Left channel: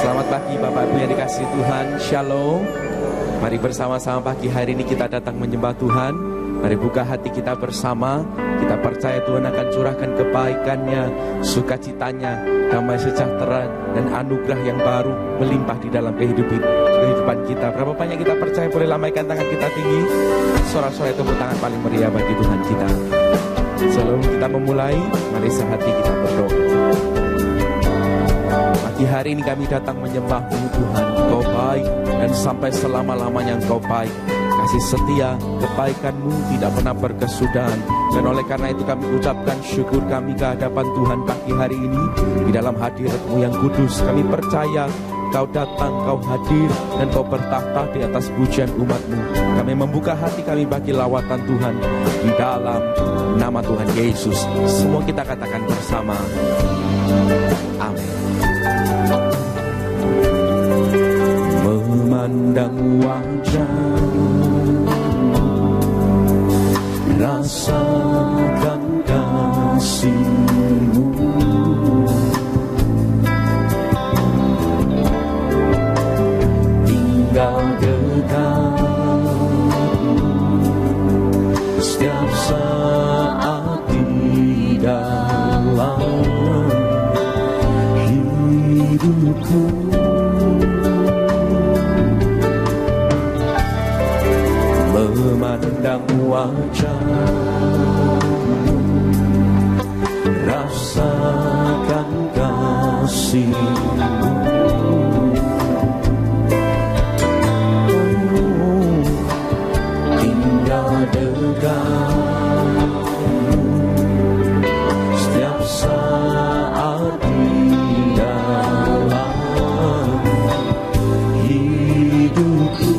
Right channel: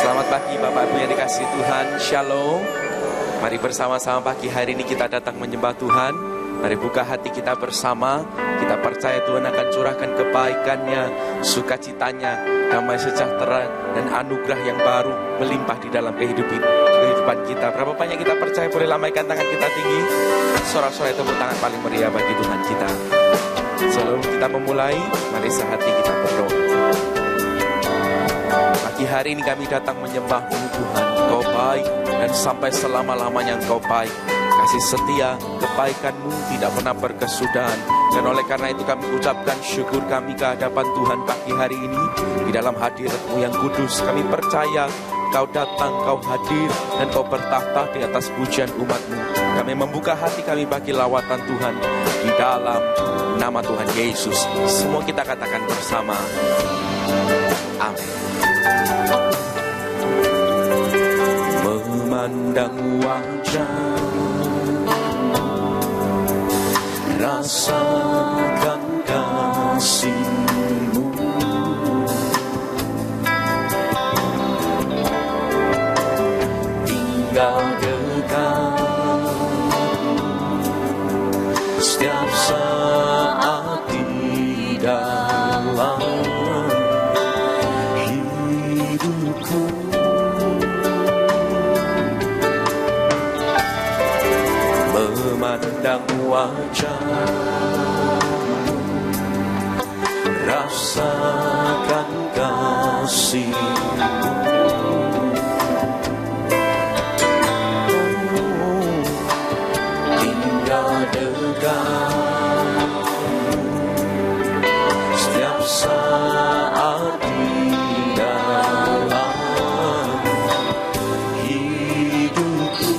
Selamat pagi Bapak Ibu yang dikasihi Tuhan, Shalom. Mari bersama-sama pagi hari ini kita datang menyembah Tuhan. Mari buka hati kita bersama. Kita percaya Tuhan akan curahkan kebaikannya, sukacitanya, damai sejahtera dan anugerah yang baru melimpah di dalam kehidupan kita. Berapa banyak kita percaya? Boleh lambaikan tangan kita tinggi. Sorak-sorai tepuk tangan paling meriah bagi Tuhan kita. Sebelum kita memulai, mari sehati kita berdoa. Pagi hari ini kami datang menyembah-Mu Tuhan. Engkau baik dan sampai selama-lamanya Engkau baik. Kasih setia, kebaikan-Mu tidak pernah berkesudahan. Dan oleh karena itu kami ucapkan syukur kami ke hadapan Tuhan pagi hari ini. Di dalam hadirat-Mu yang kudus, kami percaya Kau datang, Kau hadir, dan Kau bertahta di atas pujian umat-Mu. Kami membuka hati kami bagi lawatan Tuhan di dalam nama Tuhan Yesus. Semua kita katakan bersama. Amin. Memandang wajah, rasakan kasih-Mu, tinggal dekat setiap saat di dalam hidupku. Memandang wajah, rasakan kasih-Mu, tinggal dekat setiap saat di dalam hidupku.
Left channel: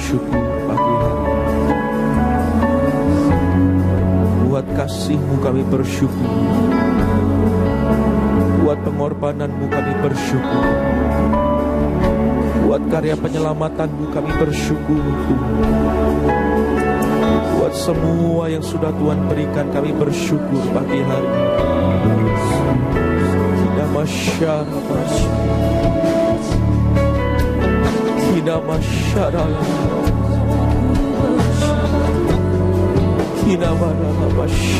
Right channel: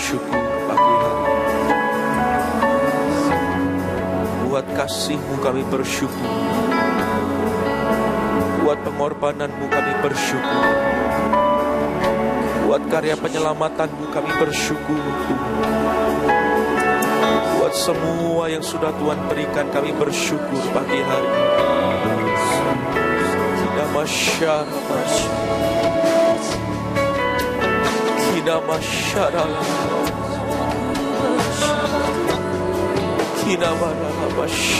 bersyukur pagi hari ini. Buat kasih-Mu kami bersyukur. Buat pengorbanan-Mu kami bersyukur. Buat karya penyelamatan-Mu kami bersyukur. Buat semua yang sudah Tuhan berikan kami bersyukur pagi hari ini. Kita masyarakat, kita masyarakat, kita masyarakat.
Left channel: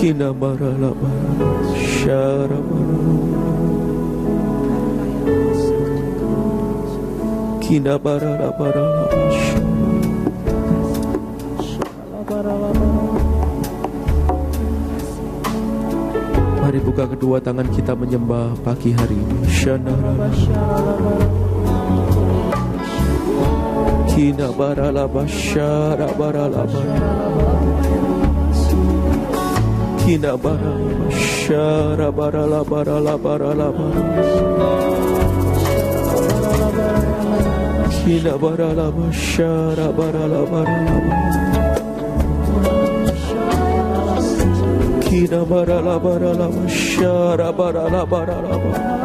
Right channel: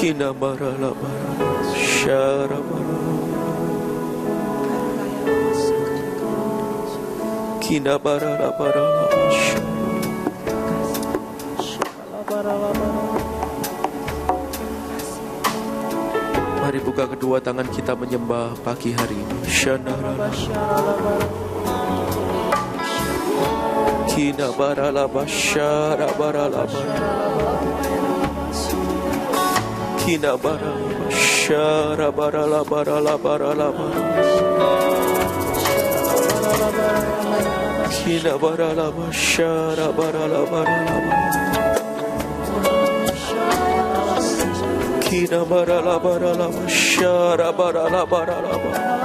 Kina barala barala syara Kina barala barala Mari buka kedua tangan kita menyembah pagi hari ini. Kina barala basyara barala Kina barala basyara barala barala barala Kina barala basyara barala barala Kina barala barala basyara barala barala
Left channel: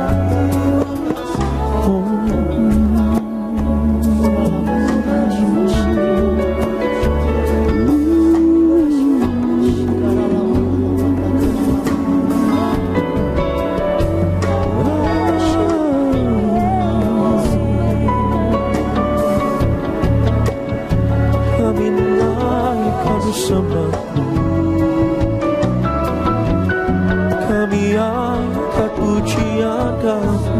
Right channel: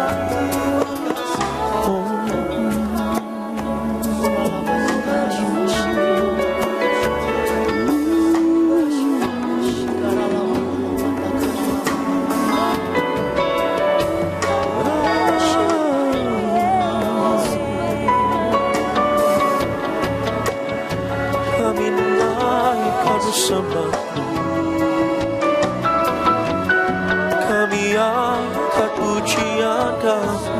Kami angkat pujian Kau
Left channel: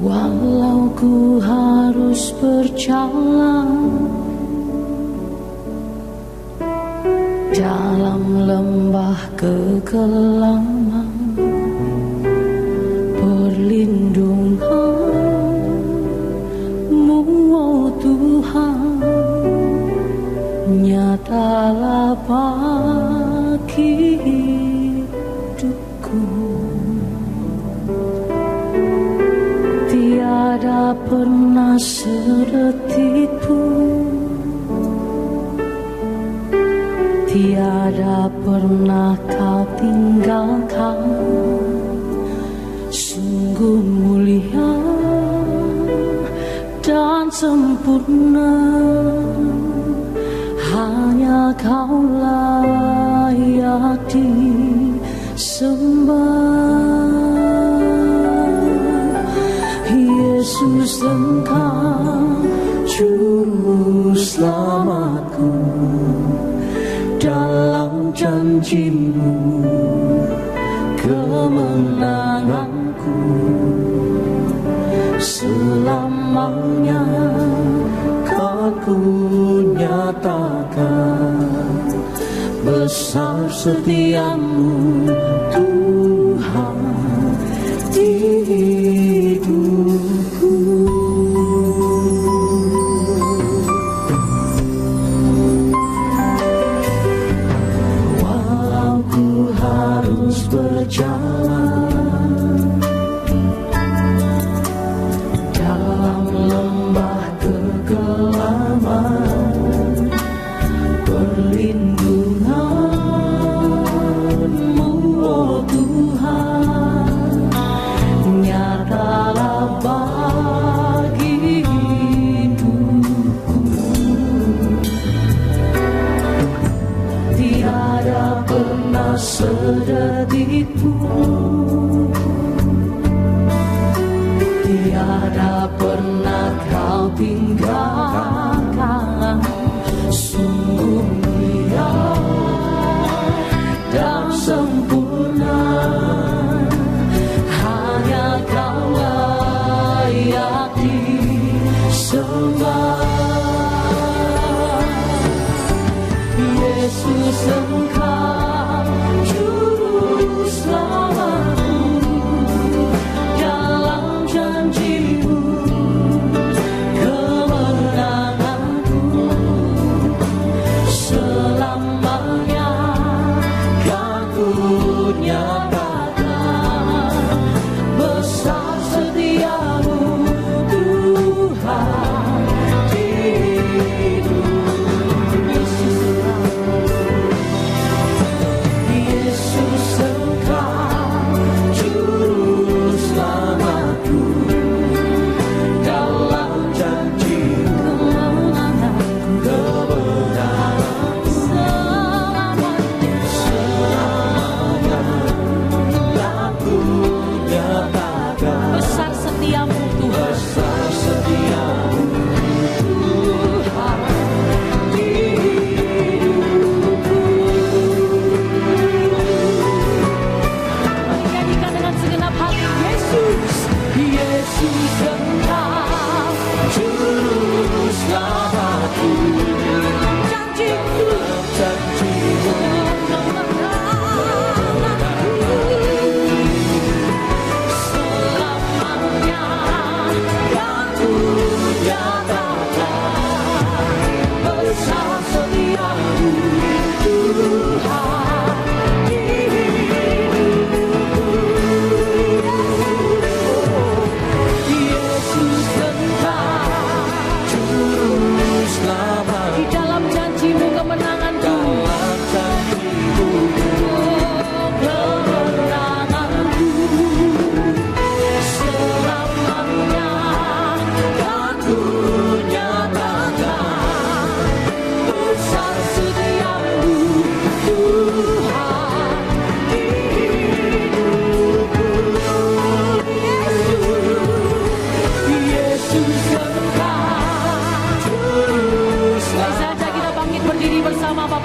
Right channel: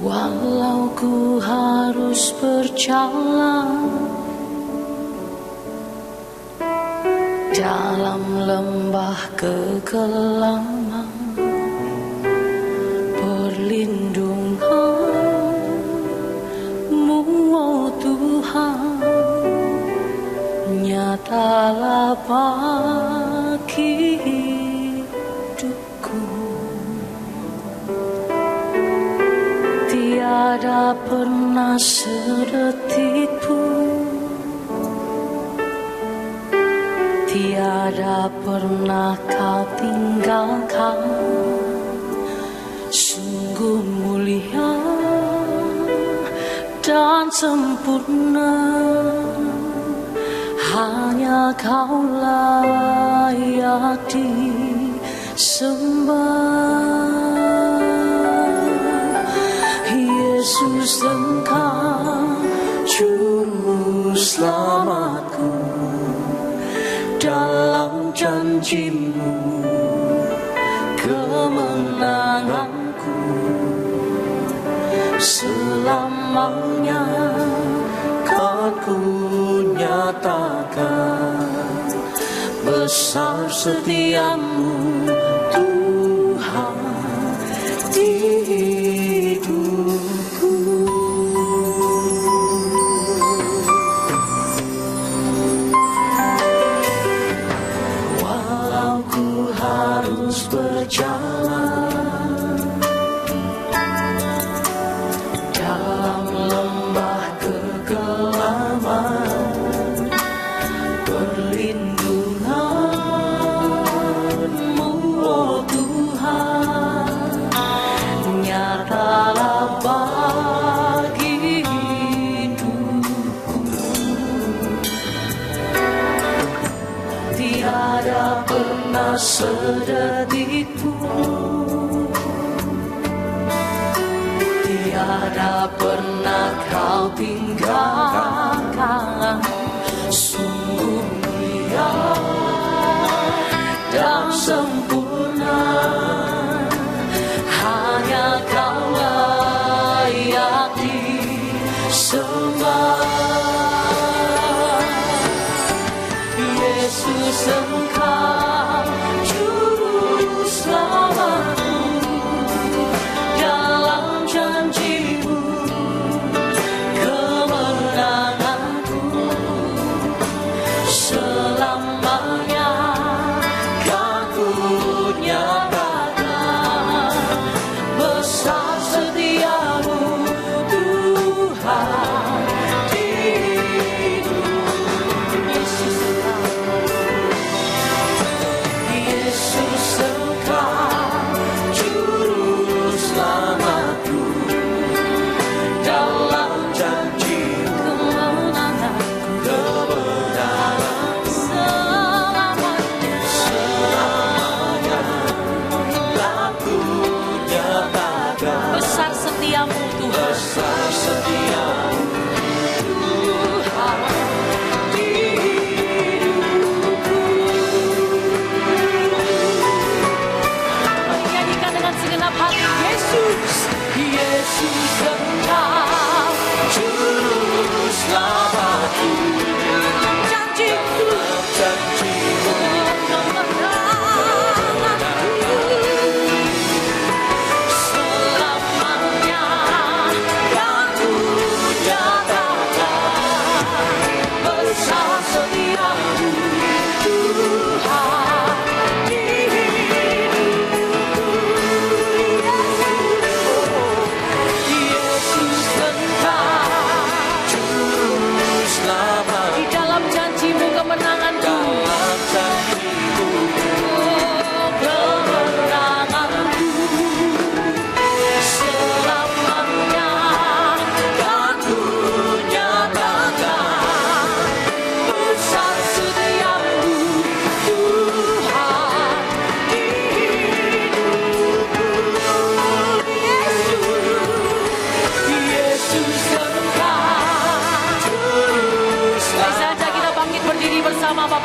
Walau ku harus berjalan dalam lembah kegelapan, perlindungan-Mu, oh Tuhan, nyatalah bagi hidupku. Tiada pernah sedetik pun, tiada pernah Kau tinggalkan. Sungguh mulia dan sempurna, hanya Kau layak disembah. Yesus, Engkau Juru Selamatku, dalam janji-Mu kemenanganku. Selamanya kan ku nyatakan besar setia-Mu, Tuhan, di hidupku. Walau ku harus berjalan dalam lembah kegelapan, perlindungan-Mu, oh Tuhan, nyatalah bagi hidupku. Tiada pernah sedetik pun, tiada pernah Kau tinggalkan. Sungguh mulia dan sempurna, hanya Kau layak disembah. Yesus, Engkau Juru Selamatku, dalam janji-Mu kemenanganku.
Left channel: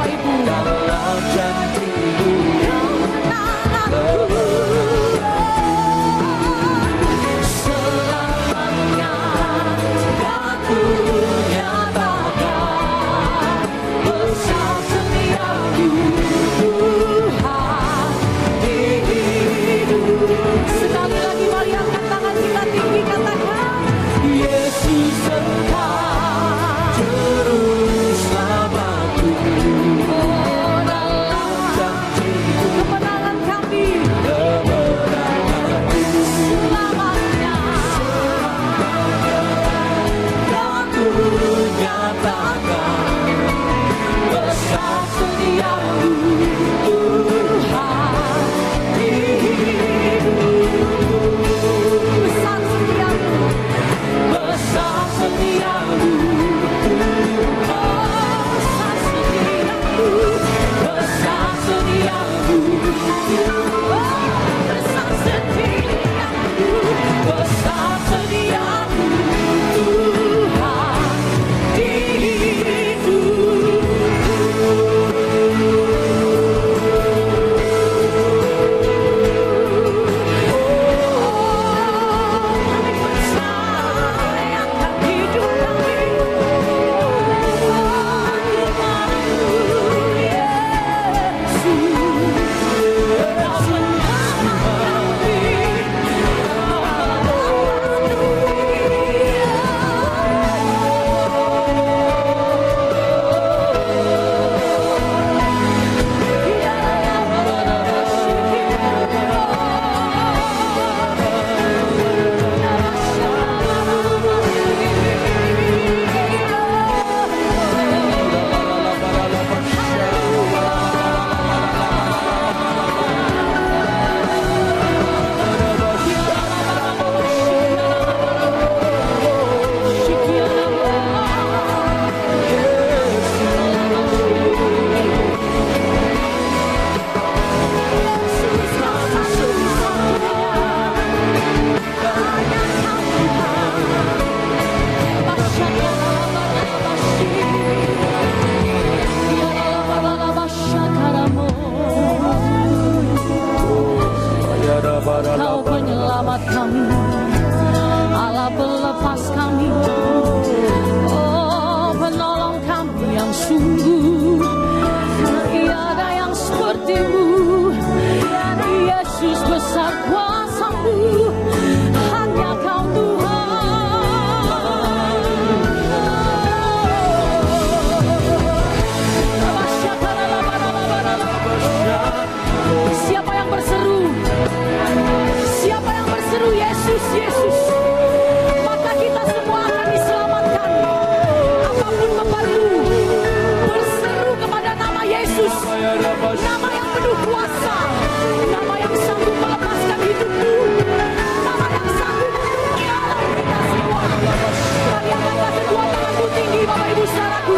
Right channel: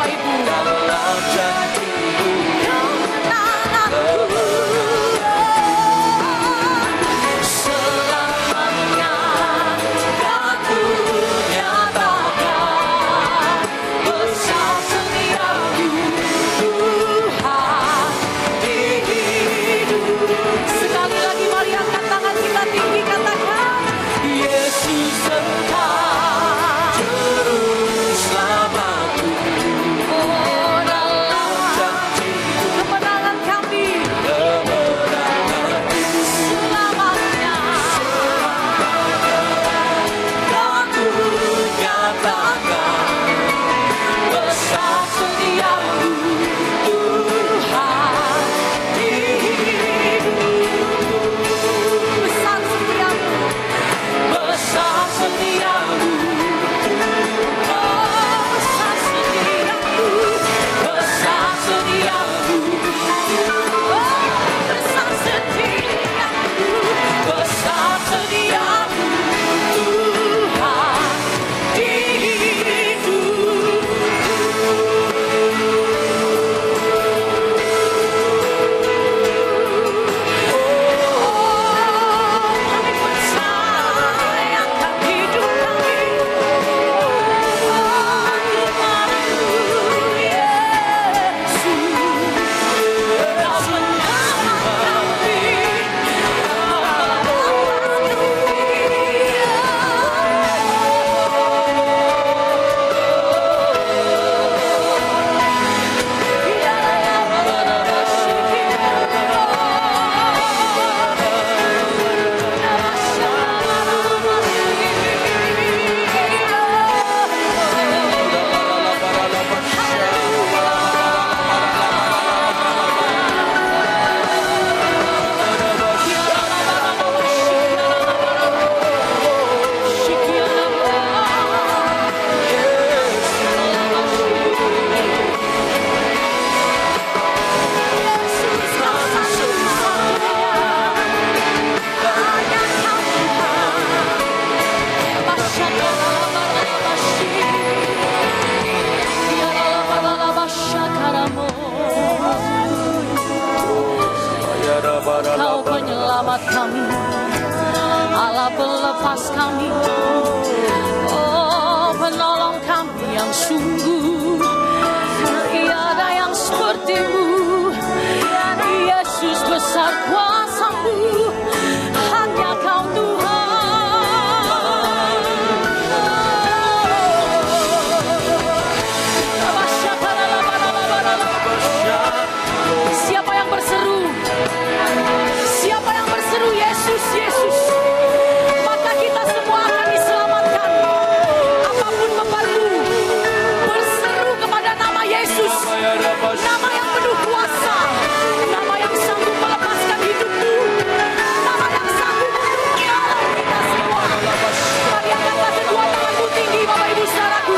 Bapak Ibu. dalam jantungku. Selamanya aku nyatakan besar setiamu Tuhan di hidupku. Sekali lagi mari angkat tangan kita tinggi, katakan Yesus engkau juru selamatku. Oh, dalam kemenangan kami, selamanya aku nyatakan besar setiamu Tuhan di hidupku. Besar setiamu, besar setiamu, besar setiamu, besar setiamu, besar setiamu, besar setiamu Tuhan di hidupku. Kami percayakan hidup kami kepadamu, Yesus. Kau selamat Kau penyelamat kami, Allah pelepas kami, oh penolong kami yang sungguh tiada yang sepertimu. Yesus besar kuasa-Mu, hanya Kau Tuhan. Siapa yang berseru? Siapa yang berseru Yesus, Yesus, maka kita semua akan diselamatkan. Apapun bebanmu, berseru kepada nama Yesus, nama yang penuh kuasa, nama yang sanggup melepaskan hidupmu, nama yang sanggup menolong kita semua. Mari angkatlah kedua tanganmu tinggi, Bapak Ibu saudaraku.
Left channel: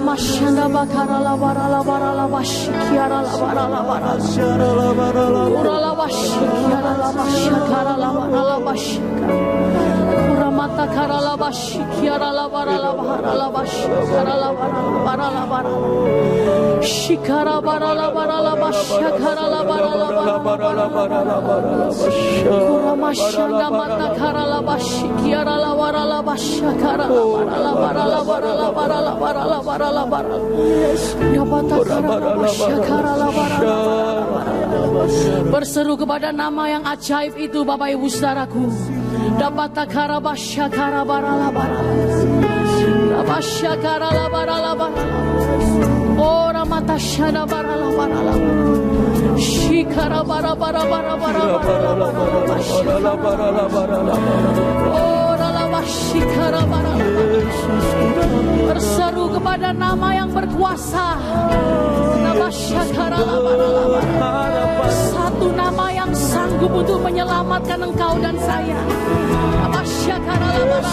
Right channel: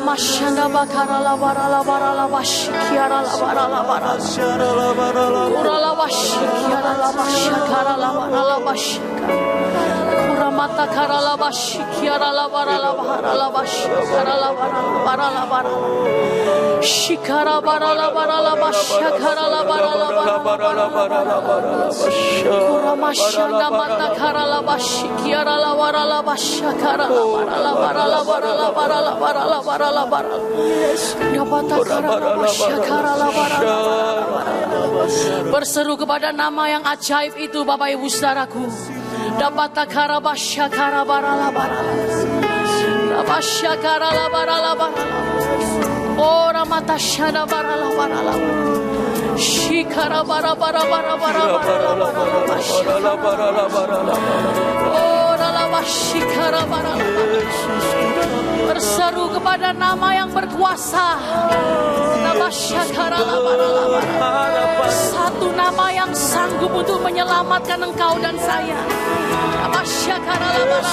Mashanda bakara la bara la bara la bashikiara la bara la bara ura la bashikiara la bashakara la bara la bashika ura mata kara la bashikiara la bara la bara la bashikara la bara la bara Shikara barala barala bashakara la barala barala Kuramashanda mata karala bashikiara la barala bashakara la barala barala Dabata karala bashakara la barala. Berseru kepada nama yang ajaib itu Bapak Ibu Saudaraku. Dabata karaba syakara barala barala. Dabasyakara la barala barala. Ora mata syada barala barala. Shikara bara bara bara bara bara. Ora la bashikara barala. Berseru kepada nama yang berkuasa. Dabasyakara la barala barala. Satu nama yang sanggup untuk menyelamatkan engkau dan saya. Dabasyakara la barala.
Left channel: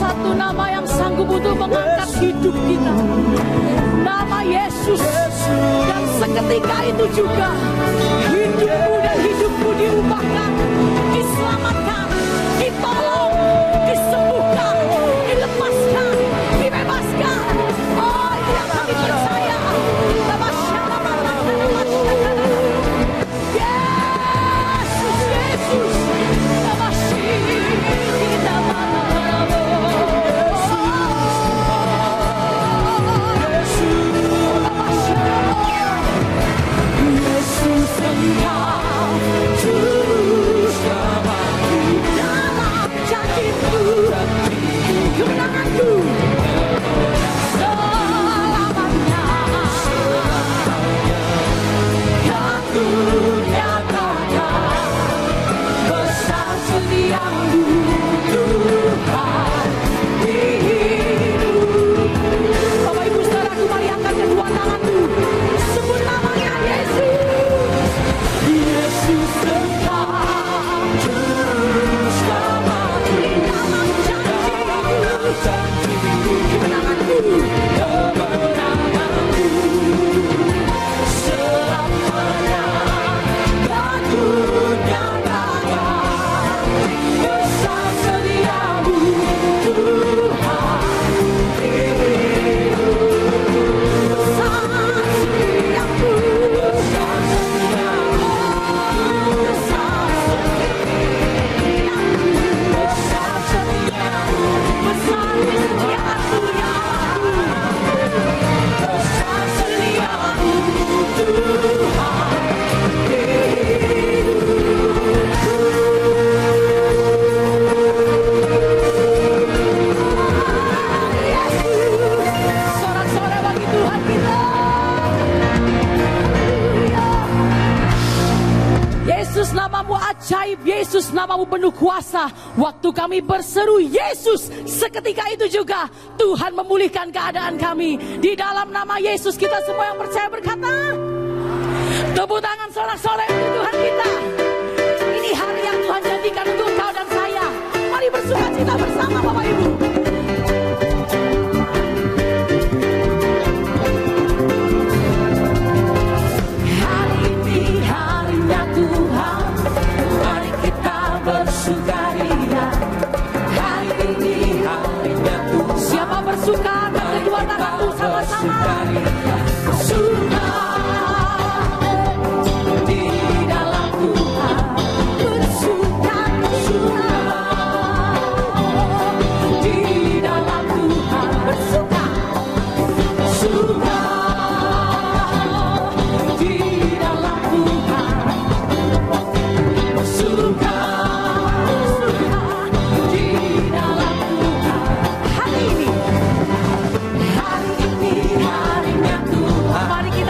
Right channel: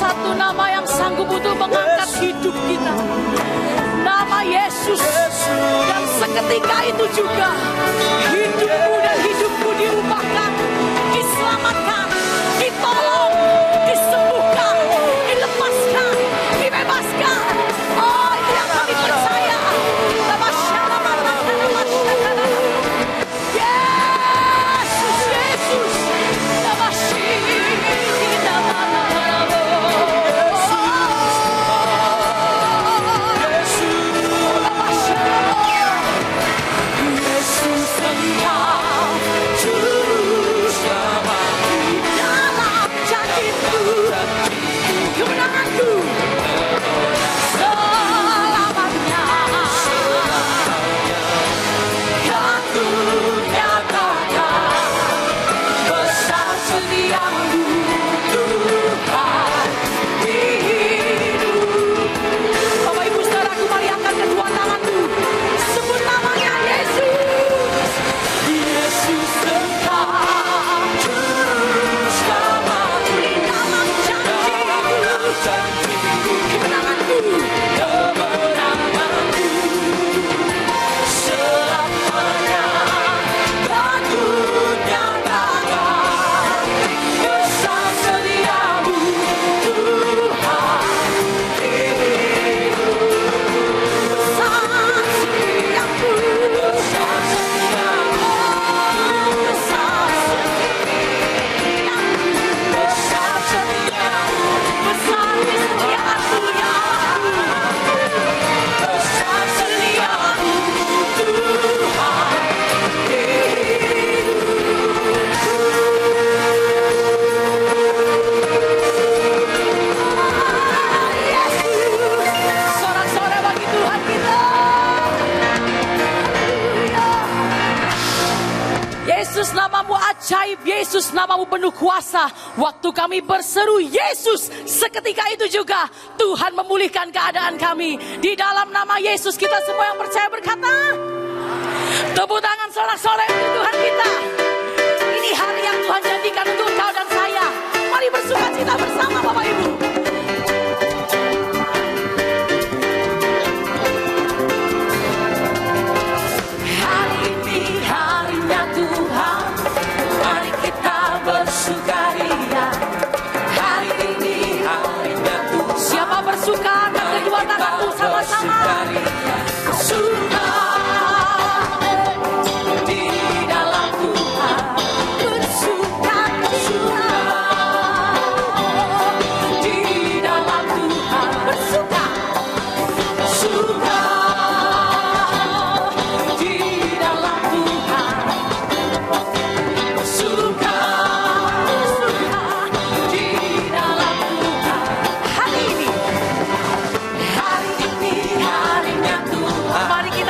Satu nama yang sanggup untuk mengangkat hidup kita. Nama Yesus. Dan seketika itu juga hidupmu dan hidupku diubahkan, diselamatkan, ditolong, disembuhkan, dilepaskan, dibebaskan. Oh, itu yang kami percaya. Yesus, Yesus. Yesus, namamu penuh kuasa. Waktu kami berseru Yesus, seketika itu juga Tuhan memulihkan keadaan kami. Di dalam nama Yesus kita semua yang percaya berkata, tepuk tangan sorak-sorai untuk Tuhan kita. Ini hari yang Tuhan jadikan untuk kau dan saya. Mari bersukacita bersama Bapak Ibu. Hari ini harinya Tuhan. Bersukaria, hari ini harinya Tuhan. Siapa bersuka dan kedua tanganmu sama-sama. Suka di dalam Tuhan, bersuka di dalam Tuhan, bersuka di dalam Tuhan, bersuka. Hari ini harinya Tuhan. Mari kita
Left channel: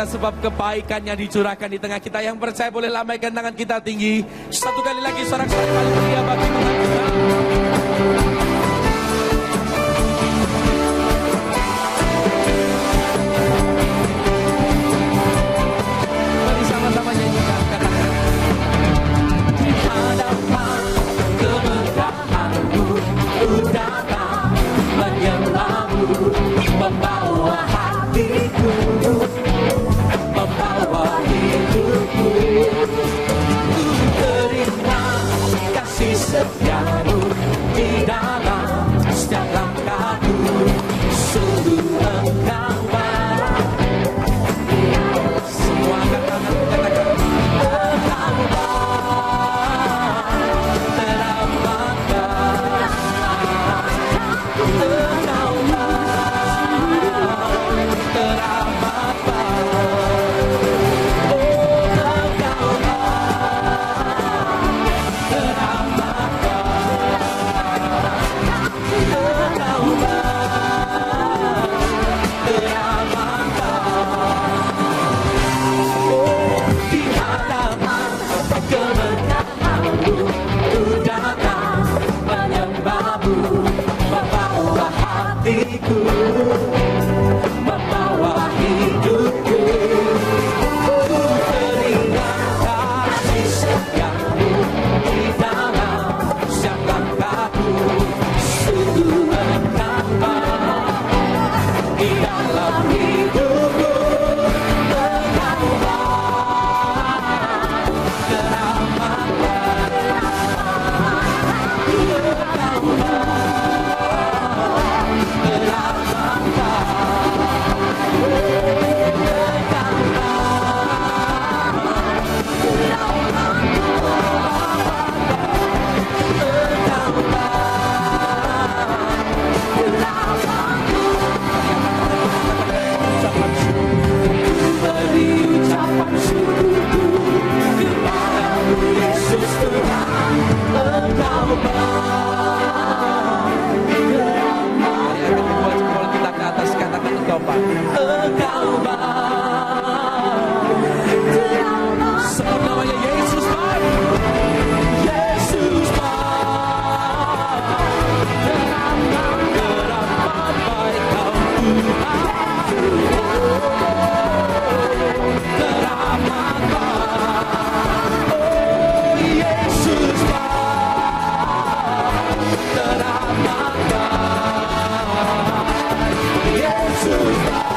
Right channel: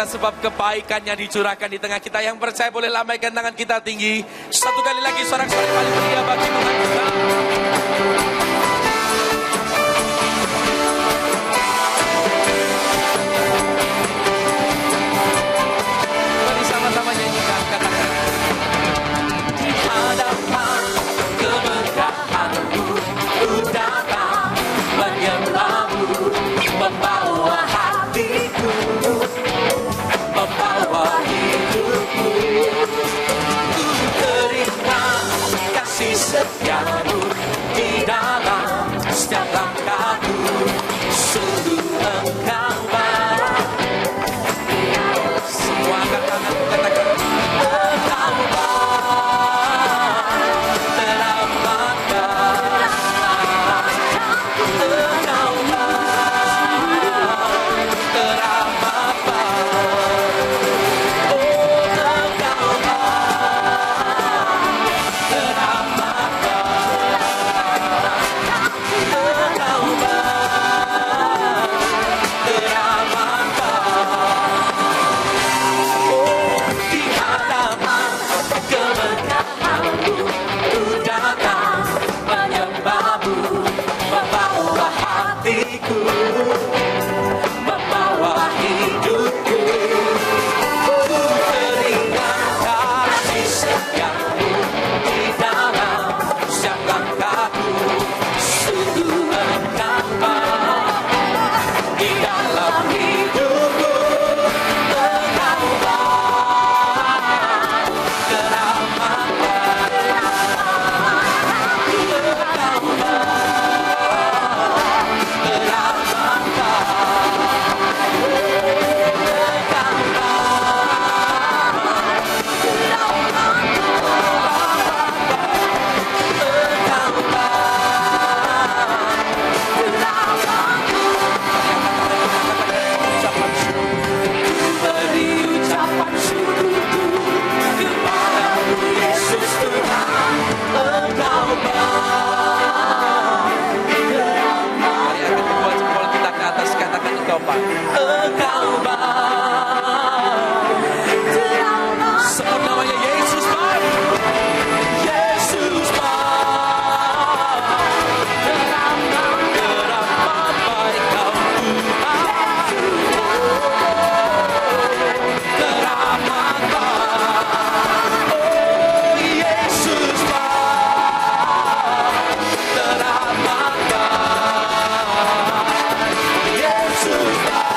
kita sebab kebaikannya dicurahkan di tengah kita. Yang percaya boleh lambaikan tangan kita tinggi. Satu kali lagi sorak-sorai paling meriah bagi Tuhan kita. Mari sama-sama nyanyikan, katakan. Di hadapan keberkahanmu, ku datang menyembahmu, membawa hatiku, membawa hidupku. Ku teringat kasih setiamu di dalam setiap langkahku. Sungguh engkau baik. Semua angkat tangan, katakan. Engkau baik, teramatkan. Engkau baik, teramatkan. Membawa hidupku, ku teringat kasih setiamu di dalam setiap langkahku. Sungguh engkau baik di dalam hidupku. Engkau baik, teramatkan. Engkau baik. Sebut namanya Yesus baik. Yesus baik. Teramat baik kau Tuhan. Teramat baik. Oh Yesus baik. Teramat baik. Yesus baik.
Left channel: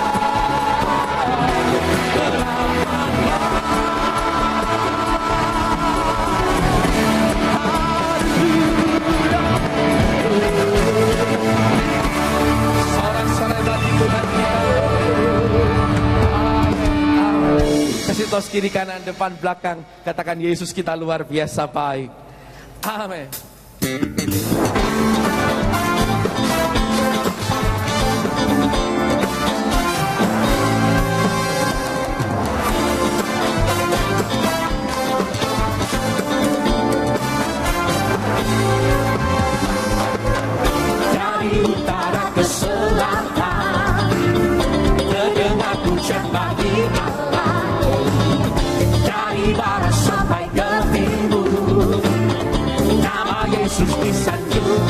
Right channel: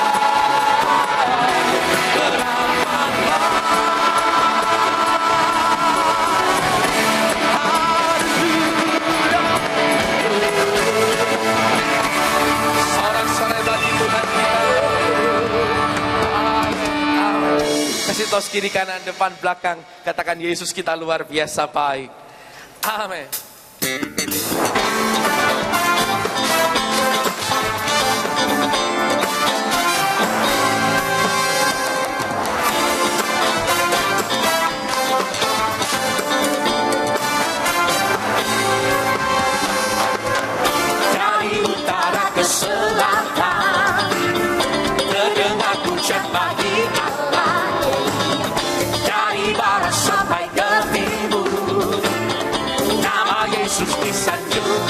Kasih tos kiri kanan depan belakang, katakan Yesus kita luar biasa baik. Amin. Dari utara ke selatan, terdengar pujian bagi Allah. Dari barat sampai ke timur, nama Yesus disanjung.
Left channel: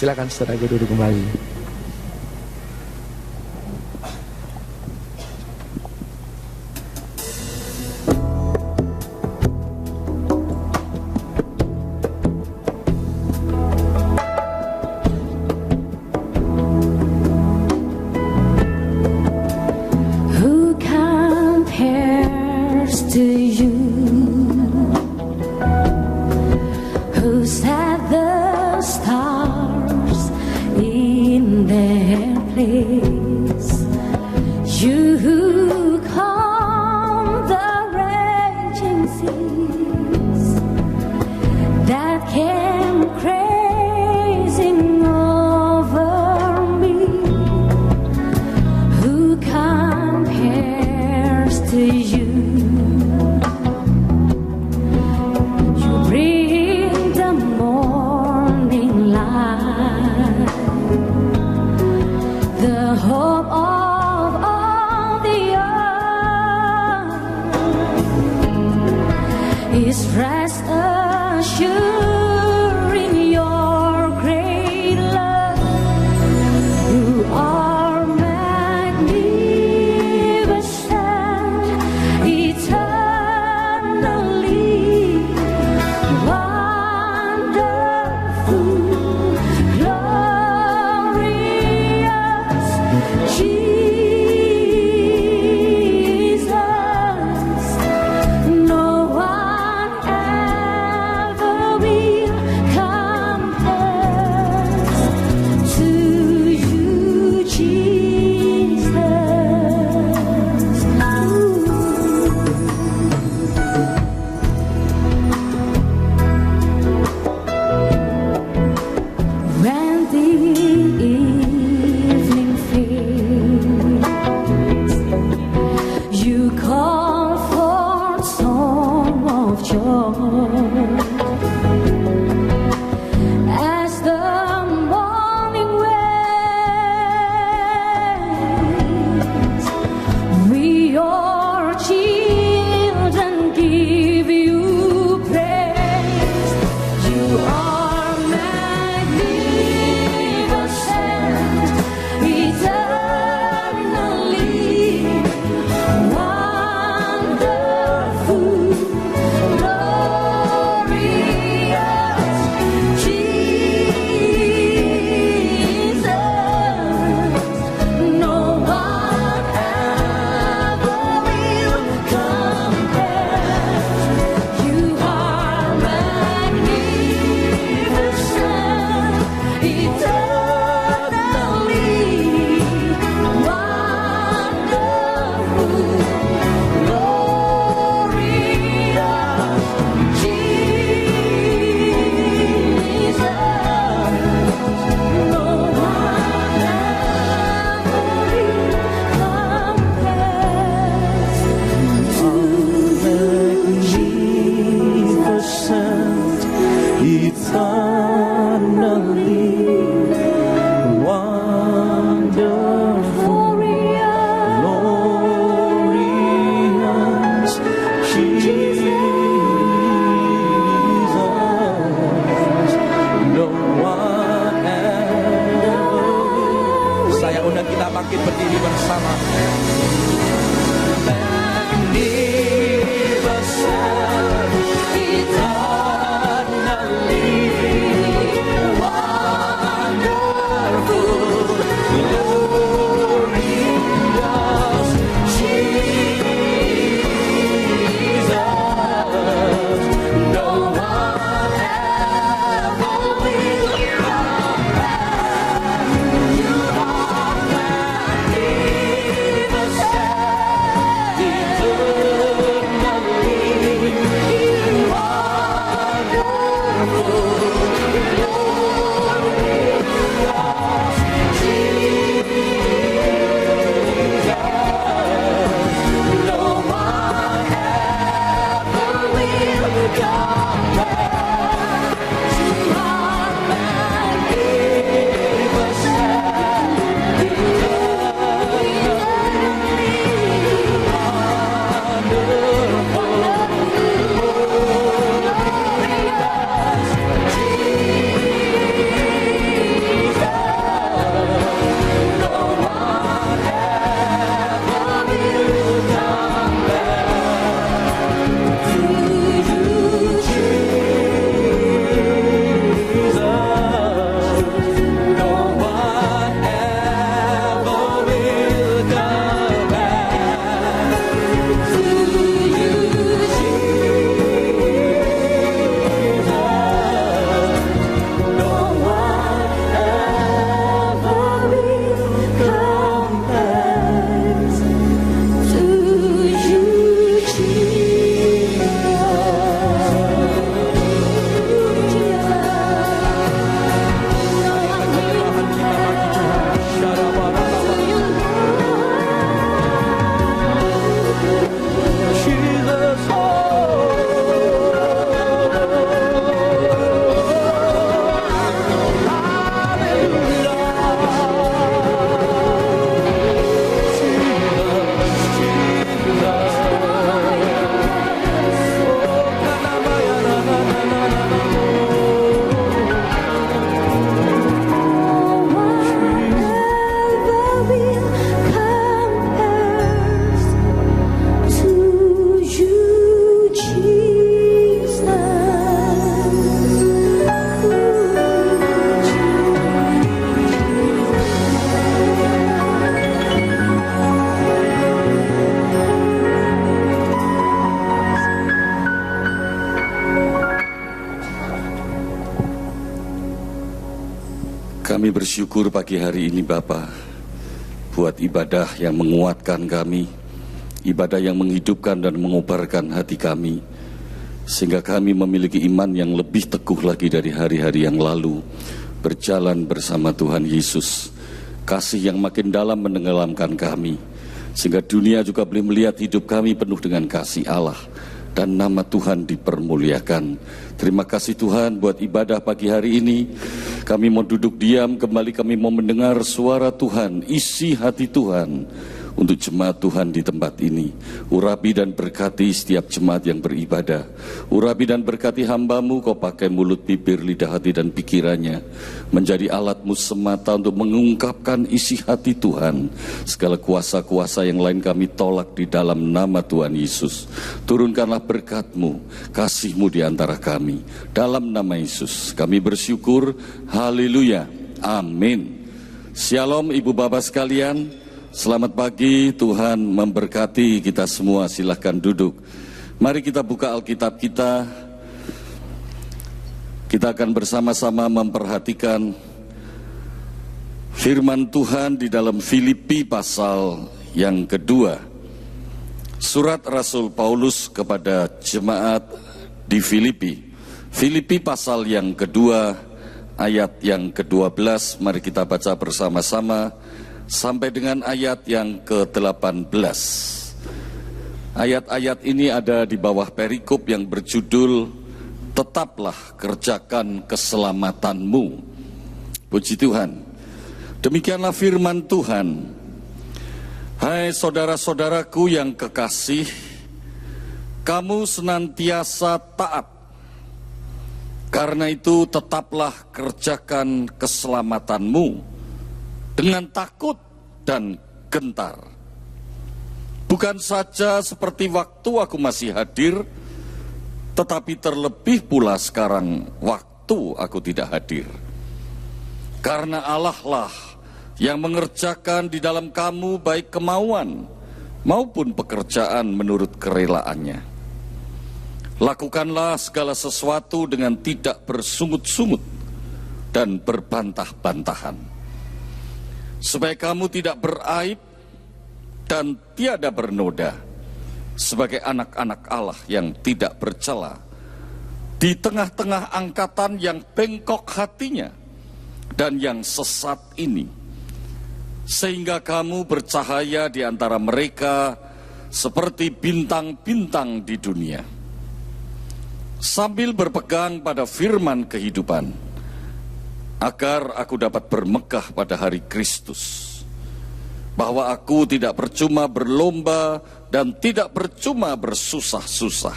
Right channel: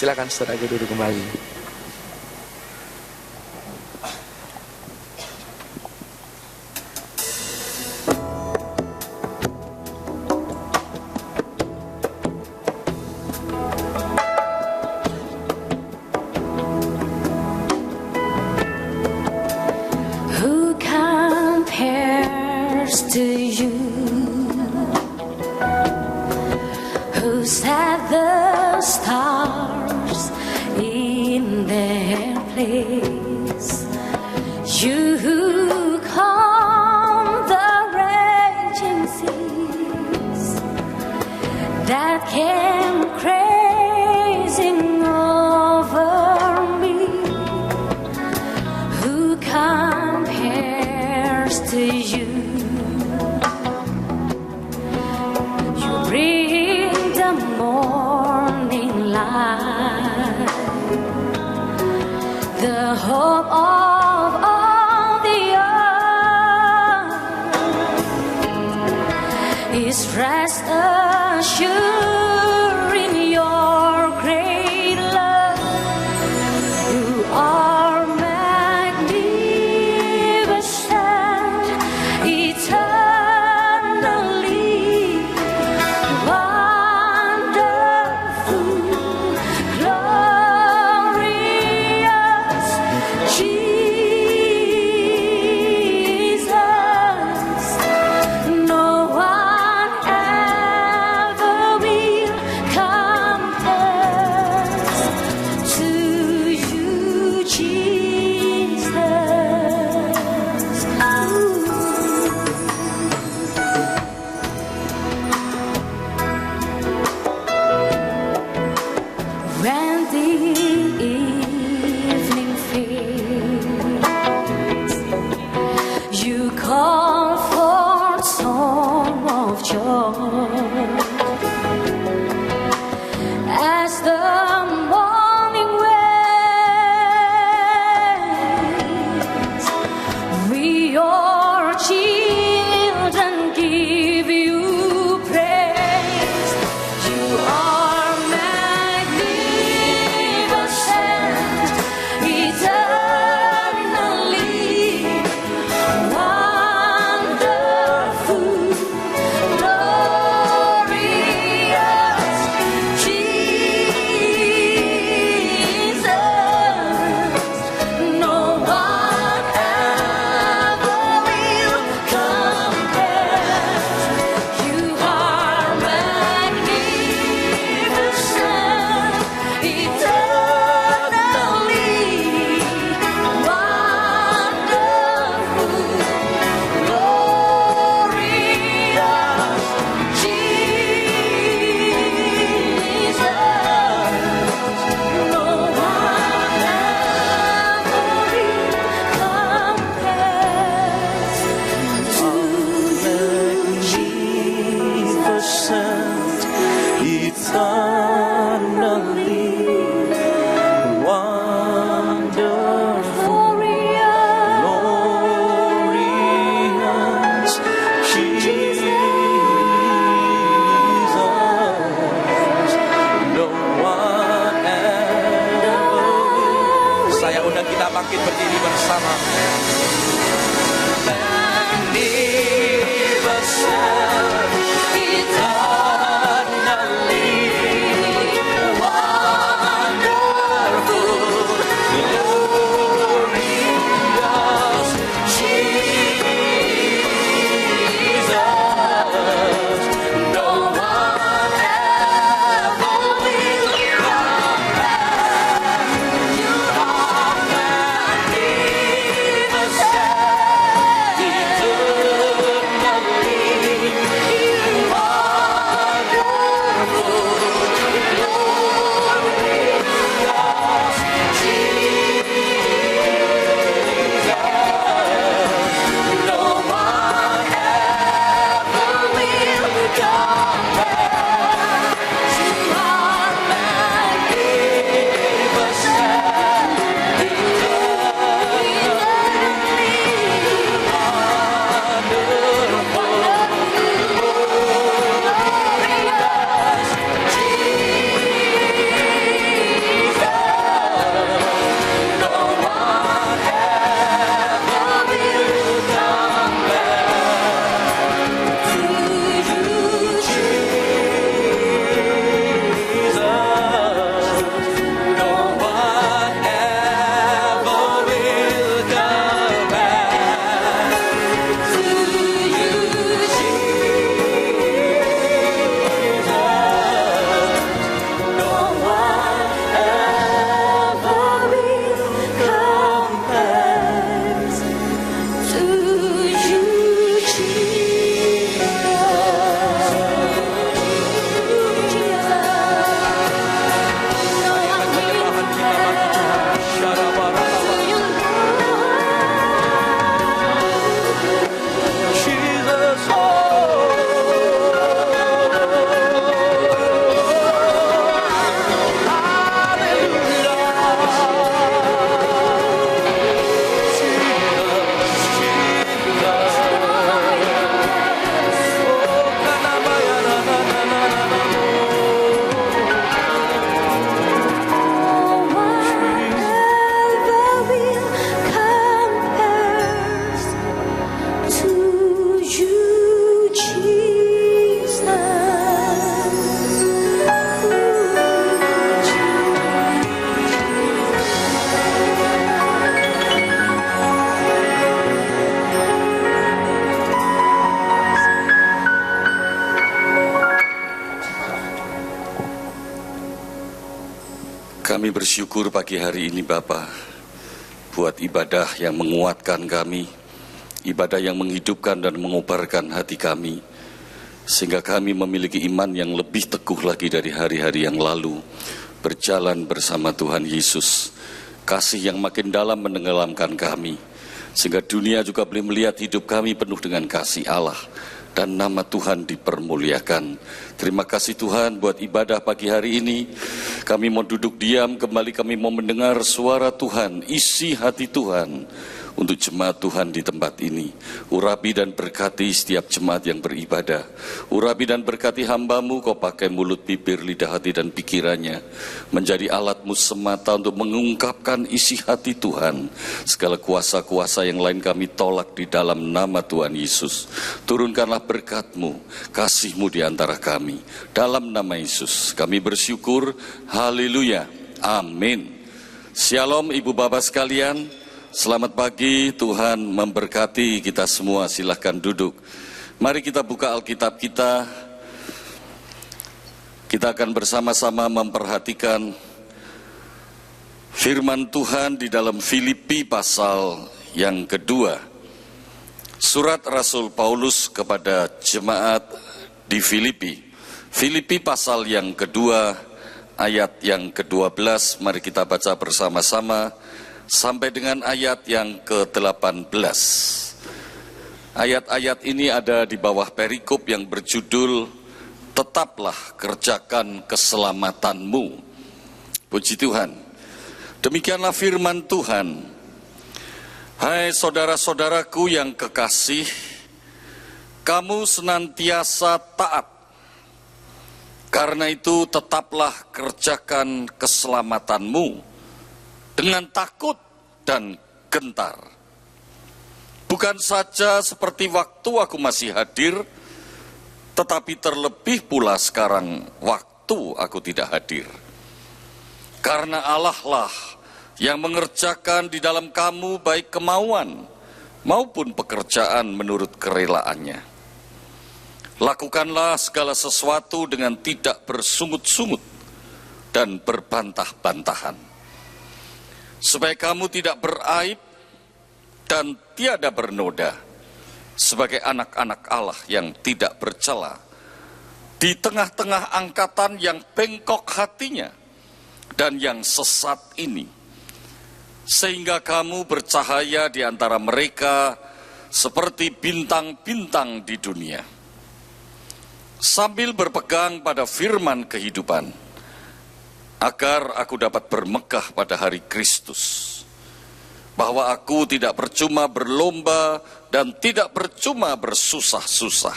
Silakan saudara duduk kembali. Who compares to you? Who set the stars in their place? You who calm the raging seas that came crazing over me. Who compares to you? You bring the morning light, the hope of all the earth is rest assured in your great love. You are magnificent, eternally wonderful, glorious Jesus. No one ever will compare to you, Jesus. When the evening fades, you call for song of joy. As the morning waves, we your children give you praise. You are magnificent, eternally wonderful, glorious Kami bersyukur pagi hari ini Bapa, buat ibadah yang menguatkan kami, ibadah yang menghidupkan dan mengobarkan hati kami, sehingga kami memiliki iman yang lebih teguh lagi dari hari-hari yang lalu, berjalan bersama Tuhan Yesus. Kasih yang makin dalam menenggelamkan kami, sehingga dunia juga boleh melihat hidup kami penuh dengan kasih Allah, dan nama Tuhan dipermuliakan. Terima kasih Tuhan buat ibadah pagi hari ini. Kami mau duduk diam, kembali kami mau mendengar suara Tuhan, isi hati Tuhan untuk jemaat Tuhan di tempat ini. Urapi dan berkati setiap jemaat yang beribadah. Urapi dan berkati hamba-Mu, Kau pakai mulut, bibir, lidah, hati dan pikirannya menjadi alat-Mu semata untuk mengungkapkan isi hati Tuhan. Segala kuasa-kuasa yang lain kami tolak di dalam nama Tuhan Yesus. Turunkanlah berkat-Mu, kasih-Mu di antara kami. Dalam nama Yesus kami bersyukur. Haleluya. Amin. Shalom Ibu Bapak sekalian. Selamat pagi, Tuhan memberkati kita semua. Silahkan duduk. Mari kita buka Alkitab kita. Kita akan bersama-sama memperhatikan firman Tuhan di dalam Filipi pasal yang kedua. Surat Rasul Paulus kepada jemaat di Filipi. Filipi pasal yang kedua, ayat yang ke-12. Mari kita baca bersama-sama sampai dengan ayat yang ke-18. Ayat-ayat ini ada di bawah perikop yang berjudul Tetaplah kerjakan keselamatanmu. Puji Tuhan. Demikianlah firman Tuhan. Hai saudara-saudaraku yang kekasih, kamu senantiasa taat. Karena itu tetaplah kerjakan keselamatanmu dengan takut dan gentar. Bukan saja seperti waktu aku masih hadir, tetapi terlebih pula sekarang waktu aku tidak hadir. Karena Allah lah yang mengerjakan di dalam kamu baik kemauan maupun pekerjaan menurut kerelaannya. Lakukanlah segala sesuatu dengan tidak bersungut-sungut dan berbantah-bantahan, supaya kamu tidak beraib dan tiada bernoda, sebagai anak-anak Allah yang tidak bercela, di tengah-tengah angkatan yang bengkok hatinya dan yang sesat ini, sehingga kamu bercahaya di antara mereka seperti bintang-bintang di dunia, sambil berpegang pada firman kehidupan, agar aku dapat bermegah pada hari Kristus, bahwa aku tidak percuma berlomba dan tidak percuma bersusah-susah.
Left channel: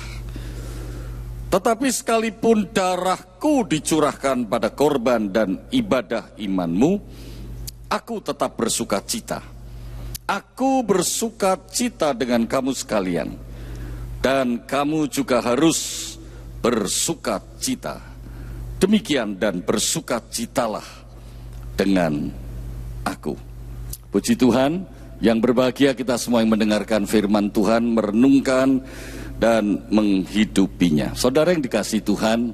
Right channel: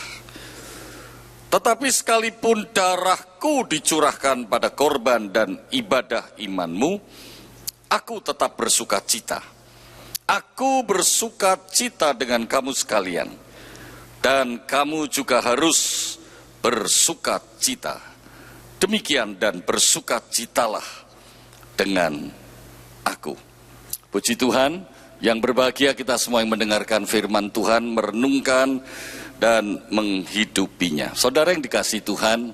Tetapi sekalipun darahku dicurahkan pada korban dan ibadah imanmu, aku tetap bersuka cita. Aku bersuka cita dengan kamu sekalian, dan kamu juga harus bersuka cita. Demikian dan bersukacitalah dengan aku. Puji Tuhan, yang berbahagia kita semua yang mendengarkan firman Tuhan, merenungkan dan menghidupinya. Saudara yang dikasihi Tuhan,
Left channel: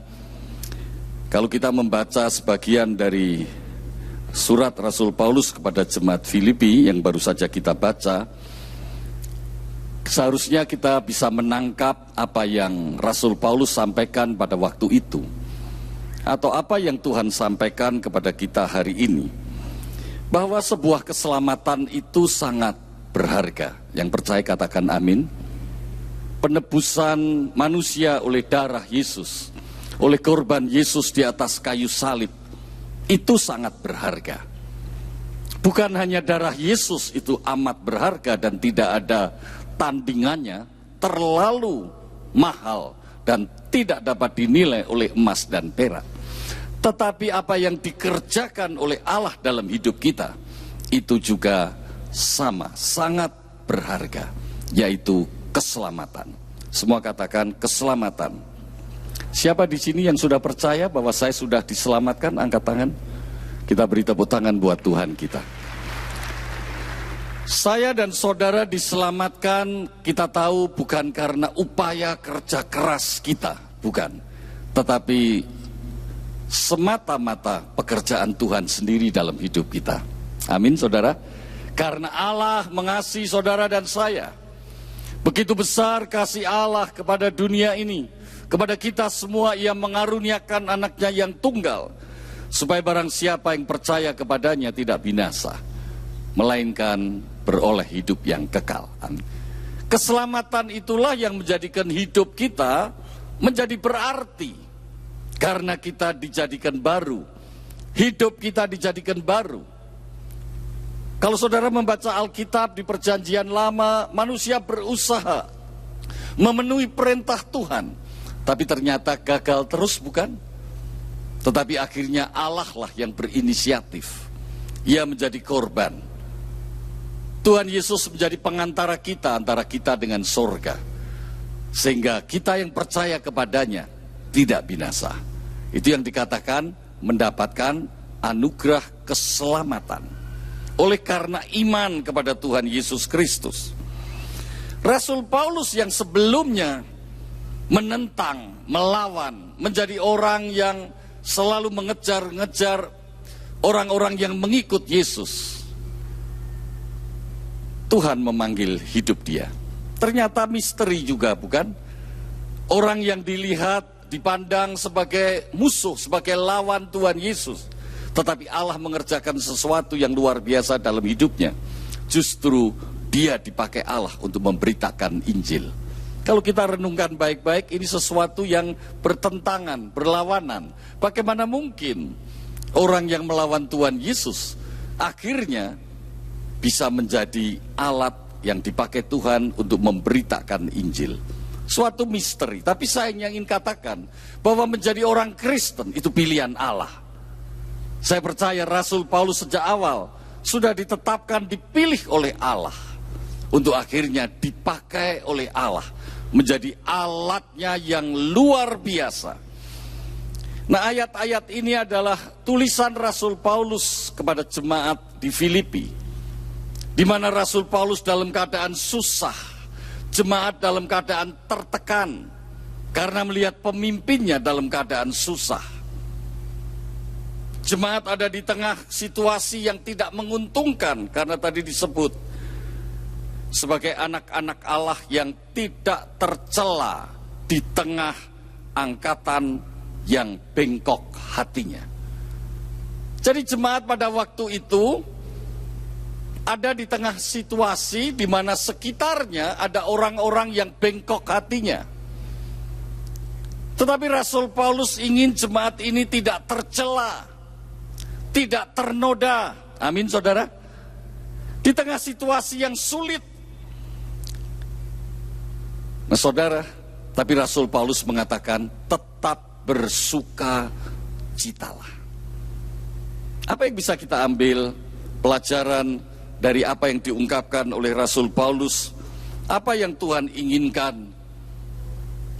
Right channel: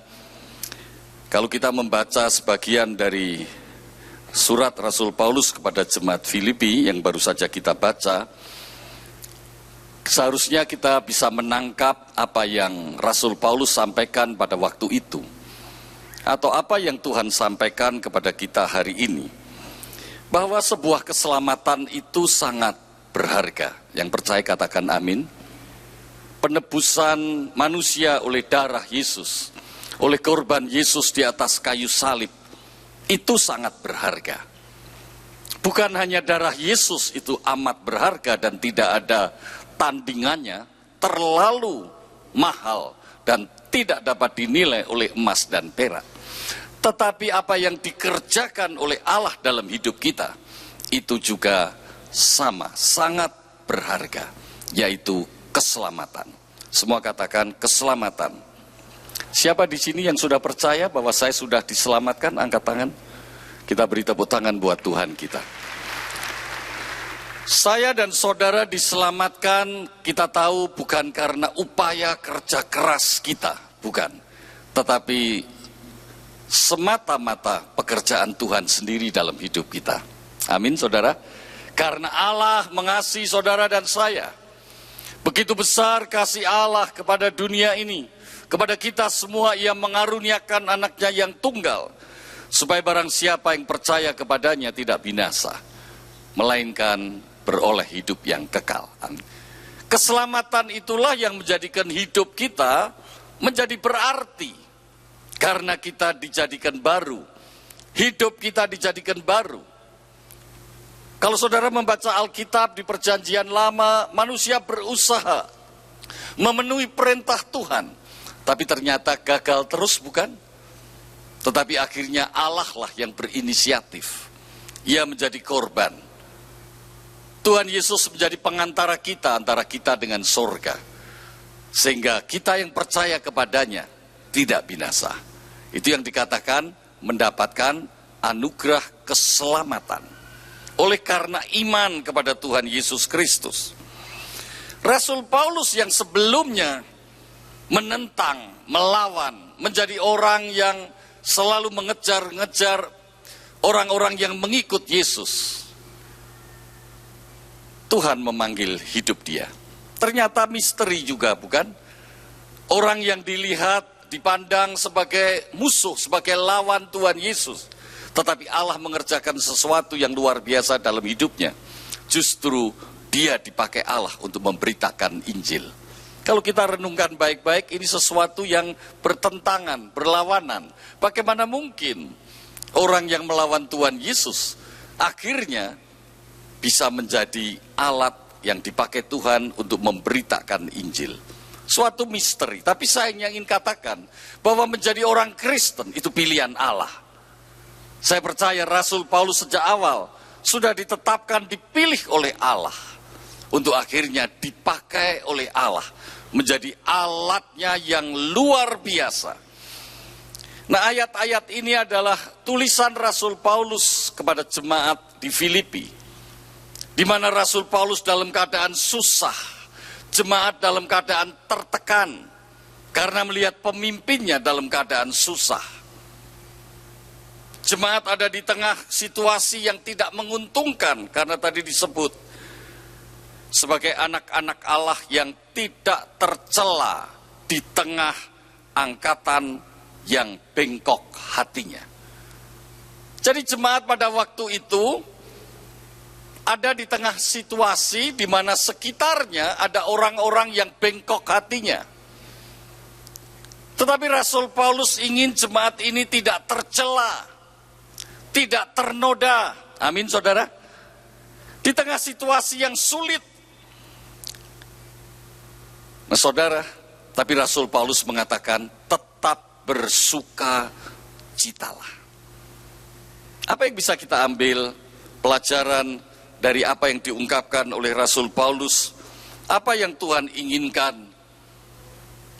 kalau kita membaca sebagian dari surat Rasul Paulus kepada jemaat Filipi yang baru saja kita baca, seharusnya kita bisa menangkap apa yang Rasul Paulus sampaikan pada waktu itu, atau apa yang Tuhan sampaikan kepada kita hari ini, bahwa sebuah keselamatan itu sangat berharga. Yang percaya katakan amin. Penebusan manusia oleh darah Yesus, oleh korban Yesus di atas kayu salib, itu sangat berharga. Bukan hanya darah Yesus itu amat berharga dan tidak ada tandingannya, terlalu mahal dan tidak dapat dinilai oleh emas dan perak. Tetapi apa yang dikerjakan oleh Allah dalam hidup kita, itu juga sama, sangat berharga, yaitu keselamatan. Semua katakan keselamatan. Siapa di sini yang sudah percaya bahwa saya sudah diselamatkan? Angkat tangan. Kita beri tepuk tangan buat Tuhan kita. Saya dan saudara diselamatkan, kita tahu bukan karena upaya kerja keras kita, bukan. Tetapi semata-mata pekerjaan Tuhan sendiri dalam hidup kita. Amin, saudara. Karena Allah mengasihi saudara dan saya. Begitu besar kasih Allah kepada dunia ini, kepada kita semua. Ia mengaruniakan anaknya yang tunggal, supaya barang siapa yang percaya kepadanya tidak binasa, melainkan beroleh hidup yang kekal. Amin. Keselamatan itulah yang menjadikan hidup kita menjadi berarti, karena kita dijadikan baru. Hidup kita dijadikan baru. Kalau saudara membaca Alkitab di Perjanjian Lama, manusia berusaha memenuhi perintah Tuhan, tapi ternyata gagal terus, bukan? Tetapi akhirnya Allah lah yang berinisiatif. Ia menjadi korban. Tuhan Yesus menjadi pengantara kita, antara kita dengan sorga. Sehingga kita yang percaya kepadanya tidak binasa. Itu yang dikatakan mendapatkan anugerah keselamatan oleh karena iman kepada Tuhan Yesus Kristus. Rasul Paulus yang sebelumnya menentang, melawan, menjadi orang yang selalu mengejar-ngejar orang-orang yang mengikut Yesus, Tuhan memanggil hidup dia. Ternyata misteri juga, bukan? Orang yang dilihat, dipandang sebagai musuh, sebagai lawan Tuhan Yesus, tetapi Allah mengerjakan sesuatu yang luar biasa dalam hidupnya. Justru dia dipakai Allah untuk memberitakan Injil. Kalau kita renungkan baik-baik, ini sesuatu yang bertentangan, berlawanan. Bagaimana mungkin orang yang melawan Tuhan Yesus akhirnya bisa menjadi alat yang dipakai Tuhan untuk memberitakan Injil? Suatu misteri. Tapi saya ingin katakan bahwa menjadi orang Kristen itu pilihan Allah. Saya percaya Rasul Paulus sejak awal sudah ditetapkan, dipilih oleh Allah untuk akhirnya dipakai oleh Allah menjadi alatnya yang luar biasa. Nah, ayat-ayat ini adalah tulisan Rasul Paulus kepada jemaat di Filipi, di mana Rasul Paulus dalam keadaan susah, jemaat dalam keadaan tertekan karena melihat pemimpinnya dalam keadaan susah. Jemaat ada di tengah situasi yang tidak menguntungkan karena tadi disebut sebagai anak-anak Allah yang tidak tercela di tengah angkatan yang bengkok hatinya. Jadi jemaat pada waktu itu ada di tengah situasi di mana sekitarnya ada orang-orang yang bengkok hatinya. Tetapi Rasul Paulus ingin jemaat ini tidak tercela, tidak ternoda. Amin, saudara. Di tengah situasi yang sulit. Nah, saudara, tapi Rasul Paulus mengatakan tetap bersukacitalah. Apa yang bisa kita ambil pelajaran dari apa yang diungkapkan oleh Rasul Paulus? Apa yang Tuhan inginkan?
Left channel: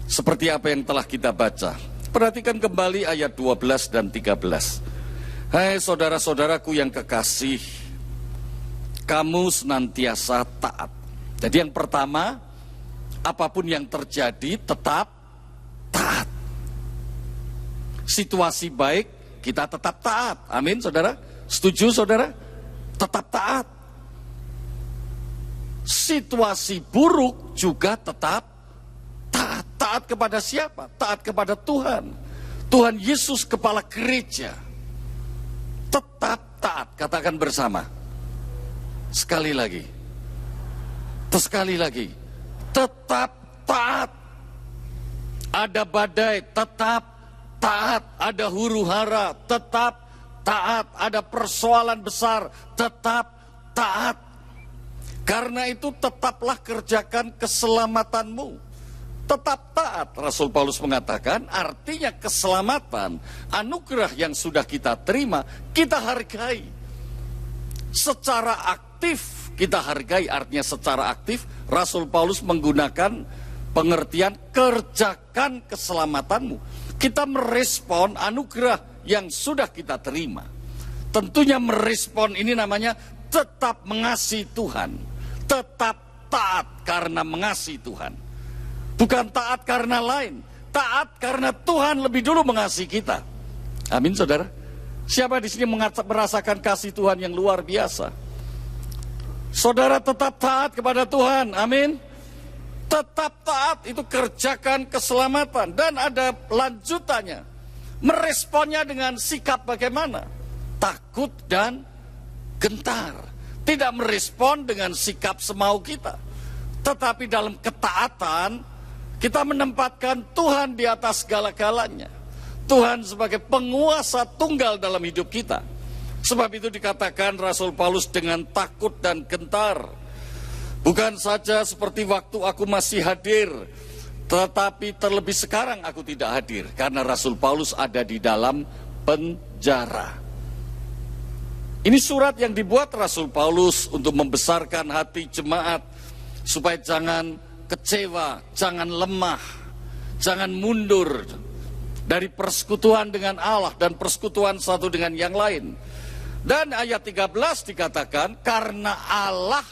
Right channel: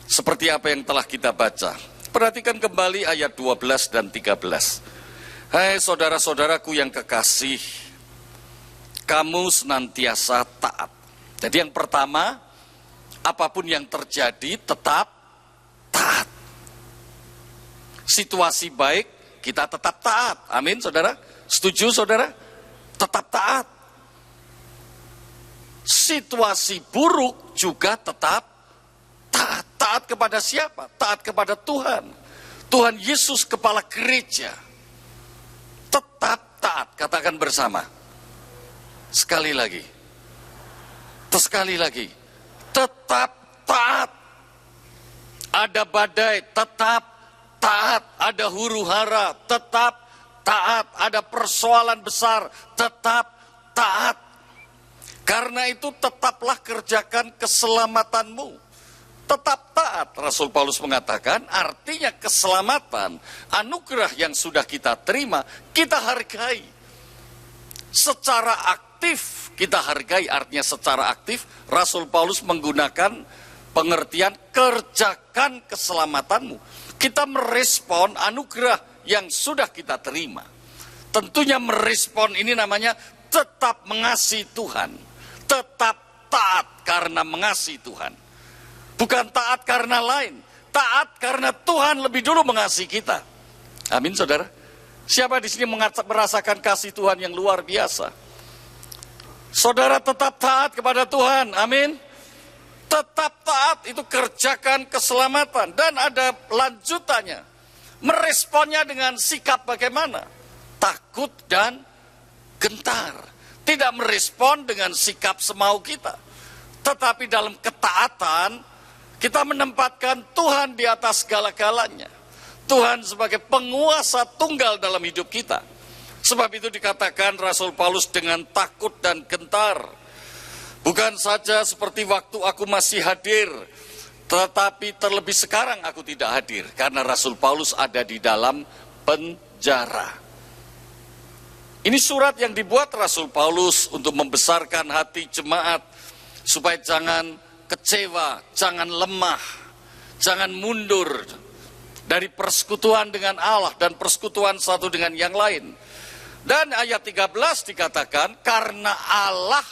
Seperti apa yang telah kita baca. Perhatikan kembali ayat 12 dan 13. Hai saudara-saudaraku yang kekasih, kamu senantiasa taat. Jadi yang pertama, apapun yang terjadi tetap taat. Situasi baik, kita tetap taat. Amin, saudara? Setuju, saudara? Tetap taat. Situasi buruk juga tetap taat. Taat kepada siapa? Taat kepada Tuhan. Tuhan Yesus, kepala gereja. Tetap taat. Katakan bersama. Sekali lagi. Sekali lagi. Tetap taat. Ada badai, tetap taat. Ada huru hara, tetap taat. Ada persoalan besar, tetap taat. Karena itu tetaplah kerjakan keselamatanmu. Tetap taat, Rasul Paulus mengatakan, artinya keselamatan, anugerah yang sudah kita terima, kita hargai. Secara aktif kita hargai, artinya secara aktif, Rasul Paulus menggunakan pengertian kerjakan keselamatanmu. Kita merespon anugerah yang sudah kita terima. Tentunya merespon ini namanya tetap mengasihi Tuhan. Tetap taat karena mengasihi Tuhan. Bukan taat karena lain, taat karena Tuhan lebih dulu mengasihi kita. Amin, saudara. Siapa di sini merasakan kasih Tuhan yang luar biasa? Saudara tetap taat kepada Tuhan, amin. Tetap taat, itu kerjakan keselamatan. Dan ada lanjutannya. Meresponnya dengan sikap bagaimana? Takut dan gentar. Tidak merespon dengan sikap semau kita. Tetapi dalam ketaatan, kita menempatkan Tuhan di atas segala-galanya. Tuhan sebagai penguasa tunggal dalam hidup kita. Sebab itu dikatakan Rasul Paulus dengan takut dan gentar. Bukan saja seperti waktu aku masih hadir, tetapi terlebih sekarang aku tidak hadir. Karena Rasul Paulus ada di dalam penjara. Ini surat yang dibuat Rasul Paulus untuk membesarkan hati jemaat, supaya jangan kecewa, jangan lemah, jangan mundur dari persekutuan dengan Allah dan persekutuan satu dengan yang lain. Dan ayat 13 dikatakan, karena Allah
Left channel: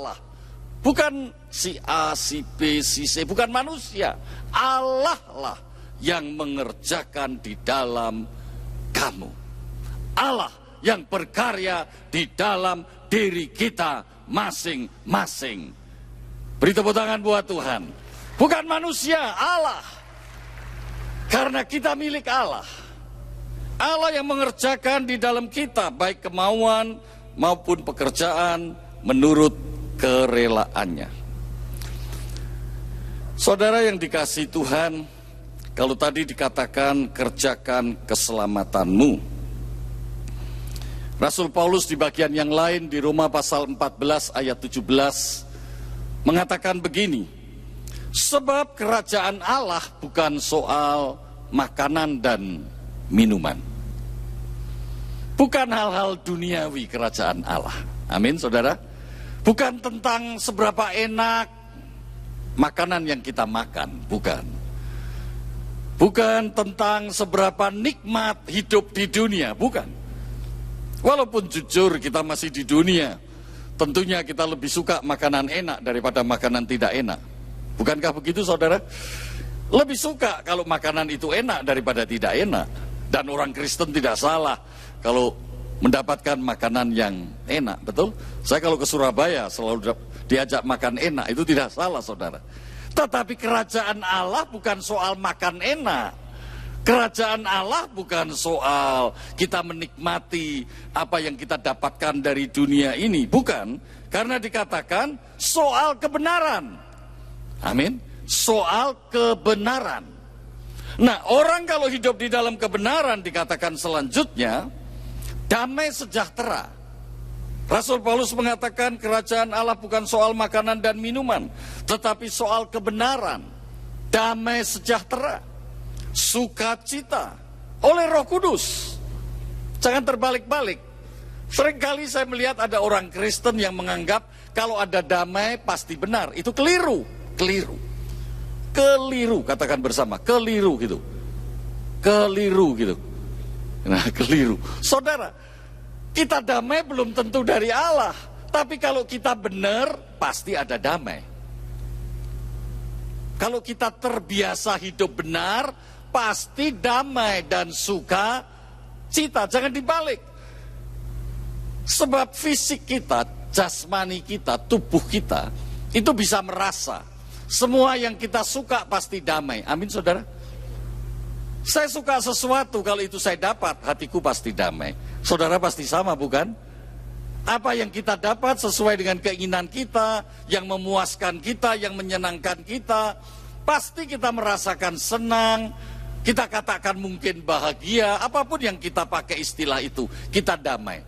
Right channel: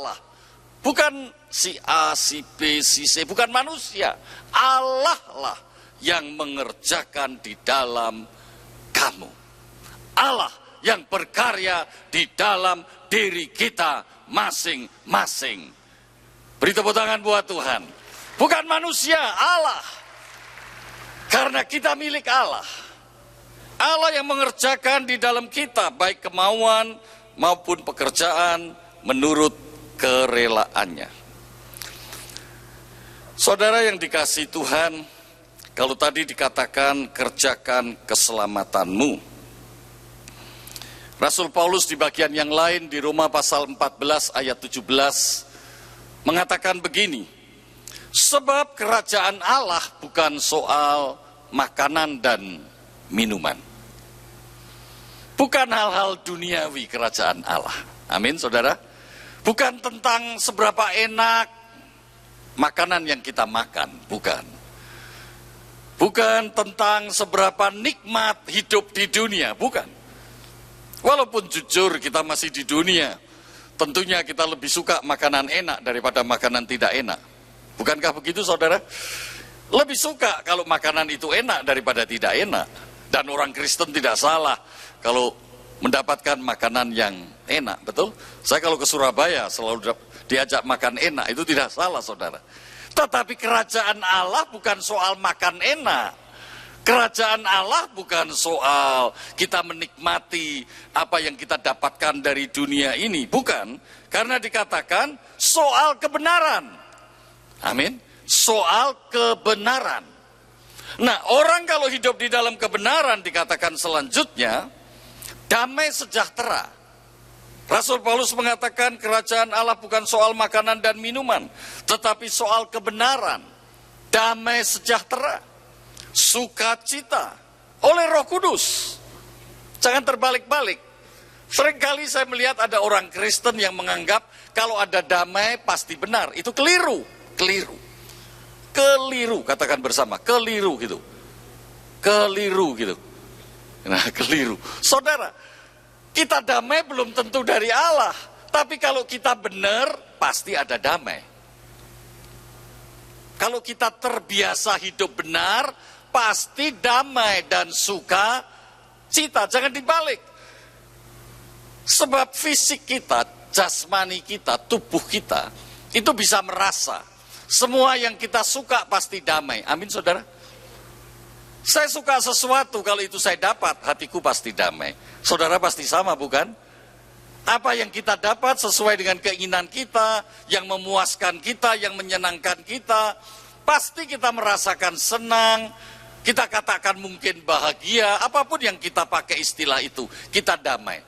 lah, bukan si A, si B, si C, bukan manusia. Allah lah yang mengerjakan di dalam kamu. Allah yang berkarya di dalam diri kita masing-masing. Beri tepuk tangan buat Tuhan. Bukan manusia, Allah. Karena kita milik Allah. Allah yang mengerjakan di dalam kita, baik kemauan maupun pekerjaan menurut kerelaannya. Saudara yang dikasihi Tuhan, kalau tadi dikatakan kerjakan keselamatanmu, Rasul Paulus di bagian yang lain di Roma pasal 14 ayat 17 mengatakan begini, sebab kerajaan Allah bukan soal makanan dan minuman. Bukan hal-hal duniawi kerajaan Allah. Amin, saudara. Bukan tentang seberapa enak makanan yang kita makan, bukan. Bukan tentang seberapa nikmat hidup di dunia, bukan. Walaupun jujur kita masih di dunia, tentunya kita lebih suka makanan enak daripada makanan tidak enak. Bukankah begitu, saudara? Lebih suka kalau makanan itu enak daripada tidak enak. Dan orang Kristen tidak salah kalau mendapatkan makanan yang enak, betul? Saya kalau ke Surabaya selalu diajak makan enak, itu tidak salah, saudara. Tetapi kerajaan Allah bukan soal makan enak. Kerajaan Allah bukan soal kita menikmati apa yang kita dapatkan dari dunia ini, bukan. Karena dikatakan soal kebenaran. Amin. Soal kebenaran. Nah, orang kalau hidup di dalam kebenaran dikatakan selanjutnya damai sejahtera. Rasul Paulus mengatakan kerajaan Allah bukan soal makanan dan minuman, tetapi soal kebenaran, damai sejahtera, sukacita oleh Roh Kudus. Jangan terbalik-balik. Seringkali saya melihat ada orang Kristen yang menganggap kalau ada damai pasti benar. Itu keliru. Keliru, katakan bersama, keliru gitu. Nah, keliru. Saudara, kita damai belum tentu dari Allah. Tapi kalau kita benar, pasti ada damai. Kalau kita terbiasa hidup benar, pasti damai dan sukacita. Jangan dibalik. Sebab fisik kita, jasmani kita, tubuh kita, itu bisa merasa. Semua yang kita suka pasti damai. Amin, saudara. Saya suka sesuatu, kalau itu saya dapat, hatiku pasti damai. Saudara pasti sama, bukan? Apa yang kita dapat sesuai dengan keinginan kita, yang memuaskan kita, yang menyenangkan kita, pasti kita merasakan senang, kita katakan mungkin bahagia, apapun yang kita pakai istilah itu, kita damai.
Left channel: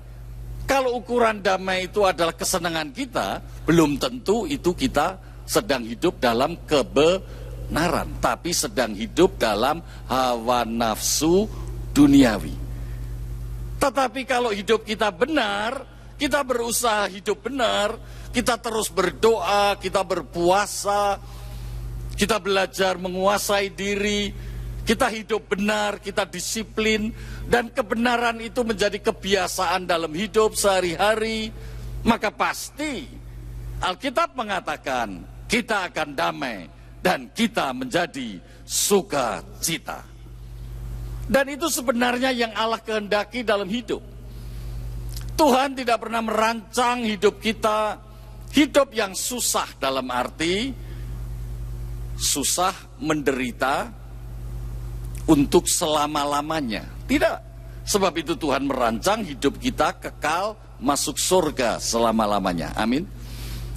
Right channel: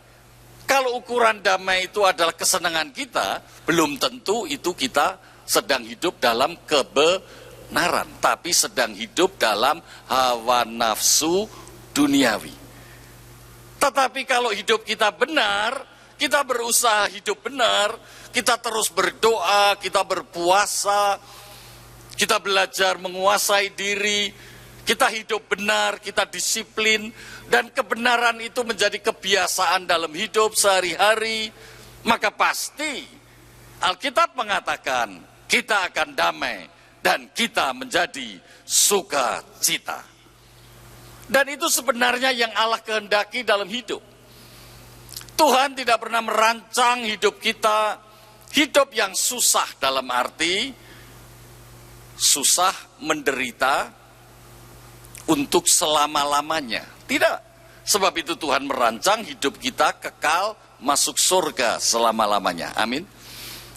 Kalau ukuran damai itu adalah kesenangan kita, belum tentu itu kita sedang hidup dalam kebenaran, tapi sedang hidup dalam hawa nafsu duniawi. Tetapi kalau hidup kita benar, kita berusaha hidup benar, kita terus berdoa, kita berpuasa, kita belajar menguasai diri, kita hidup benar, kita disiplin, dan kebenaran itu menjadi kebiasaan dalam hidup sehari-hari, maka pasti Alkitab mengatakan kita akan damai dan kita menjadi sukacita. Dan itu sebenarnya yang Allah kehendaki dalam hidup. Tuhan tidak pernah merancang hidup kita, hidup yang susah dalam arti susah menderita untuk selama-lamanya. Tidak. Sebab itu Tuhan merancang hidup kita kekal masuk surga selama-lamanya. Amin.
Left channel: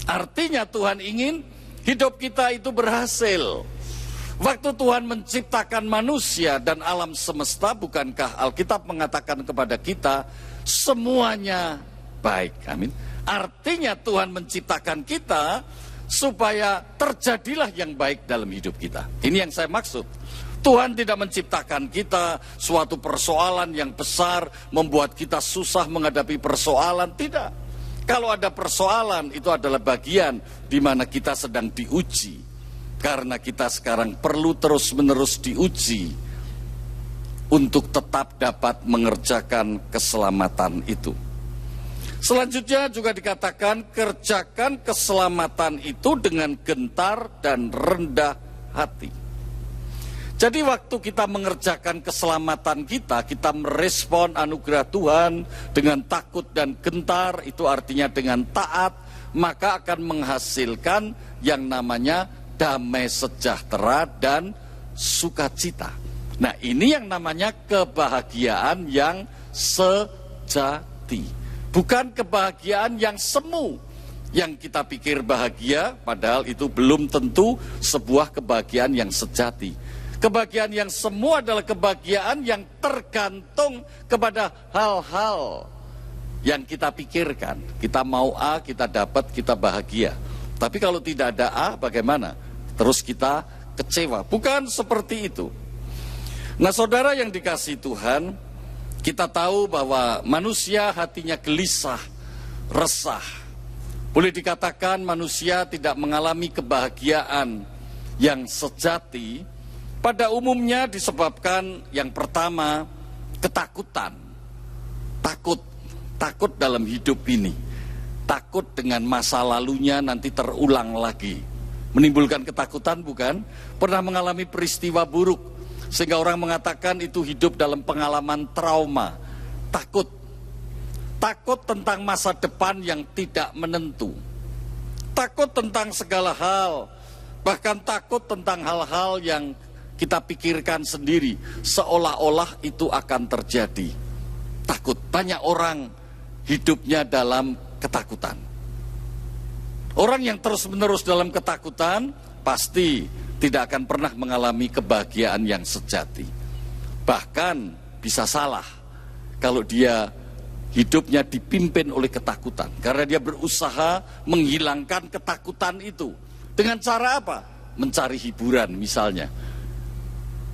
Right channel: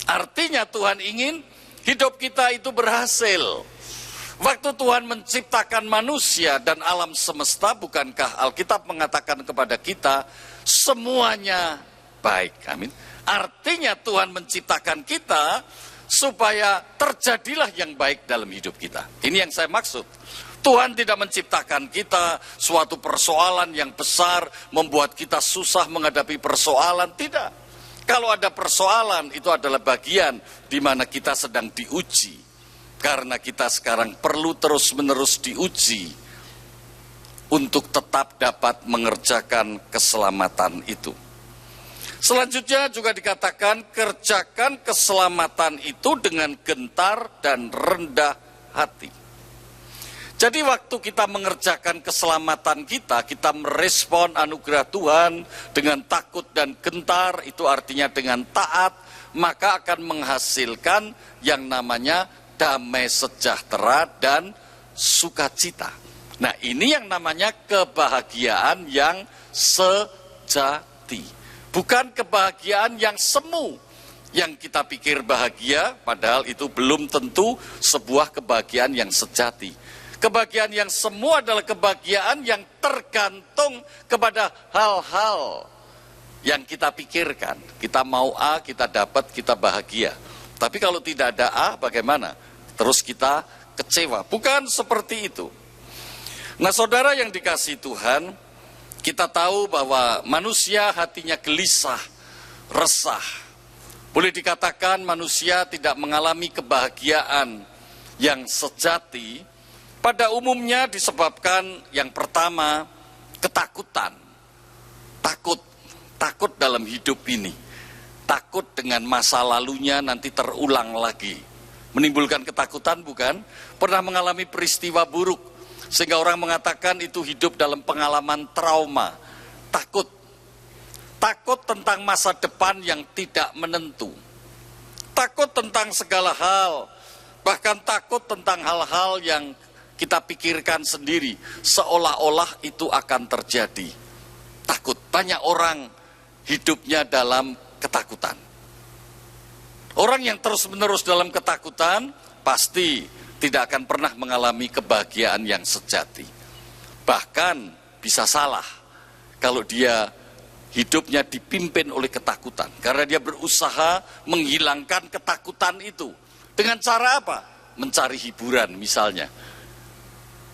Artinya Tuhan ingin hidup kita itu berhasil. Waktu Tuhan menciptakan manusia dan alam semesta, bukankah Alkitab mengatakan kepada kita semuanya baik? Amin. Artinya Tuhan menciptakan kita supaya terjadilah yang baik dalam hidup kita. Ini yang saya maksud. Tuhan tidak menciptakan kita suatu persoalan yang besar, membuat kita susah menghadapi persoalan. Tidak. Kalau ada persoalan, itu adalah bagian di mana kita sedang diuji. Karena kita sekarang perlu terus-menerus diuji untuk tetap dapat mengerjakan keselamatan itu. Selanjutnya juga dikatakan, kerjakan keselamatan itu dengan gentar dan rendah hati. Jadi waktu kita mengerjakan keselamatan kita merespon anugerah Tuhan dengan takut dan gentar, itu artinya dengan taat, maka akan menghasilkan yang namanya damai sejahtera dan sukacita. Nah, ini yang namanya kebahagiaan yang sejati. Bukan kebahagiaan yang semu. Yang kita pikir bahagia, padahal itu belum tentu sebuah kebahagiaan yang sejati. Kebahagiaan yang semu adalah kebahagiaan yang tergantung kepada hal-hal yang kita pikirkan. Kita mau A, kita dapat, kita bahagia. Tapi kalau tidak ada A, bagaimana? Terus kita kecewa. Bukan seperti itu. Nah, saudara yang dikasihi Tuhan, kita tahu bahwa manusia hatinya gelisah, resah. Boleh dikatakan manusia tidak mengalami kebahagiaan yang sejati. Pada umumnya disebabkan yang pertama, ketakutan. Takut dalam hidup ini. Takut dengan masa lalunya nanti terulang lagi. Menimbulkan ketakutan bukan? Pernah mengalami peristiwa buruk, sehingga orang mengatakan itu hidup dalam pengalaman trauma. Takut tentang masa depan yang tidak menentu. Takut tentang segala hal. Bahkan takut tentang hal-hal yang kita pikirkan sendiri, seolah-olah itu akan terjadi. Takut. Banyak orang hidupnya dalam ketakutan. Orang yang terus-menerus dalam ketakutan pasti tidak akan pernah mengalami kebahagiaan yang sejati. Bahkan bisa salah kalau dia hidupnya dipimpin oleh ketakutan. Karena dia berusaha menghilangkan ketakutan itu. Dengan cara apa? Mencari hiburan misalnya.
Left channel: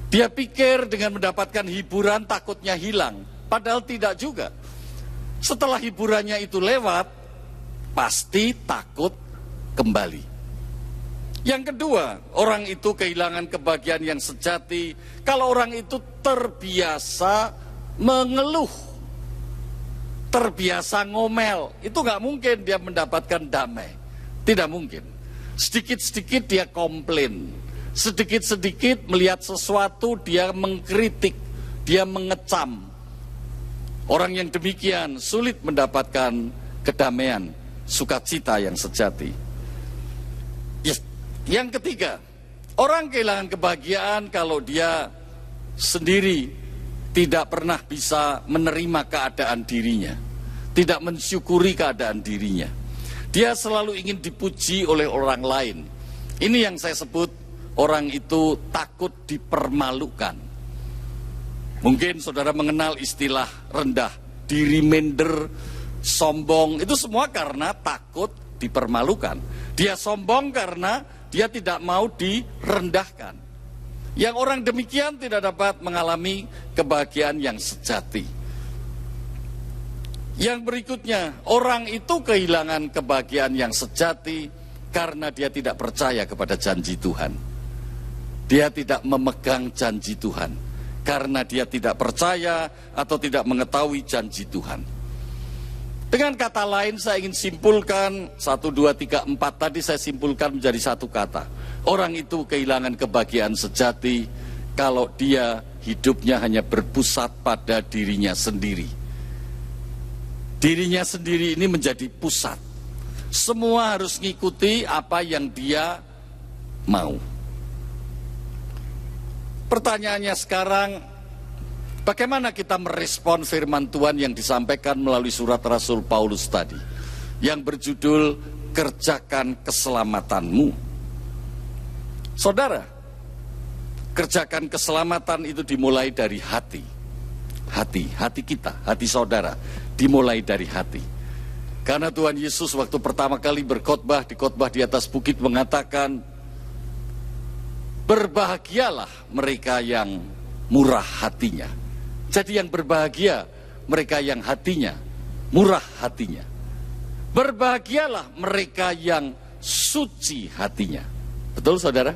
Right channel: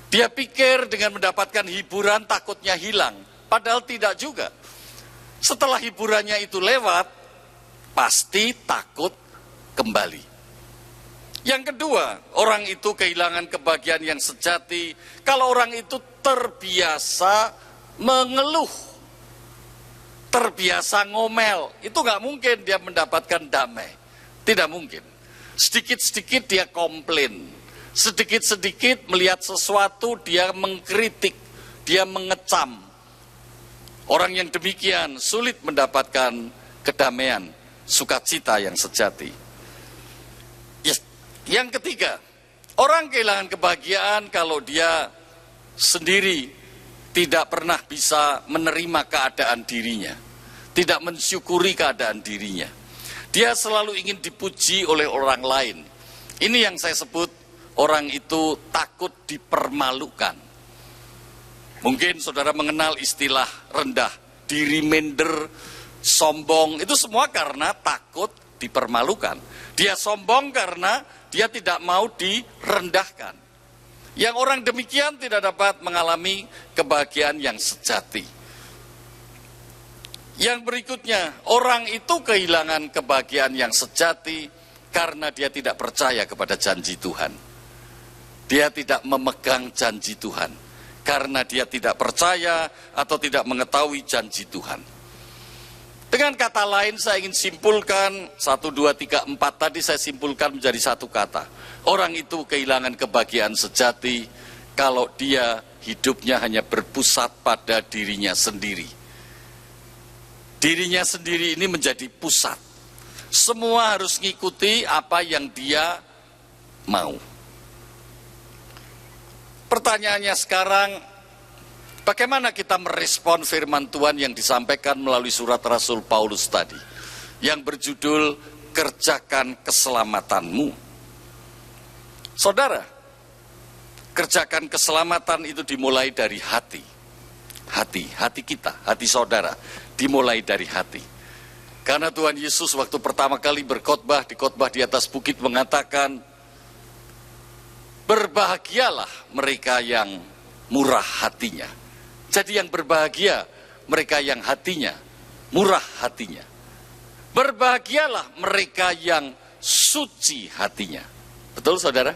Dia pikir dengan mendapatkan hiburan takutnya hilang. Padahal tidak juga. Setelah hiburannya itu lewat, pasti takut kembali. Yang kedua, orang itu kehilangan kebahagiaan yang sejati kalau orang itu terbiasa mengeluh, terbiasa ngomel. Itu nggak mungkin dia mendapatkan damai. Tidak mungkin. Sedikit-sedikit dia komplain. Sedikit-sedikit melihat sesuatu dia mengkritik, dia mengecam. Orang yang demikian sulit mendapatkan kedamaian, sukacita yang sejati. Yang ketiga, orang kehilangan kebahagiaan kalau dia sendiri tidak pernah bisa menerima keadaan dirinya, tidak mensyukuri keadaan dirinya. Dia selalu ingin dipuji oleh orang lain. Ini yang saya sebut orang itu takut dipermalukan. Mungkin saudara mengenal istilah rendah diri, minder, sombong. Itu semua karena takut dipermalukan. Dia sombong karena dia tidak mau direndahkan. Yang orang demikian tidak dapat mengalami kebahagiaan yang sejati. Yang berikutnya, orang itu kehilangan kebahagiaan yang sejati karena dia tidak percaya kepada janji Tuhan. Dia tidak memegang janji Tuhan karena dia tidak percaya atau tidak mengetahui janji Tuhan. Dengan kata lain saya ingin simpulkan 1, 2, 3, 4 tadi saya simpulkan menjadi satu kata. Orang itu kehilangan kebahagiaan sejati kalau dia hidupnya hanya berpusat pada dirinya sendiri. Dirinya sendiri ini menjadi pusat. Semua harus ngikuti apa yang dia mau. Pertanyaannya sekarang, bagaimana kita merespon firman Tuhan yang disampaikan melalui surat Rasul Paulus tadi, yang berjudul Kerjakan Keselamatanmu. Saudara, kerjakan keselamatan itu dimulai dari hati. Hati kita, hati saudara, dimulai dari hati. Karena Tuhan Yesus waktu pertama kali berkhotbah di atas bukit mengatakan, berbahagialah mereka yang murah hatinya. Jadi yang berbahagia mereka yang hatinya murah hatinya. Berbahagialah mereka yang suci hatinya. Betul saudara?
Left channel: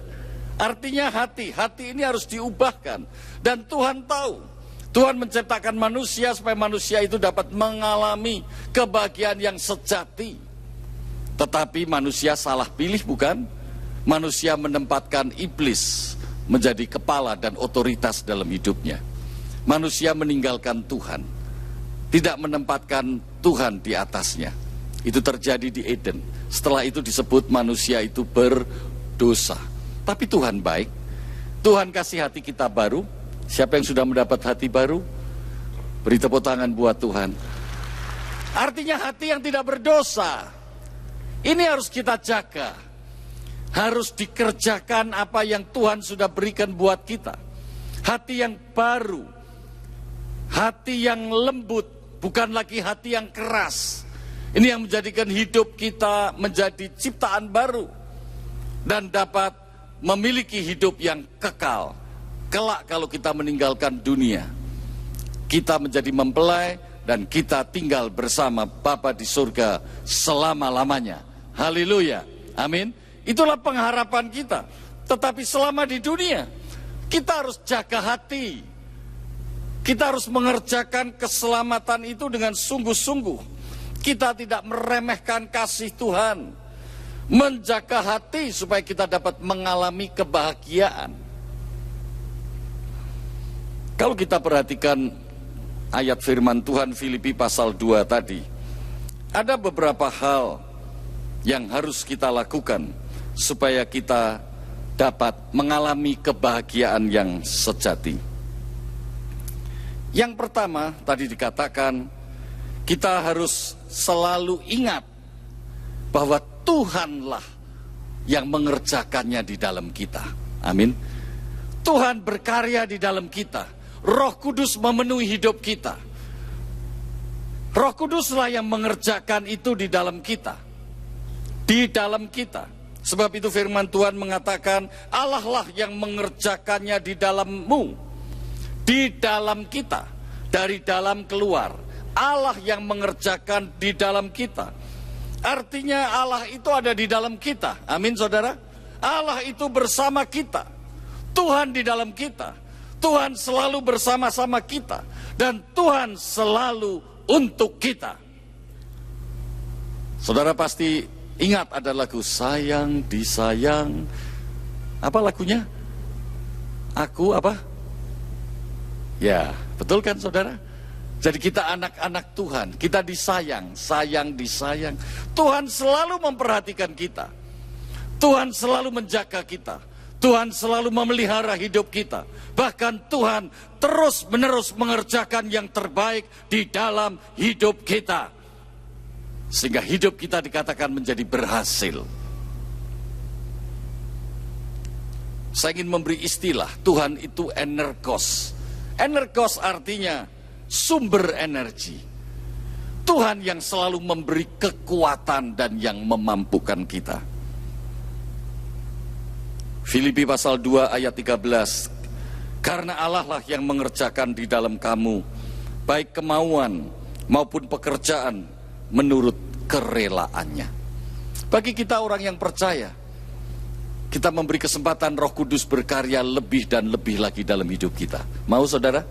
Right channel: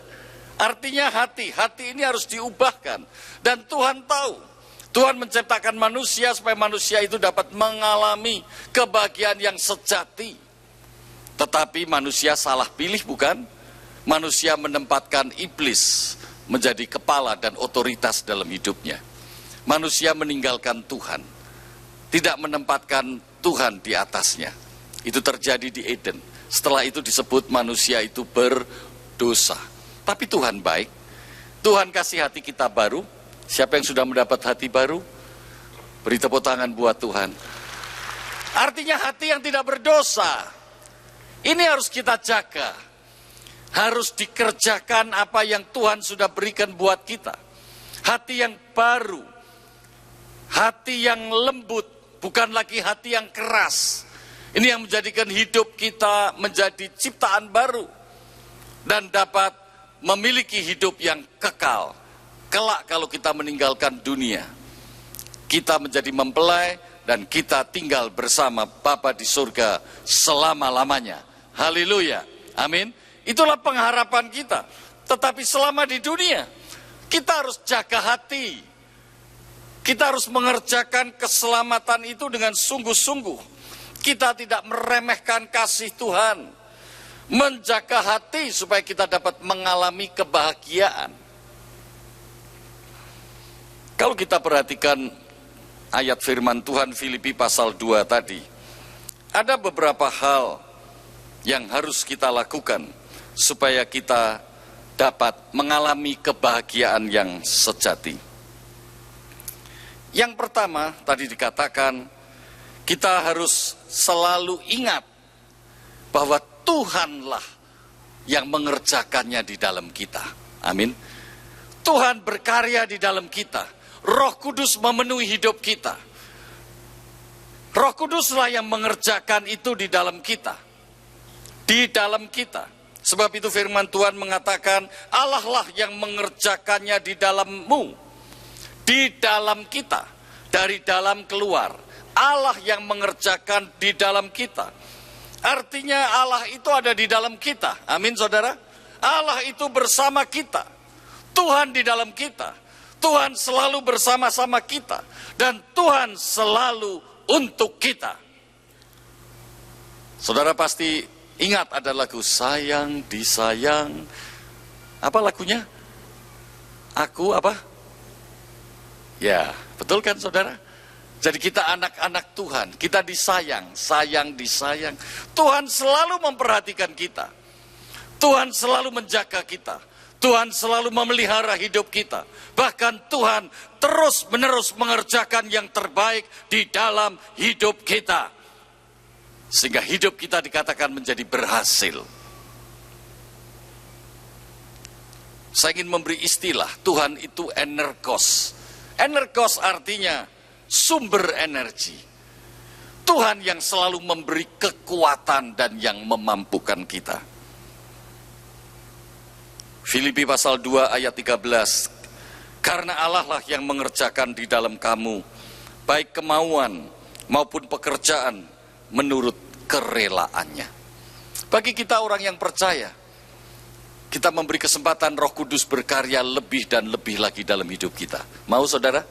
Artinya hati ini harus diubahkan. Dan Tuhan tahu, Tuhan menciptakan manusia supaya manusia itu dapat mengalami kebahagiaan yang sejati. Tetapi manusia salah pilih bukan? Manusia menempatkan iblis menjadi kepala dan otoritas dalam hidupnya. Manusia meninggalkan Tuhan, tidak menempatkan Tuhan di atasnya. Itu terjadi di Eden. Setelah itu disebut manusia itu berdosa. Tapi Tuhan baik. Tuhan kasih hati kita baru. Siapa yang sudah mendapat hati baru? Beri tepuk tangan buat Tuhan. Artinya hati yang tidak berdosa. Ini harus kita jaga. Harus dikerjakan apa yang Tuhan sudah berikan buat kita. Hati yang baru. Hati yang lembut. Bukan lagi hati yang keras. Ini yang menjadikan hidup kita menjadi ciptaan baru. Dan dapat memiliki hidup yang kekal. Kelak kalau kita meninggalkan dunia, kita menjadi mempelai dan kita tinggal bersama Bapa di surga selama-lamanya. Haleluya. Amin. Itulah pengharapan kita. Tetapi selama di dunia, kita harus jaga hati. Kita harus mengerjakan keselamatan itu dengan sungguh-sungguh. Kita tidak meremehkan kasih Tuhan. Menjaga hati supaya kita dapat mengalami kebahagiaan. Kalau kita perhatikan ayat firman Tuhan Filipi pasal 2 tadi, ada beberapa hal yang harus kita lakukan supaya kita dapat mengalami kebahagiaan yang sejati. Yang pertama tadi dikatakan, kita harus selalu ingat bahwa Tuhanlah yang mengerjakannya di dalam kita. Amin. Tuhan berkarya di dalam kita. Roh Kudus memenuhi hidup kita. Roh Kuduslah yang mengerjakan itu di dalam kita. Di dalam kita. Sebab itu firman Tuhan mengatakan, Allah lah yang mengerjakannya di dalammu. Di dalam kita. Dari dalam keluar. Allah yang mengerjakan di dalam kita. Artinya Allah itu ada di dalam kita. Amin saudara. Allah itu bersama kita. Tuhan di dalam kita. Tuhan selalu bersama-sama kita. Dan Tuhan selalu untuk kita. Saudara pasti ingat ada lagu Sayang Disayang. Apa lagunya? Aku apa? Ya, betul kan saudara? Jadi kita anak-anak Tuhan, kita disayang, sayang disayang. Tuhan selalu memperhatikan kita. Tuhan selalu menjaga kita. Tuhan selalu memelihara hidup kita. Bahkan Tuhan terus-menerus mengerjakan yang terbaik di dalam hidup kita. Sehingga hidup kita dikatakan menjadi berhasil. Saya ingin memberi istilah, Tuhan itu energos. Energos artinya sumber energi. Tuhan yang selalu memberi kekuatan dan yang memampukan kita. Filipi pasal 2 ayat 13. Karena Allah lah yang mengerjakan di dalam kamu, baik kemauan maupun pekerjaan menurut kerelaannya. Bagi kita orang yang percaya, kita memberi kesempatan Roh Kudus berkarya lebih dan lebih lagi dalam hidup kita. Mau saudara?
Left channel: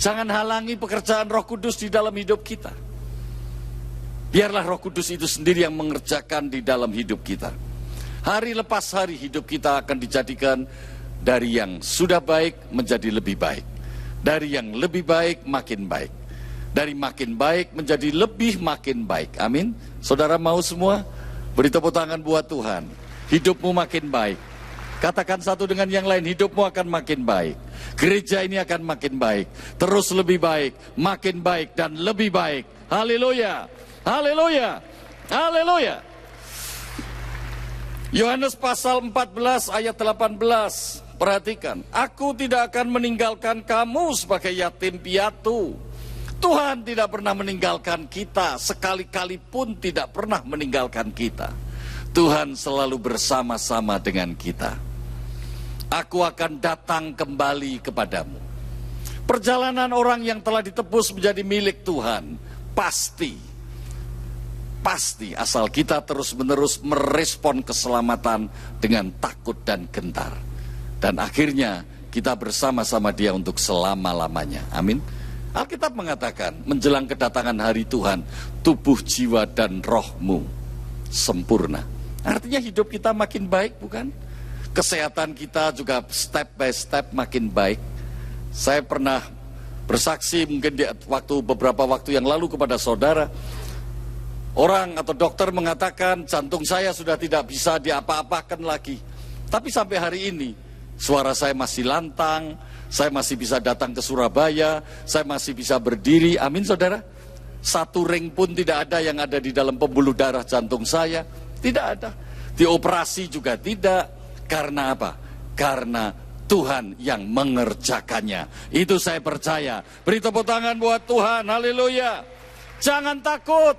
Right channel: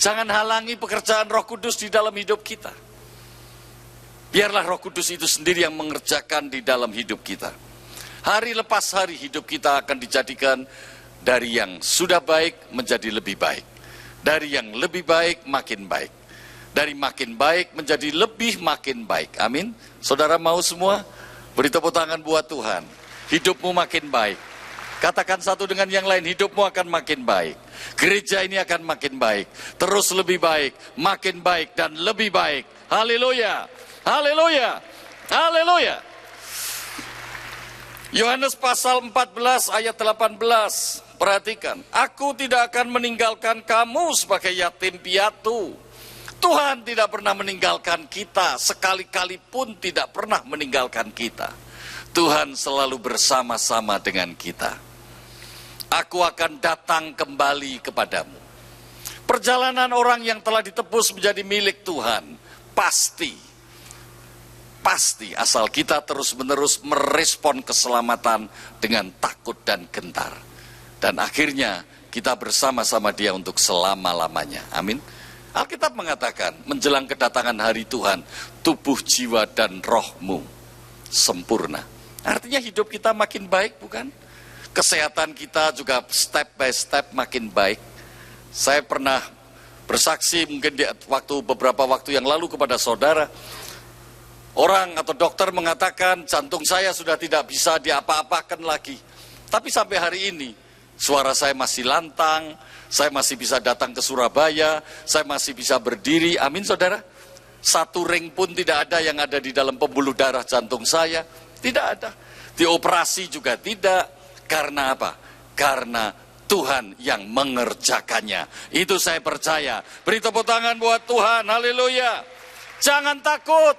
Jangan halangi pekerjaan Roh Kudus di dalam hidup kita. Biarlah Roh Kudus itu sendiri yang mengerjakan di dalam hidup kita. Hari lepas hari hidup kita akan dijadikan dari yang sudah baik menjadi lebih baik, dari yang lebih baik makin baik, dari makin baik menjadi lebih makin baik. Amin. Saudara mau semua? Beri tepuk tangan buat Tuhan. Hidupmu makin baik. Katakan satu dengan yang lain, hidupmu akan makin baik. Gereja ini akan makin baik. Terus lebih baik, makin baik dan lebih baik. Haleluya. Haleluya. Haleluya. Yohanes pasal 14 ayat 18. Perhatikan, aku tidak akan meninggalkan kamu sebagai yatim piatu. Tuhan tidak pernah meninggalkan kita, sekali-kali pun tidak pernah meninggalkan kita. Tuhan selalu bersama-sama dengan kita. Aku akan datang kembali kepadamu. Perjalanan orang yang telah ditebus menjadi milik Tuhan, pasti asal kita terus-menerus merespon keselamatan dengan takut dan gentar. Dan akhirnya kita bersama-sama Dia untuk selama-lamanya. Amin. Alkitab mengatakan, menjelang kedatangan hari Tuhan, tubuh, jiwa, dan rohmu sempurna. Artinya hidup kita makin baik, bukan? Kesehatan kita juga step by step makin baik. Saya pernah bersaksi mungkin beberapa waktu yang lalu kepada saudara. Orang atau dokter mengatakan jantung saya sudah tidak bisa diapa-apakan lagi. Tapi sampai hari ini, suara saya masih lantang, saya masih bisa datang ke Surabaya, saya masih bisa berdiri. Amin saudara. Satu ring pun tidak ada yang ada di dalam pembuluh darah jantung saya. Tidak ada. Dioperasi juga tidak. Karena apa? Karena Tuhan yang mengerjakannya. Itu saya percaya. Beri tepuk tangan buat Tuhan. Haleluya. Jangan takut.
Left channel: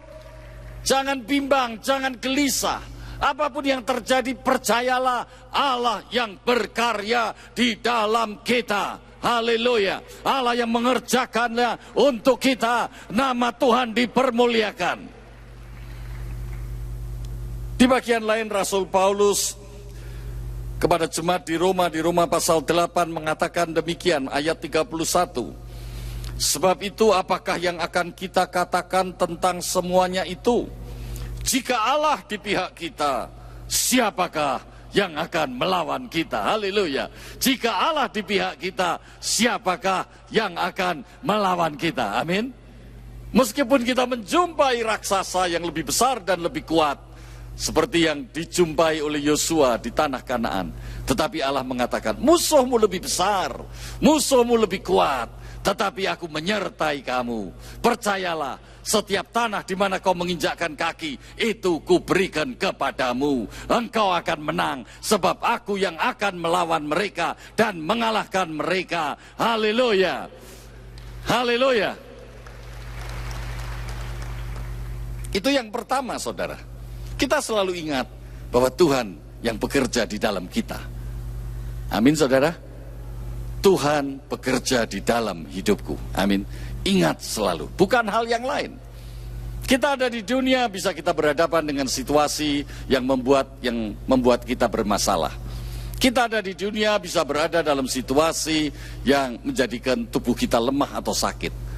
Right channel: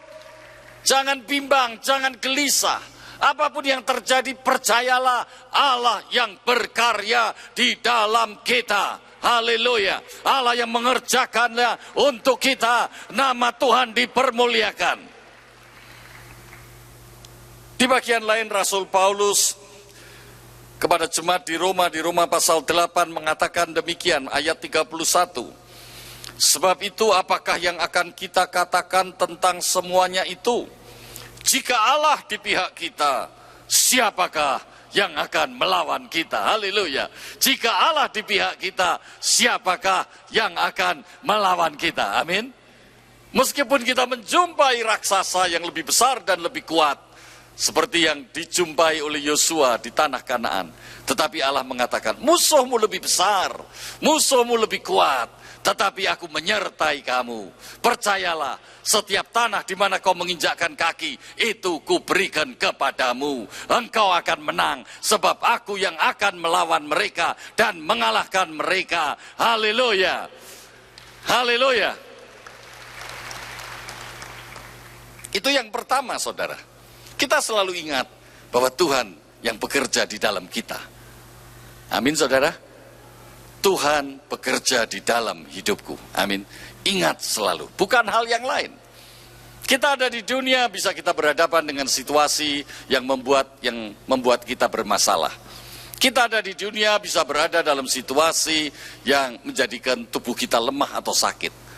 Jangan bimbang. Jangan gelisah. Apapun yang terjadi, percayalah Allah yang berkarya di dalam kita. Haleluya. Allah yang mengerjakannya untuk kita. Nama Tuhan dipermuliakan. Di bagian lain Rasul Paulus kepada jemaat di Roma pasal 8 mengatakan demikian, ayat 31. Sebab itu apakah yang akan kita katakan tentang semuanya itu? Jika Allah di pihak kita, siapakah yang akan melawan kita? Haleluya. Jika Allah di pihak kita, siapakah yang akan melawan kita? Amin. Meskipun kita menjumpai raksasa yang lebih besar dan lebih kuat, seperti yang dijumpai oleh Yosua di tanah Kanaan. Tetapi Allah mengatakan, musuhmu lebih besar, musuhmu lebih kuat, tetapi aku menyertai kamu. Percayalah, setiap tanah di mana kau menginjakkan kaki, itu kuberikan kepadamu. Engkau akan menang, sebab aku yang akan melawan mereka dan mengalahkan mereka. Haleluya. Haleluya. Itu yang pertama, saudara. Kita selalu ingat bahwa Tuhan yang bekerja di dalam kita. Amin saudara. Tuhan bekerja di dalam hidupku. Amin. Ingat selalu, bukan hal yang lain. Kita ada di dunia, bisa kita berhadapan dengan situasi yang membuat kita bermasalah. Kita ada di dunia, bisa berada dalam situasi yang menjadikan tubuh kita lemah atau sakit.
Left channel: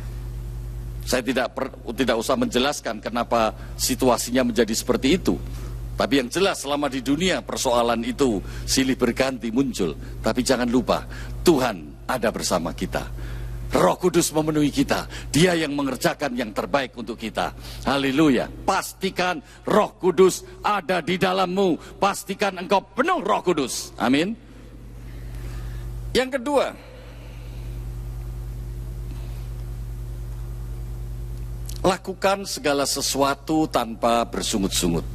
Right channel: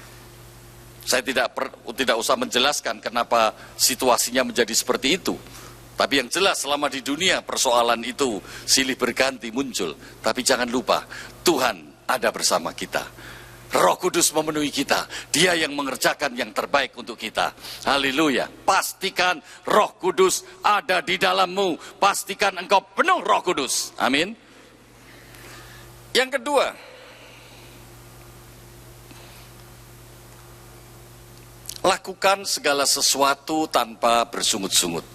Saya tidak usah menjelaskan kenapa situasinya menjadi seperti itu. Tapi yang jelas selama di dunia persoalan itu silih berganti muncul. Tapi jangan lupa, Tuhan ada bersama kita. Roh Kudus memenuhi kita. Dia yang mengerjakan yang terbaik untuk kita. Haleluya. Pastikan Roh Kudus ada di dalammu. Pastikan engkau penuh Roh Kudus. Amin. Yang kedua, lakukan segala sesuatu tanpa bersungut-sungut.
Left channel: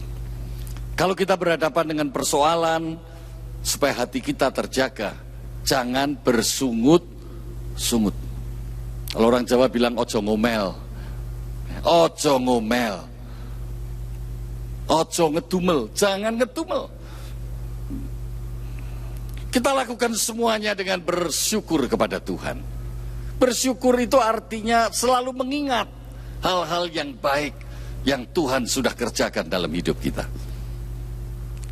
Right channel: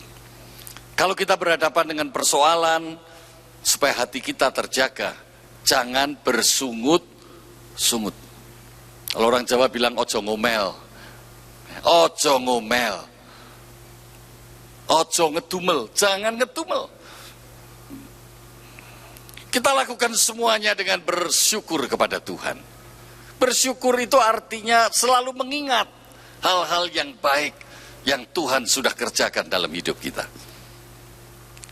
Kalau kita berhadapan dengan persoalan, supaya hati kita terjaga, jangan bersungut-sungut. Kalau orang Jawa bilang ojo ngomel, ojo ngomel, ojo ngedumel, jangan ngedumel. Kita lakukan semuanya dengan bersyukur kepada Tuhan. Bersyukur itu artinya selalu mengingat hal-hal yang baik yang Tuhan sudah kerjakan dalam hidup kita.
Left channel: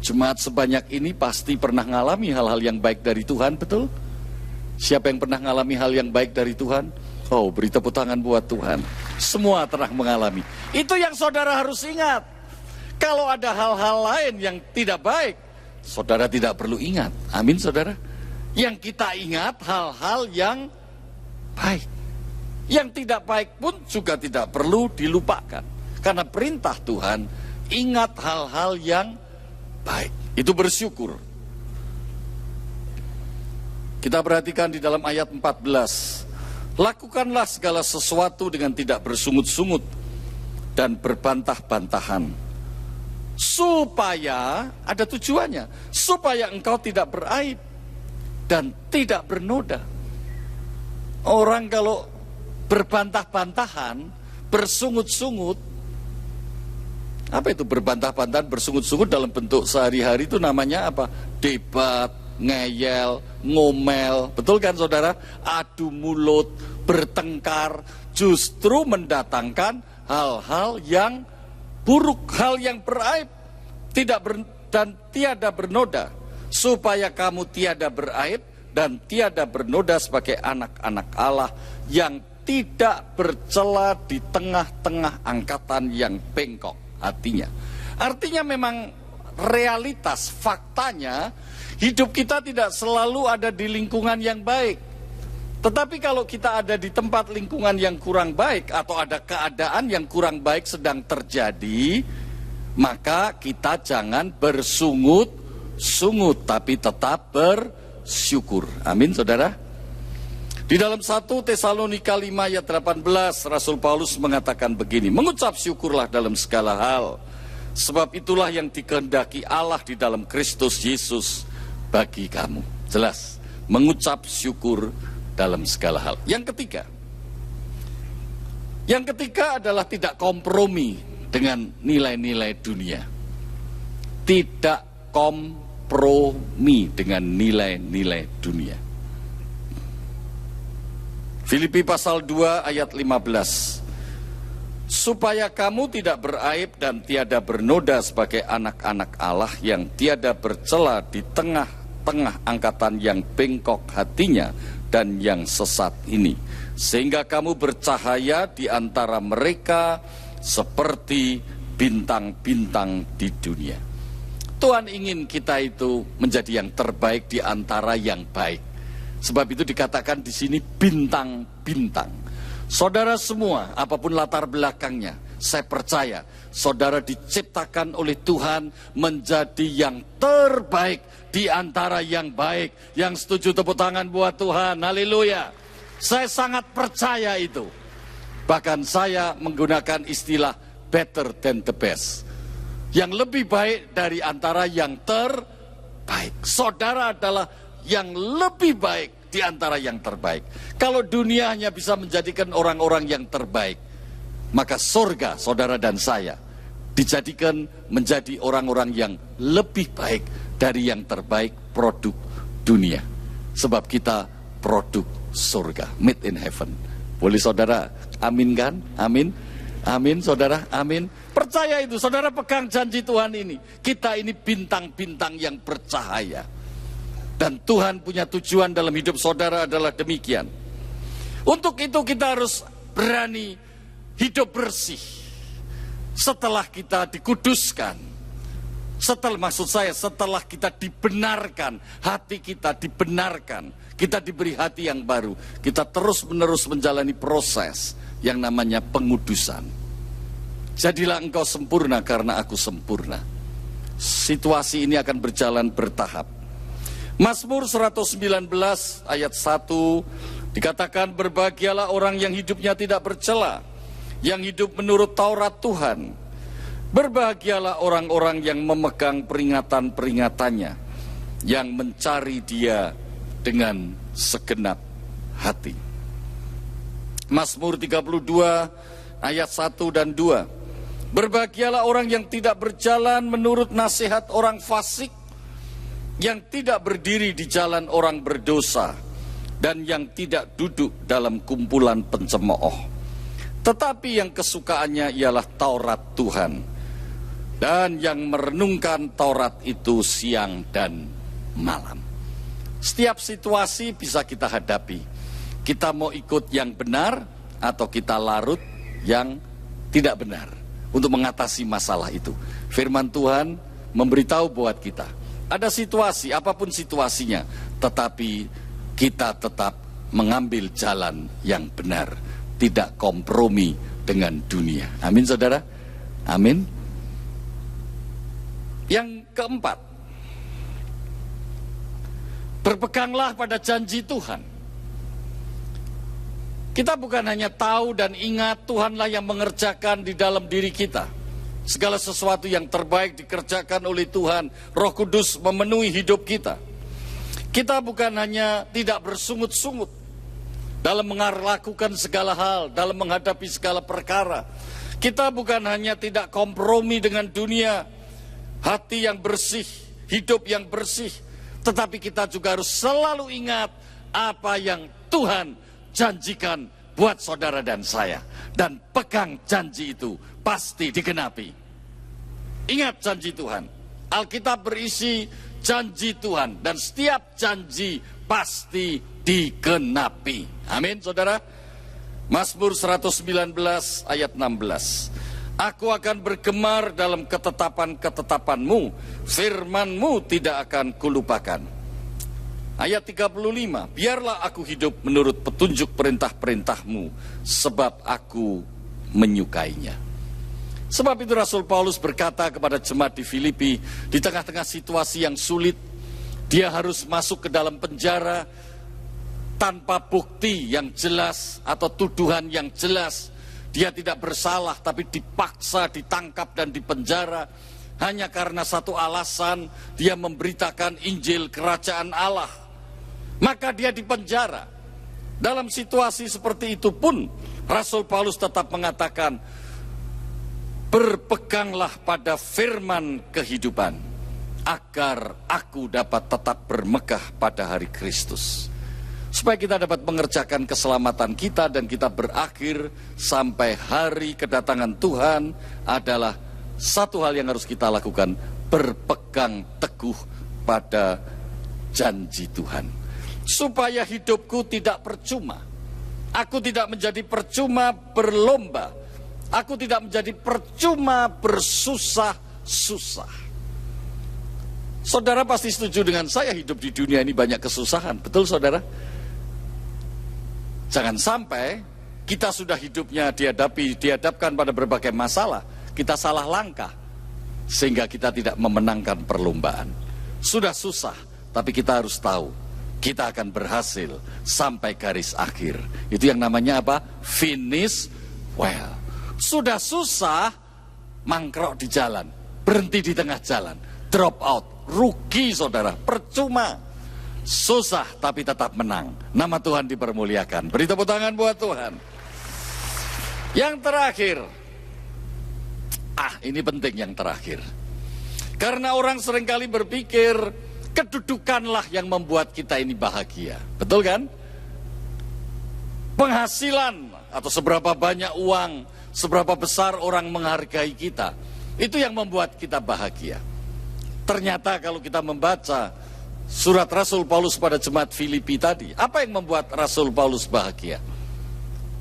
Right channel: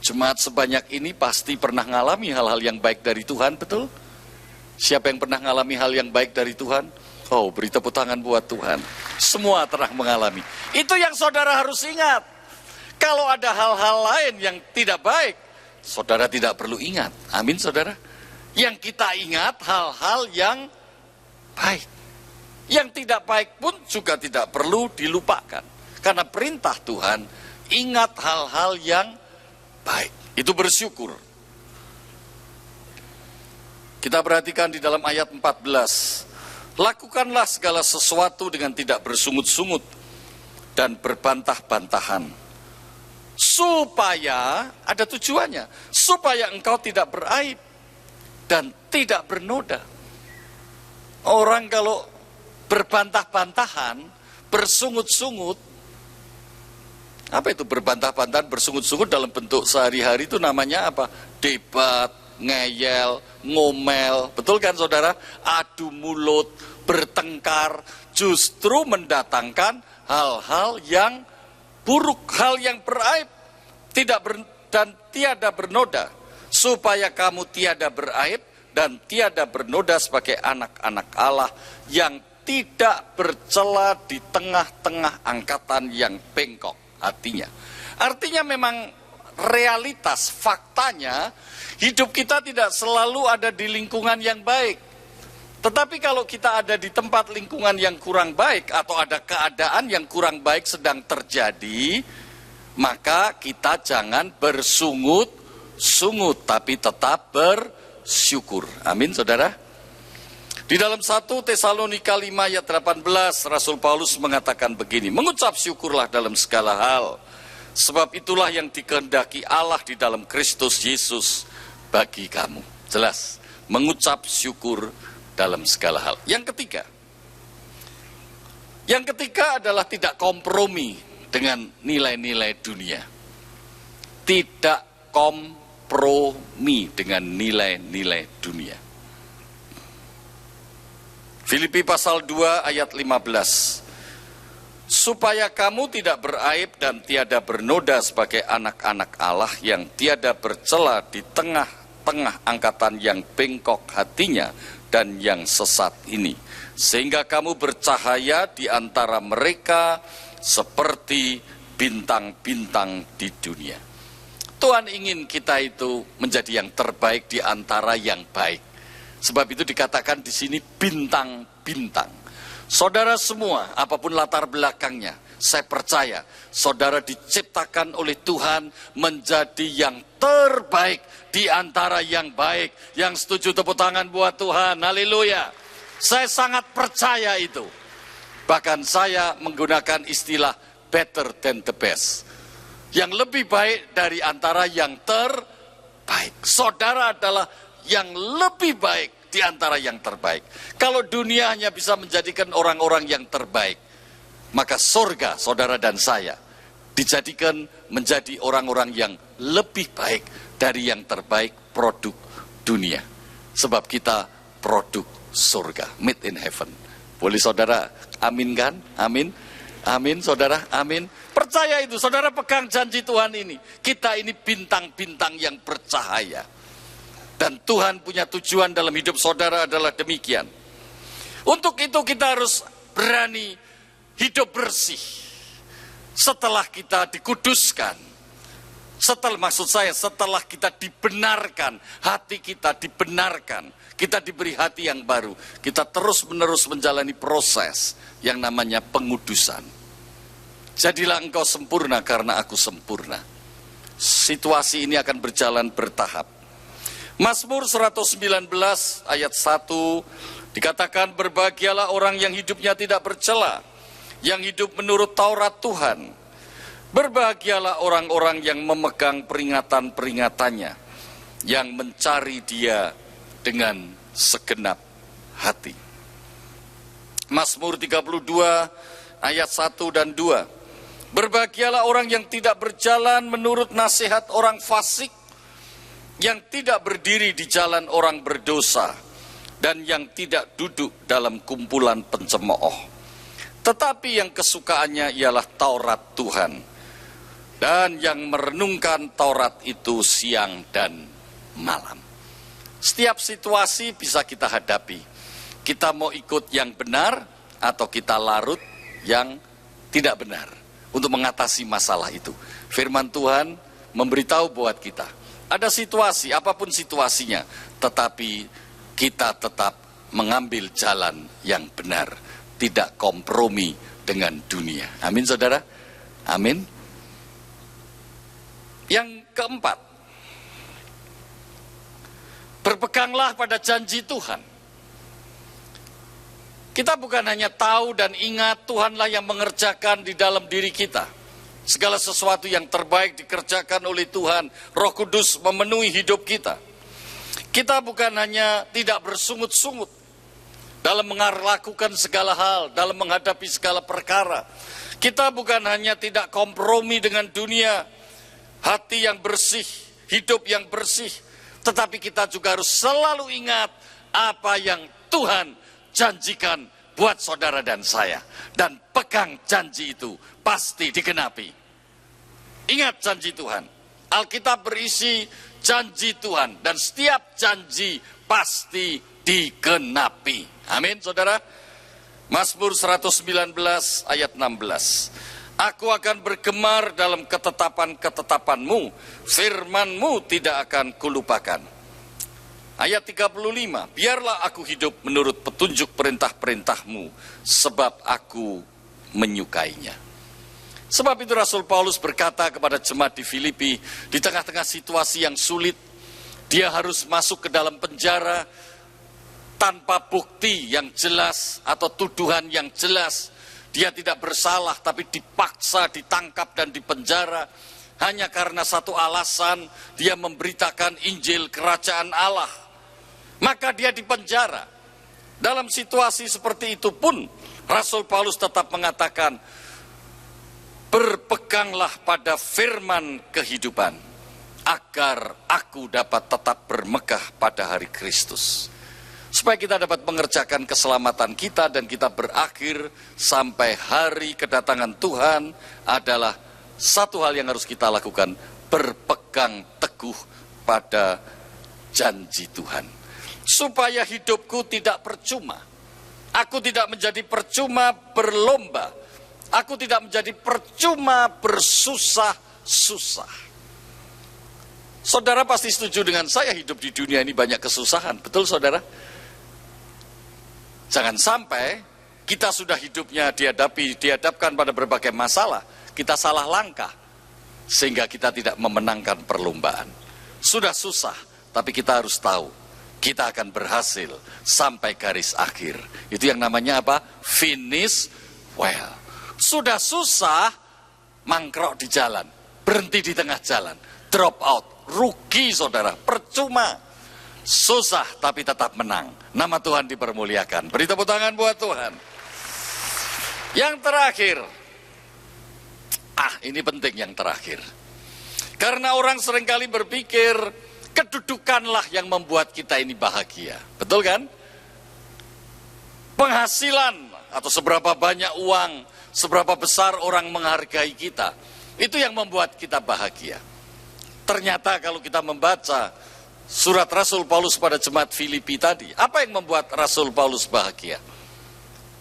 Jemaat sebanyak ini pasti pernah mengalami hal-hal yang baik dari Tuhan, betul? Siapa yang pernah mengalami hal yang baik dari Tuhan? Oh, beri tepuk tangan buat Tuhan. Semua pernah mengalami. Itu yang saudara harus ingat. Kalau ada hal-hal lain yang tidak baik, saudara tidak perlu ingat. Amin, saudara. Yang kita ingat hal-hal yang baik. Yang tidak baik pun juga tidak perlu dilupakan. Karena perintah Tuhan, ingat hal-hal yang baik. Itu bersyukur. Kita perhatikan di dalam ayat 14. Lakukanlah segala sesuatu dengan tidak bersungut-sungut dan berbantah-bantahan. Supaya, ada tujuannya, supaya engkau tidak beraib dan tidak bernoda. Orang kalau berbantah-bantahan, bersungut-sungut, apa itu berbantah-bantahan, bersungut-sungut dalam bentuk sehari-hari itu namanya apa? Debat, ngeyel, ngomel, betul kan saudara? Adu mulut, bertengkar, justru mendatangkan hal-hal yang buruk, hal yang beraib, dan tiada bernoda, supaya kamu tiada beraib dan tiada bernoda sebagai anak-anak Allah yang tidak bercela di tengah-tengah angkatan yang bengkok hatinya. Artinya memang realitas, faktanya, hidup kita tidak selalu ada di lingkungan yang baik. Tetapi kalau kita ada di tempat lingkungan yang kurang baik atau ada keadaan yang kurang baik sedang terjadi, maka kita jangan bersungut-sungut, tapi tetap bersyukur. Amin, saudara. Di dalam 1 Tesalonika 5 ayat 18, Rasul Paulus mengatakan begini, mengucap syukurlah dalam segala hal, sebab itulah yang dikehendaki Allah di dalam Kristus Yesus bagi kamu. Jelas, mengucap syukur dalam segala hal. Yang ketiga adalah tidak kompromi dengan nilai-nilai dunia. Tidak kompromi dengan nilai-nilai dunia. Filipi pasal 2 ayat 15. Supaya kamu tidak beraib dan tiada bernoda sebagai anak-anak Allah yang tiada bercela di tengah-tengah angkatan yang bengkok hatinya dan yang sesat ini, sehingga kamu bercahaya di antara mereka seperti bintang-bintang di dunia. Tuhan ingin kita itu menjadi yang terbaik di antara yang baik. Sebab itu dikatakan di sini bintang-bintang. Saudara semua, apapun latar belakangnya, saya percaya saudara diciptakan oleh Tuhan menjadi yang terbaik di antara yang baik. Yang setuju tepuk tangan buat Tuhan, haleluya. Saya sangat percaya itu. Bahkan saya menggunakan istilah better than the best. Yang lebih baik dari antara yang terbaik. Saudara adalah yang lebih baik di antara yang terbaik. Kalau dunia hanya bisa menjadikan orang-orang yang terbaik, maka surga saudara dan saya dijadikan menjadi orang-orang yang lebih baik dari yang terbaik produk dunia. Sebab kita produk surga, made in heaven. Boleh saudara aminkan? Amin. Amin saudara, amin. Percaya itu, saudara pegang janji Tuhan ini. Kita ini bintang-bintang yang bercahaya. Dan Tuhan punya tujuan dalam hidup saudara adalah demikian. Untuk itu kita harus berani hidup bersih. Setelah kita dikuduskan, setelah kita dibenarkan, hati kita dibenarkan, kita diberi hati yang baru, kita terus-menerus menjalani proses yang namanya pengudusan. Jadilah engkau sempurna karena aku sempurna. Situasi ini akan berjalan bertahap. Mazmur 119 ayat 1 dikatakan, berbahagialah orang yang hidupnya tidak bercela, yang hidup menurut Taurat Tuhan. Berbahagialah orang-orang yang memegang peringatan-peringatannya, yang mencari Dia dengan segenap hati. Mazmur 32 ayat 1 dan 2. Berbahagialah orang yang tidak berjalan menurut nasihat orang fasik, yang tidak berdiri di jalan orang berdosa, dan yang tidak duduk dalam kumpulan pencemooh. Tetapi yang kesukaannya ialah Taurat Tuhan, dan yang merenungkan Taurat itu siang dan malam. Setiap situasi bisa kita hadapi. Kita mau ikut yang benar atau kita larut yang tidak benar untuk mengatasi masalah itu. Firman Tuhan memberitahu buat kita, ada situasi, apapun situasinya, tetapi kita tetap mengambil jalan yang benar, tidak kompromi dengan dunia. Amin, saudara. Amin. Yang keempat, berpeganglah pada janji Tuhan. Kita bukan hanya tahu dan ingat Tuhanlah yang mengerjakan di dalam diri kita. Segala sesuatu yang terbaik dikerjakan oleh Tuhan. Roh Kudus memenuhi hidup kita. Kita bukan hanya tidak bersungut-sungut dalam melakukan segala hal, dalam menghadapi segala perkara. Kita bukan hanya tidak kompromi dengan dunia, hati yang bersih, hidup yang bersih, tetapi kita juga harus selalu ingat apa yang Tuhan janjikan buat saudara dan saya. Dan pegang janji itu pasti digenapi. Ingat janji Tuhan. Alkitab berisi janji Tuhan dan setiap janji pasti digenapi. Amin, saudara. Mazmur 119 ayat 16. Aku akan bergemar dalam ketetapan-ketetapanmu, firman-mu tidak akan kulupakan. Ayat 35, biarlah aku hidup menurut petunjuk perintah-perintahmu, sebab aku menyukainya. Sebab itu Rasul Paulus berkata kepada jemaat di Filipi, di tengah-tengah situasi yang sulit, dia harus masuk ke dalam penjara tanpa bukti yang jelas atau tuduhan yang jelas. Dia tidak bersalah tapi dipaksa ditangkap dan dipenjara hanya karena satu alasan, dia memberitakan Injil Kerajaan Allah. Maka dia dipenjara. Dalam situasi seperti itu pun Rasul Paulus tetap mengatakan, berpeganglah pada firman kehidupan, agar aku dapat tetap bermegah pada hari Kristus. Supaya kita dapat mengerjakan keselamatan kita dan kita berakhir sampai hari kedatangan Tuhan adalah satu hal yang harus kita lakukan, berpegang teguh pada janji Tuhan. Supaya hidupku tidak percuma. Aku tidak menjadi percuma berlomba. Aku tidak menjadi percuma bersusah-susah. Saudara pasti setuju dengan saya, hidup di dunia ini banyak kesusahan. Betul, saudara? Jangan sampai kita sudah hidupnya dihadapkan pada berbagai masalah, kita salah langkah, sehingga kita tidak memenangkan perlombaan. Sudah susah, tapi kita harus tahu, kita akan berhasil sampai garis akhir. Itu yang namanya apa? Finish well. Sudah susah, mangkrok di jalan, berhenti di tengah jalan, drop out, rugi saudara, percuma. Susah tapi tetap menang. Nama Tuhan dipermuliakan. Beri tepuk tangan buat Tuhan. Yang terakhir, ini penting yang terakhir. Karena orang seringkali berpikir kedudukanlah yang membuat kita ini bahagia. Betul kan? Penghasilan atau seberapa banyak uang, seberapa besar orang menghargai kita, itu yang membuat kita bahagia. Ternyata kalau kita membaca surat Rasul Paulus pada jemaat Filipi tadi, apa yang membuat Rasul Paulus bahagia?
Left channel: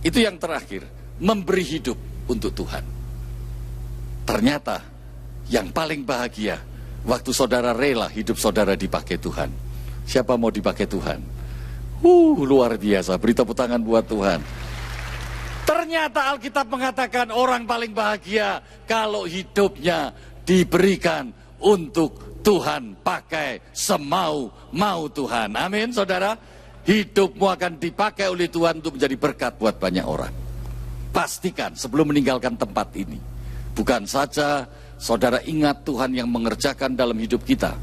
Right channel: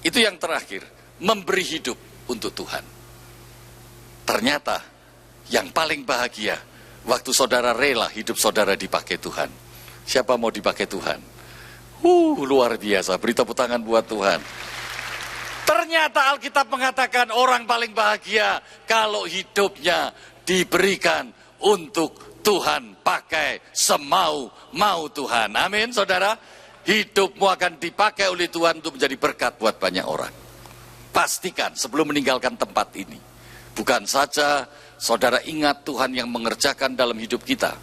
Itu yang terakhir, memberi hidup untuk Tuhan. Ternyata yang paling bahagia waktu saudara rela hidup saudara dipakai Tuhan. Siapa mau dipakai Tuhan? Luar biasa, beri tepuk tangan buat Tuhan. Ternyata Alkitab mengatakan orang paling bahagia kalau hidupnya diberikan untuk Tuhan, pakai semau-mau Tuhan. Amin, saudara. Hidupmu akan dipakai oleh Tuhan untuk menjadi berkat buat banyak orang. Pastikan sebelum meninggalkan tempat ini, bukan saja saudara ingat Tuhan yang mengerjakan dalam hidup kita.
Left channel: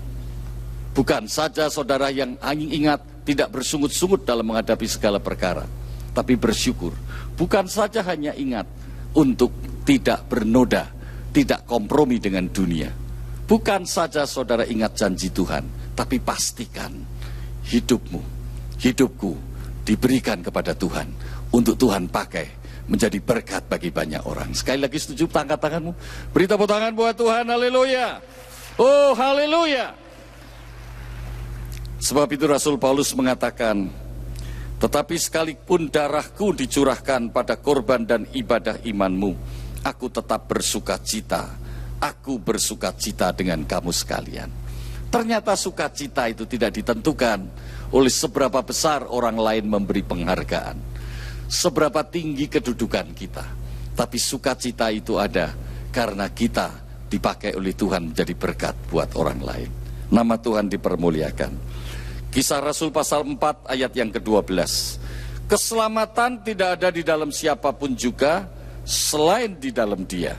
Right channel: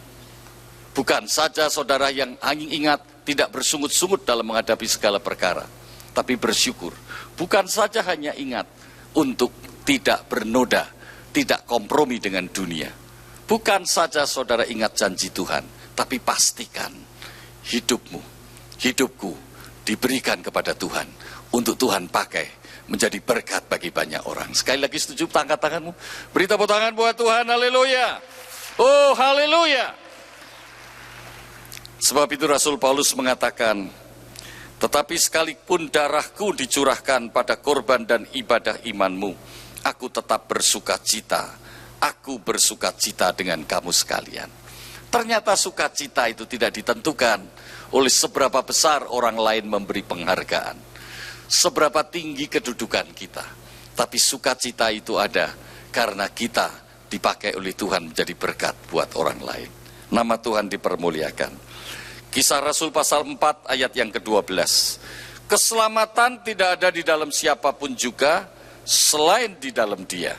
Bukan saja saudara yang hanya ingat tidak bersungut-sungut dalam menghadapi segala perkara, tapi bersyukur. Bukan saja hanya ingat untuk tidak bernoda, tidak kompromi dengan dunia. Bukan saja saudara ingat janji Tuhan, tapi pastikan hidupku diberikan kepada Tuhan, untuk Tuhan pakai menjadi berkat bagi banyak orang. Sekali lagi setuju, angkat tanganmu. Beri tepuk tangan buat Tuhan, haleluya. Oh, haleluya. Sebab itu Rasul Paulus mengatakan, tetapi sekalipun darahku dicurahkan pada korban dan ibadah imanmu, aku tetap bersuka cita. Aku bersuka cita dengan kamu sekalian. Ternyata sukacita itu tidak ditentukan oleh seberapa besar orang lain memberi penghargaan, seberapa tinggi kedudukan kita. Tapi sukacita itu ada karena kita dipakai oleh Tuhan menjadi berkat buat orang lain. Nama Tuhan dipermuliakan. Kisah Rasul pasal 4 ayat yang ke-12. Keselamatan tidak ada di dalam siapapun juga selain di dalam Dia.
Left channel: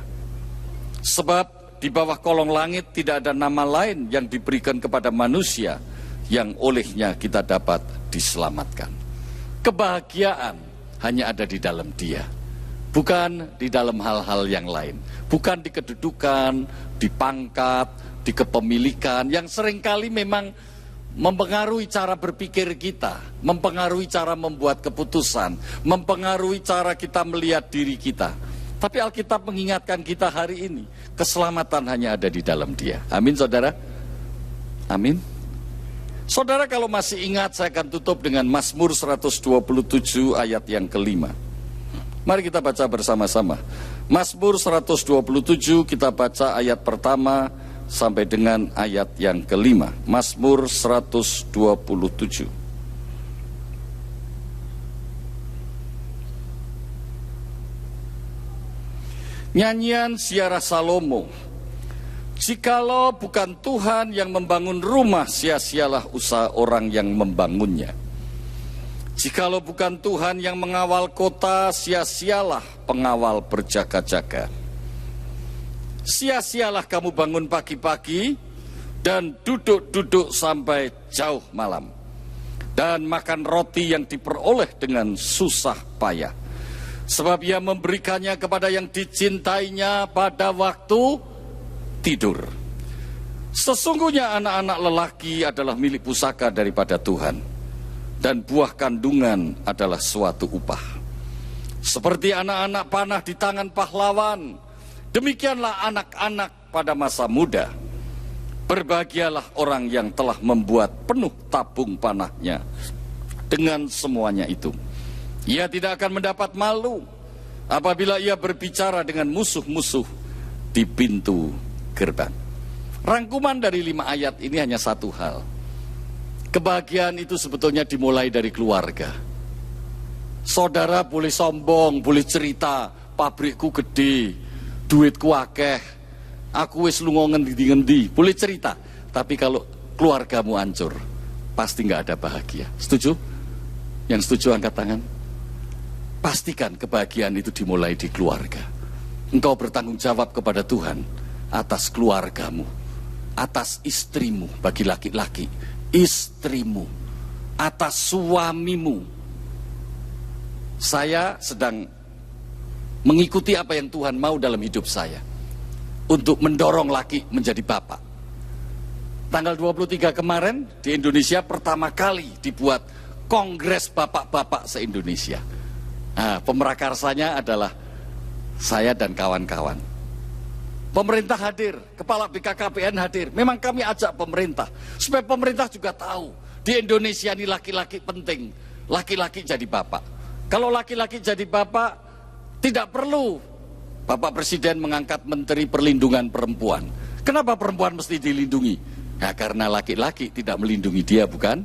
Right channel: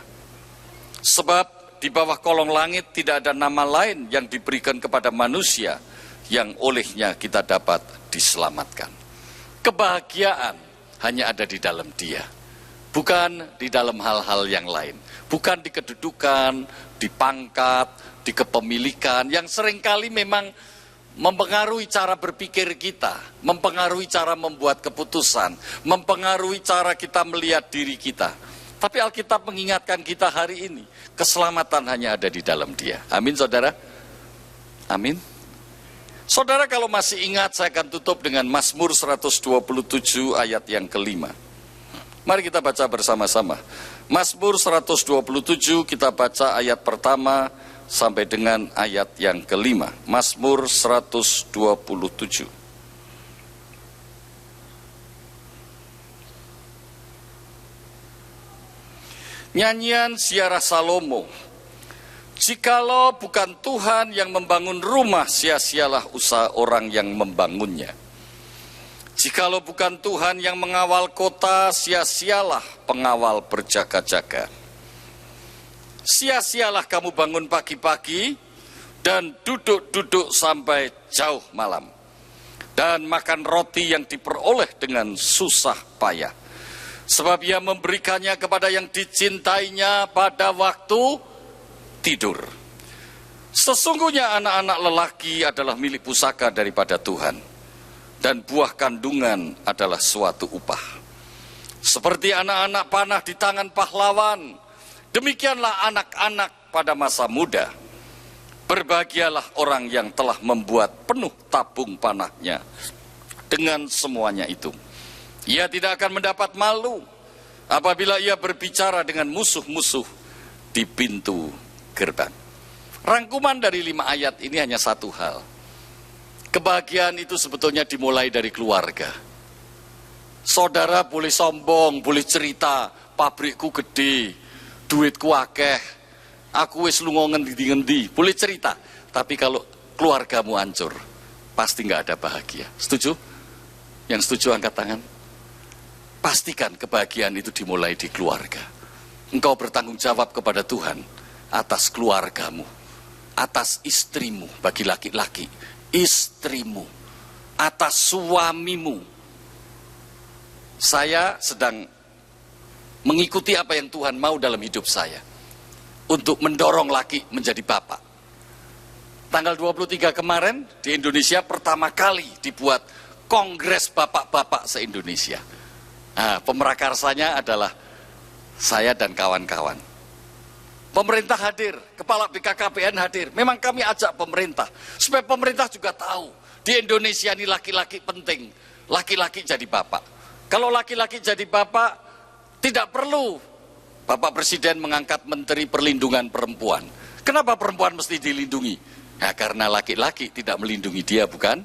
Sebab di bawah kolong langit tidak ada nama lain yang diberikan kepada manusia yang olehnya kita dapat diselamatkan. Kebahagiaan hanya ada di dalam Dia, bukan di dalam hal-hal yang lain. Bukan di kedudukan, di pangkat, di kepemilikan yang seringkali memang mempengaruhi cara berpikir kita, mempengaruhi cara membuat keputusan, mempengaruhi cara kita melihat diri kita. Tapi Alkitab mengingatkan kita hari ini, keselamatan hanya ada di dalam Dia. Amin, saudara? Amin. Saudara, kalau masih ingat, saya akan tutup dengan Mazmur 127 ayat yang ke-5. Mari kita baca bersama-sama. Mazmur 127, kita baca ayat pertama sampai dengan ayat yang ke-5. Mazmur 127. Nyanyian Ziarah Salomo. Jikalau bukan Tuhan yang membangun rumah, sia-sialah usaha orang yang membangunnya. Jikalau bukan Tuhan yang mengawal kota, sia-sialah pengawal berjaga-jaga. Sia-sialah kamu bangun pagi-pagi dan duduk-duduk sampai jauh malam, dan makan roti yang diperoleh dengan susah payah. Sebab Ia memberikannya kepada yang dicintainya pada waktu tidur. Sesungguhnya anak-anak lelaki adalah milik pusaka daripada Tuhan, dan buah kandungan adalah suatu upah. Seperti anak-anak panah di tangan pahlawan, demikianlah anak-anak pada masa muda. Berbahagialah orang yang telah membuat penuh tabung panahnya dengan semuanya itu. Ia tidak akan mendapat malu apabila ia berbicara dengan musuh-musuh di pintu gerbang. Rangkuman dari 5 ayat ini hanya satu hal. Kebahagiaan itu sebetulnya dimulai dari keluarga. Saudara boleh sombong, boleh cerita, pabrikku gede, duitku akeh, aku wis lunga ngendi-ngendi, boleh cerita. Tapi kalau keluargamu hancur, pasti nggak ada bahagia. Setuju? Yang setuju angkat tangan. Pastikan kebahagiaan itu dimulai di keluarga. Engkau bertanggung jawab kepada Tuhan atas keluargamu, atas istrimu bagi laki-laki, istrimu, atas suamimu. Saya sedang mengikuti apa yang Tuhan mau dalam hidup saya, untuk mendorong laki menjadi bapak. Tanggal 23 kemarin di Indonesia pertama kali dibuat Kongres Bapak-Bapak se-Indonesia. Nah, pemerakarsanya adalah saya dan kawan-kawan. Pemerintah hadir, Kepala BKKBN hadir. Memang kami ajak pemerintah, supaya pemerintah juga tahu, di Indonesia ini laki-laki penting, laki-laki jadi bapak. Kalau laki-laki jadi bapak, tidak perlu Bapak Presiden mengangkat Menteri Perlindungan Perempuan. Kenapa perempuan mesti dilindungi? Nah, karena laki-laki tidak melindungi dia, bukan?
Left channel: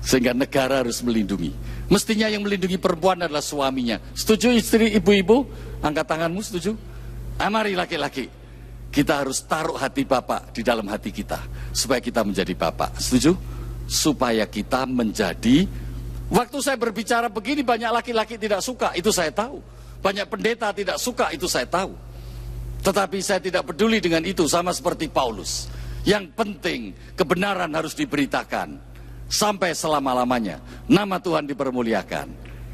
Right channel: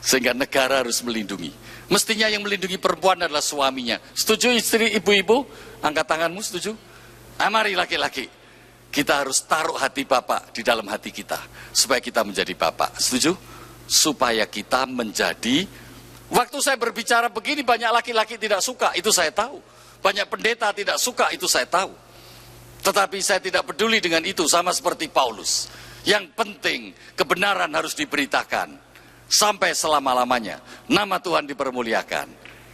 Sehingga negara harus melindungi. Mestinya yang melindungi perempuan adalah suaminya. Setuju istri ibu-ibu? Angkat tanganmu, setuju? Nah, mari laki-laki, kita harus taruh hati bapak di dalam hati kita, supaya kita menjadi bapak. Setuju? Supaya kita menjadi. Waktu saya berbicara begini, banyak laki-laki tidak suka, itu saya tahu. Banyak pendeta tidak suka, itu saya tahu. Tetapi saya tidak peduli dengan itu, sama seperti Paulus. Yang penting kebenaran harus diberitakan sampai selama-lamanya. Nama Tuhan dipermuliakan.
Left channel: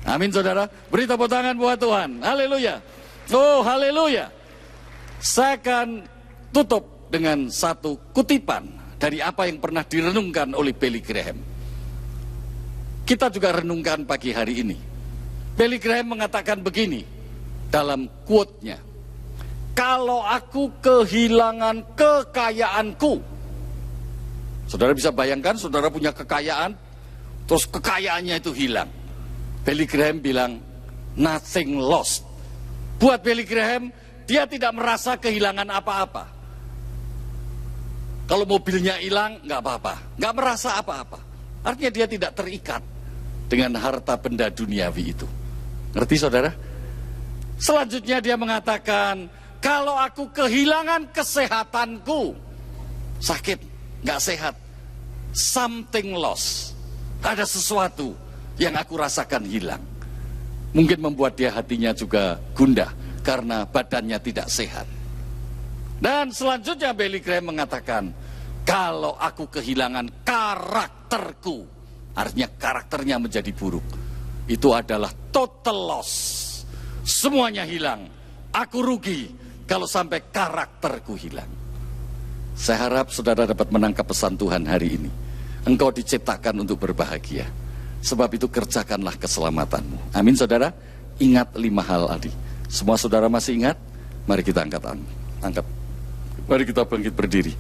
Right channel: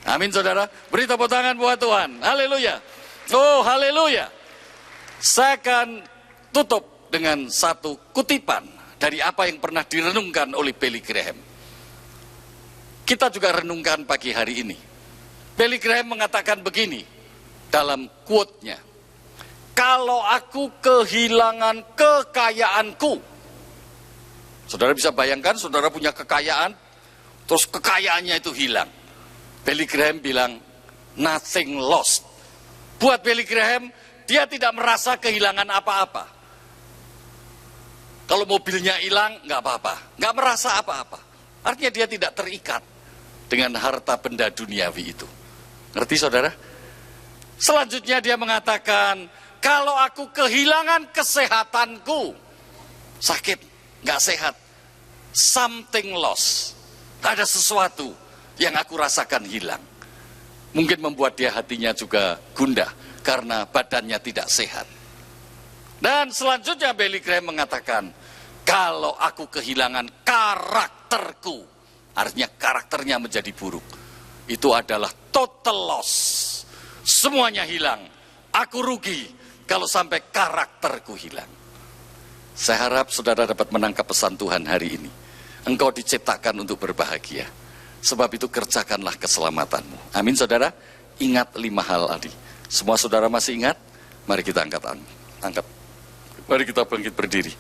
Amin, saudara. Beri tepuk tangan buat Tuhan. Haleluya. Oh, haleluya. Saya akan tutup dengan satu kutipan dari apa yang pernah direnungkan oleh Billy Graham. Kita juga renungkan pagi hari ini. Billy Graham mengatakan begini dalam quote-nya. Kalau aku kehilangan kekayaanku. Saudara bisa bayangkan, saudara punya kekayaan, terus kekayaannya itu hilang. Billy Graham bilang, nothing lost. Buat Billy Graham, dia tidak merasa kehilangan apa-apa. Kalau mobilnya hilang, nggak apa-apa. Nggak merasa apa-apa. Artinya dia tidak terikat dengan harta benda duniawi itu. Ngerti saudara? Selanjutnya dia mengatakan, kalau aku kehilangan kesehatanku, sakit, nggak sehat, something lost, ada sesuatu yang aku rasakan hilang. Mungkin membuat dia hatinya juga gundah karena badannya tidak sehat. Dan selanjutnya Billy Graham mengatakan, kalau aku kehilangan karakterku, artinya karakternya menjadi buruk, itu adalah total loss. Semuanya hilang. Aku rugi kalau sampai karakterku hilang. Saya harap saudara dapat menangkap pesan Tuhan hari ini. Engkau diciptakan untuk berbahagia. Sebab itu kerjakanlah keselamatanmu. Amin saudara. Ingat 5 hal tadi. Semua saudara masih ingat? Mari kita angkat. Mari kita bangkit berdiri.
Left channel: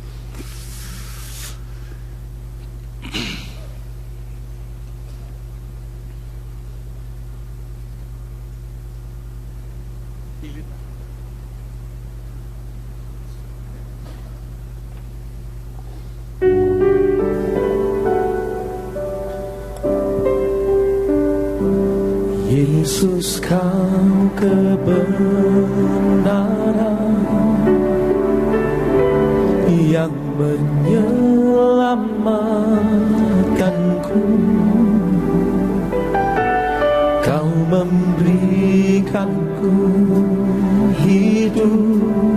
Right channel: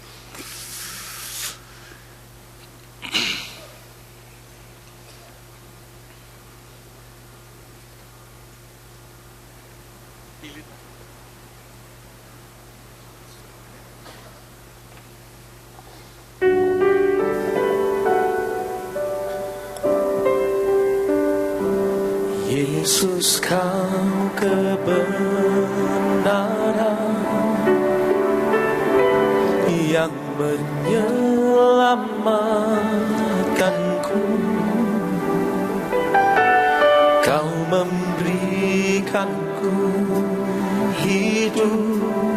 Yesus, kau kebenaran yang menyelamatkanku. Kau memberikanku hidup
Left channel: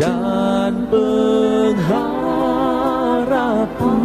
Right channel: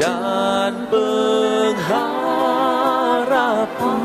dan pengharapan.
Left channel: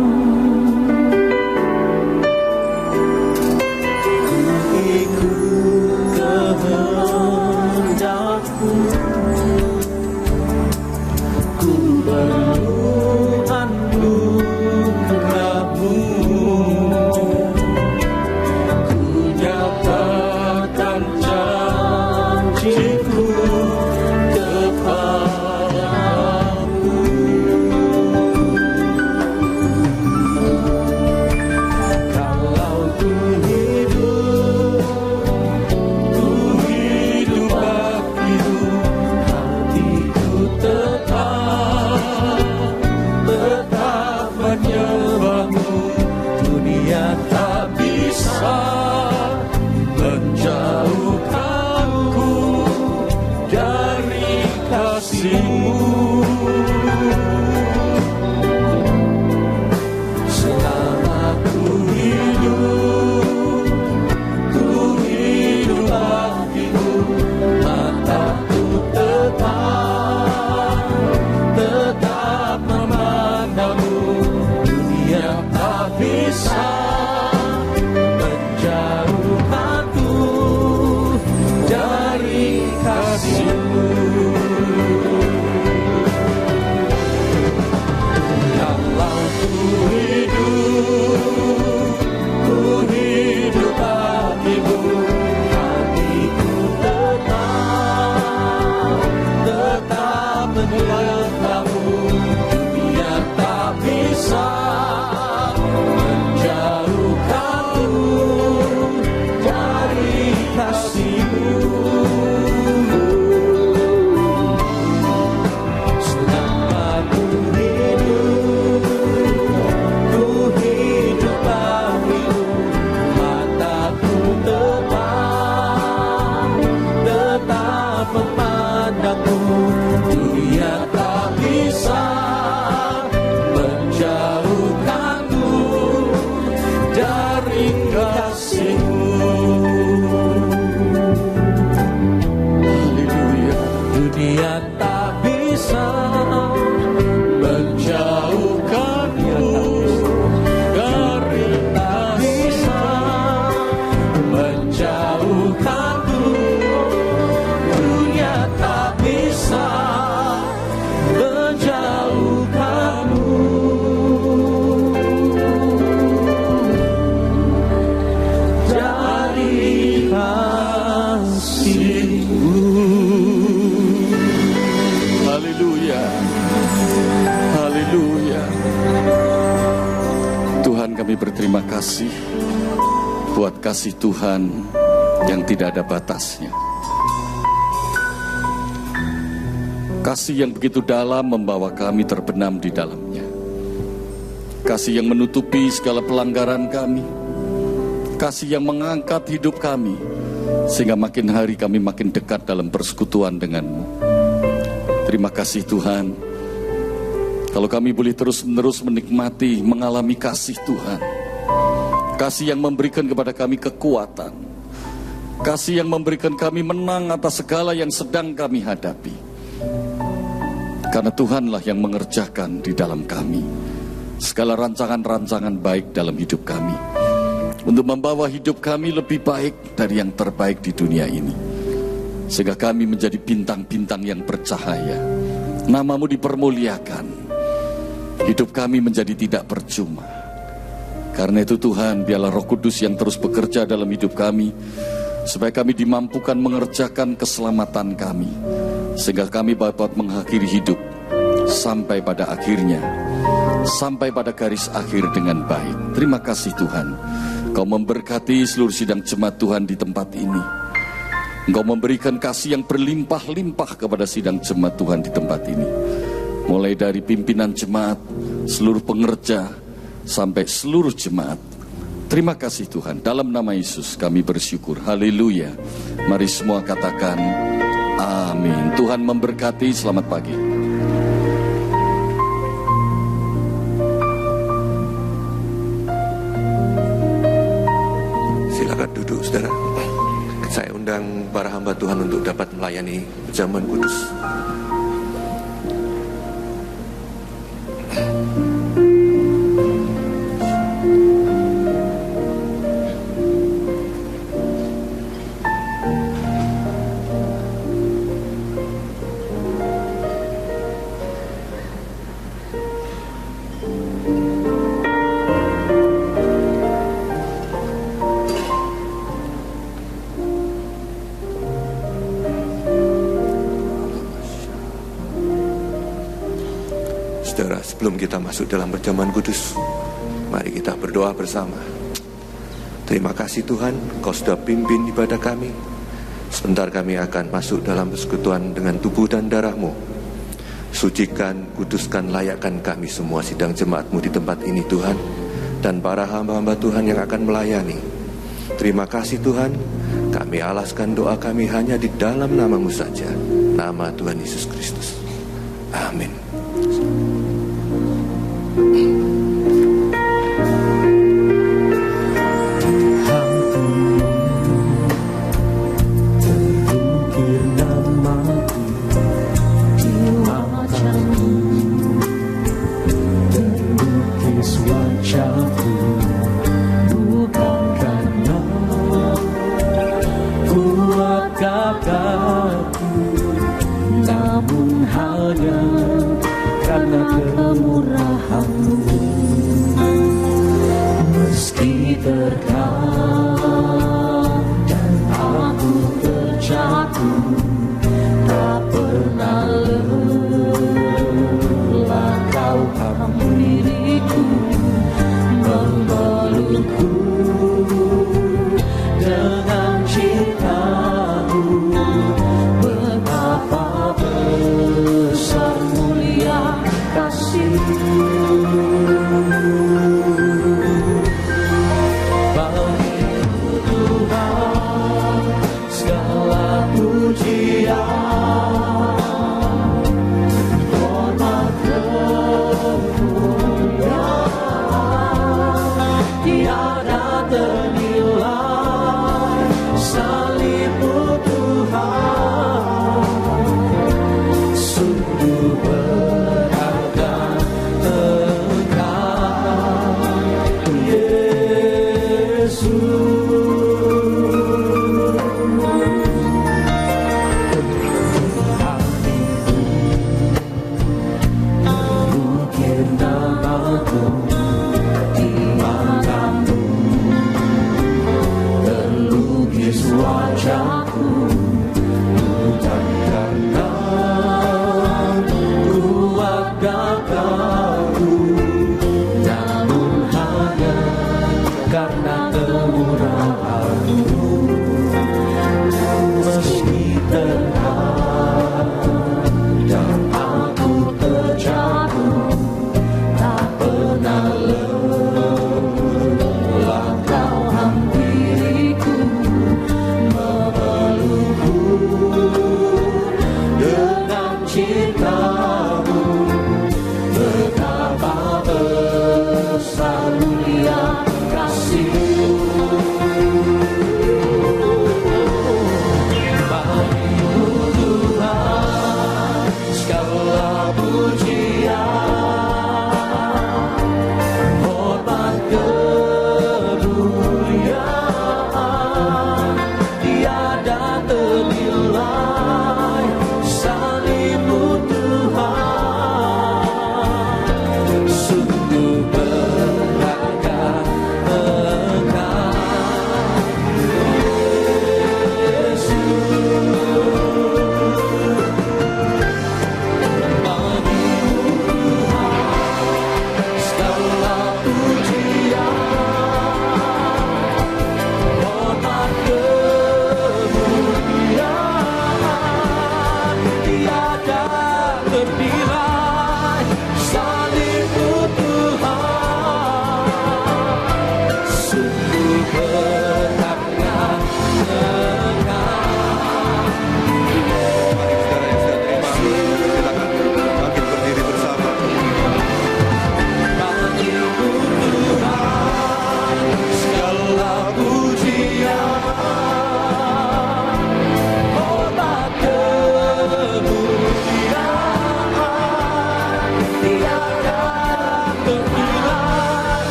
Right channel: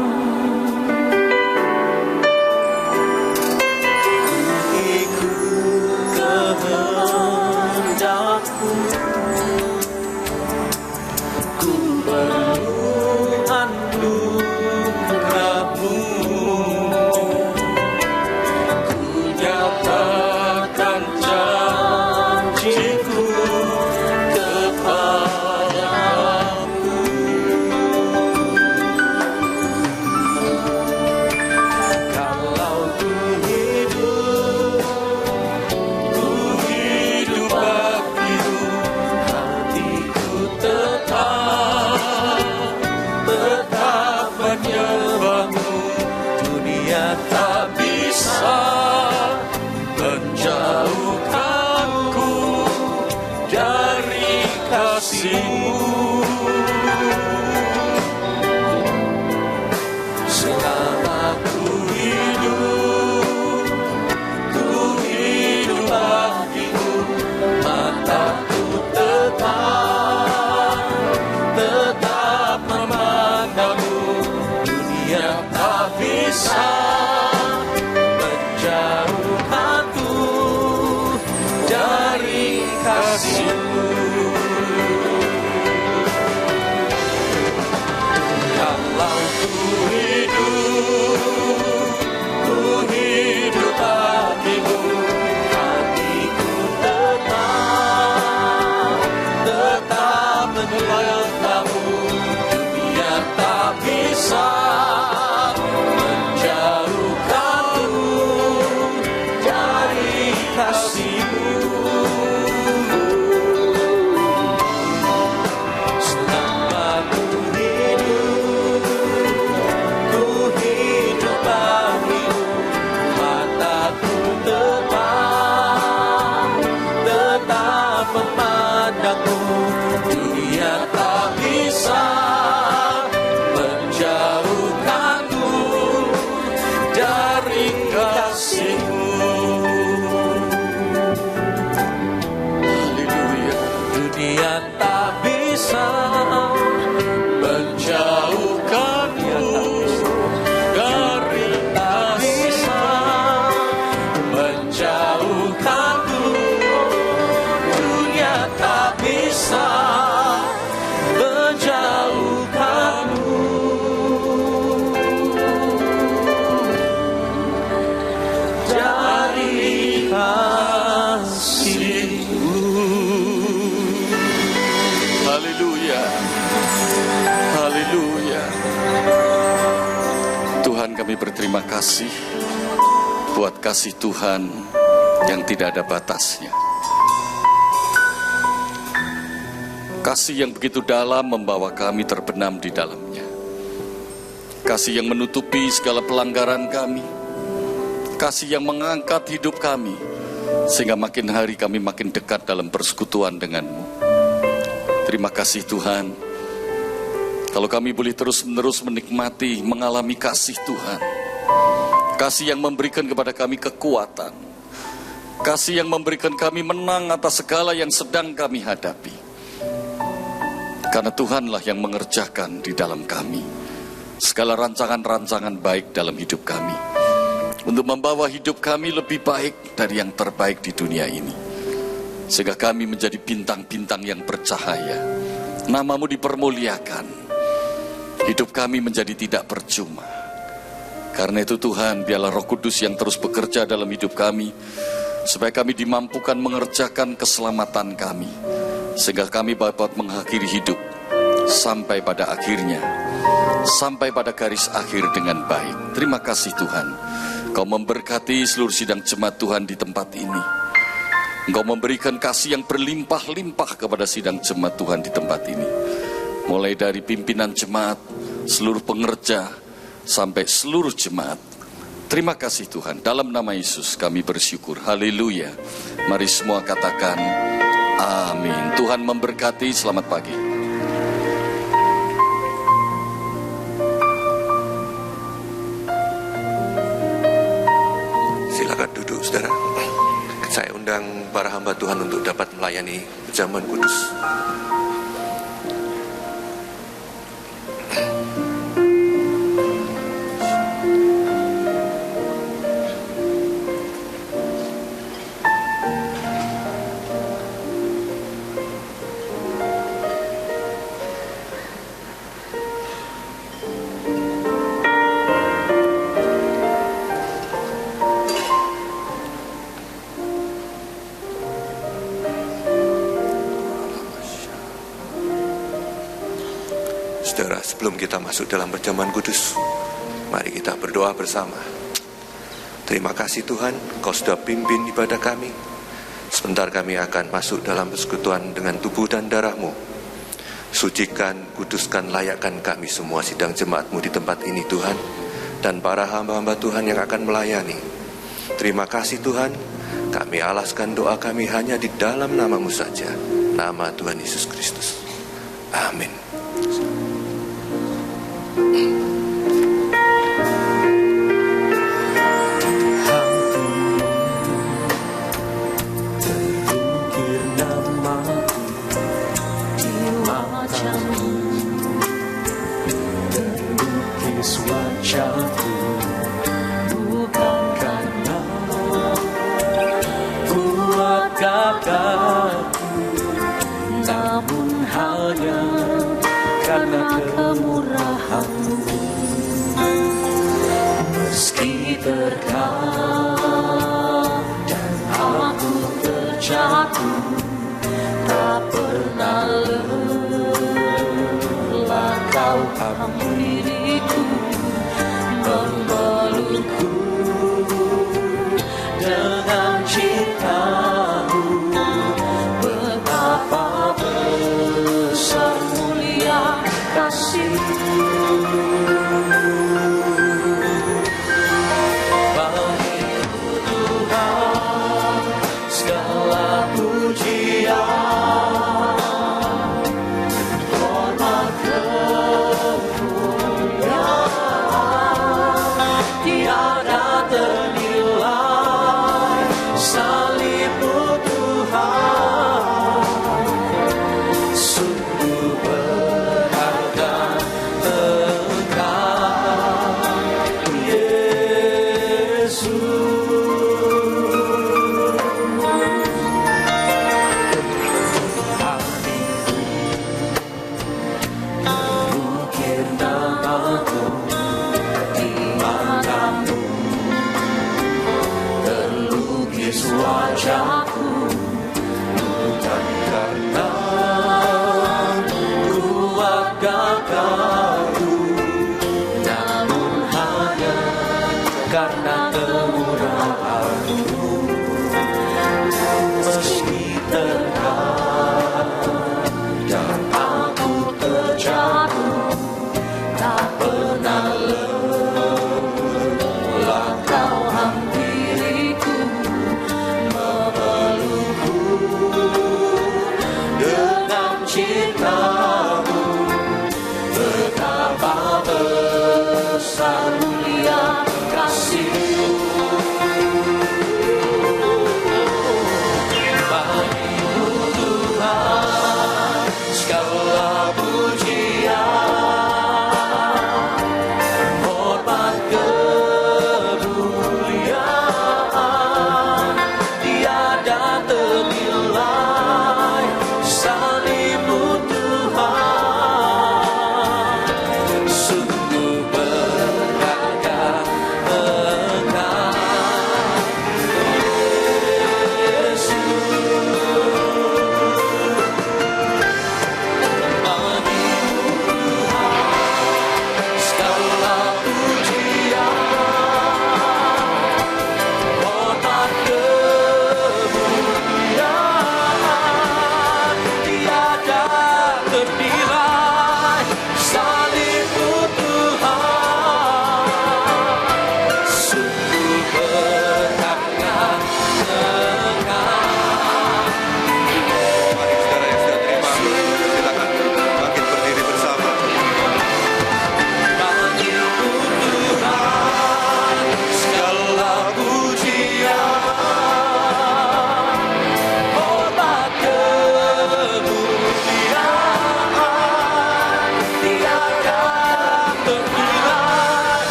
Berterima kasih buat kasih Tuhan yang tidak ada batasnya. Kasih yang begitu dalam membawa kami terbenam di dalamnya. kasih yang menutupi segala pelanggaran kami, kasih yang mengangkat hidup kami, sehingga makin hari kami makin dekat dalam persekutuan denganmu. Terima kasih Tuhan, kalau kami boleh terus-menerus menikmati, mengalami kasih Tuhan, kasih yang memberikan kepada kami kekuatan, kasih yang memberikan kami menang atas segala yang sedang kami hadapi. Karena Tuhanlah yang mengerjakan di dalam kami segala rancangan-rancangan baik dalam hidup kami, untuk membawa hidup kami lebih baik dari yang terbaik di dunia ini, sehingga kami menjadi bintang-bintang yang bercahaya. Namamu dipermuliakan, hidup kami menjadi tidak percuma. Karena itu Tuhan, biarlah Roh Kudus yang terus bekerja dalam hidup kami, supaya kami dimampukan mengerjakan keselamatan kami, sehingga kami dapat mengakhiri hidup sampai pada akhirnya, sampai pada garis akhir dengan baik. Terima kasih Tuhan, Kau memberkati seluruh sidang jemaat Tuhan di tempat ini. Engkau memberikan kasih yang berlimpah-limpah kepada sidang jemaat Tuhan di tempat ini, mulai dari pimpinan jemaat, seluruh pengerja, sampai seluruh jemaat. Terima kasih Tuhan, dalam nama Yesus kami bersyukur. Haleluya. Mari semua katakan amin. Tuhan memberkati. Selamat pagi. Silakan duduk saudara. Saya undang para hamba Tuhan untuk dapat melayani perjamuan kudus. Saudara, sebelum kita masuk dalam perjamuan kudus, mari kita berdoa bersama. Terima kasih Tuhan, Kau sudah pimpin ibadah kami. Sebentar kami akan masuk dalam persekutuan dengan tubuh dan darah-Mu. Sucikan, kuduskan, layakkan kami semua sidang jemaat-Mu di tempat ini Tuhan, dan para hamba-hamba Tuhan yang akan melayani. Terima kasih Tuhan, kami alaskan doa kami hanya di dalam nama-Mu saja, nama Tuhan Yesus Kristus. Amin. Dan aku terjatuh, tak pernah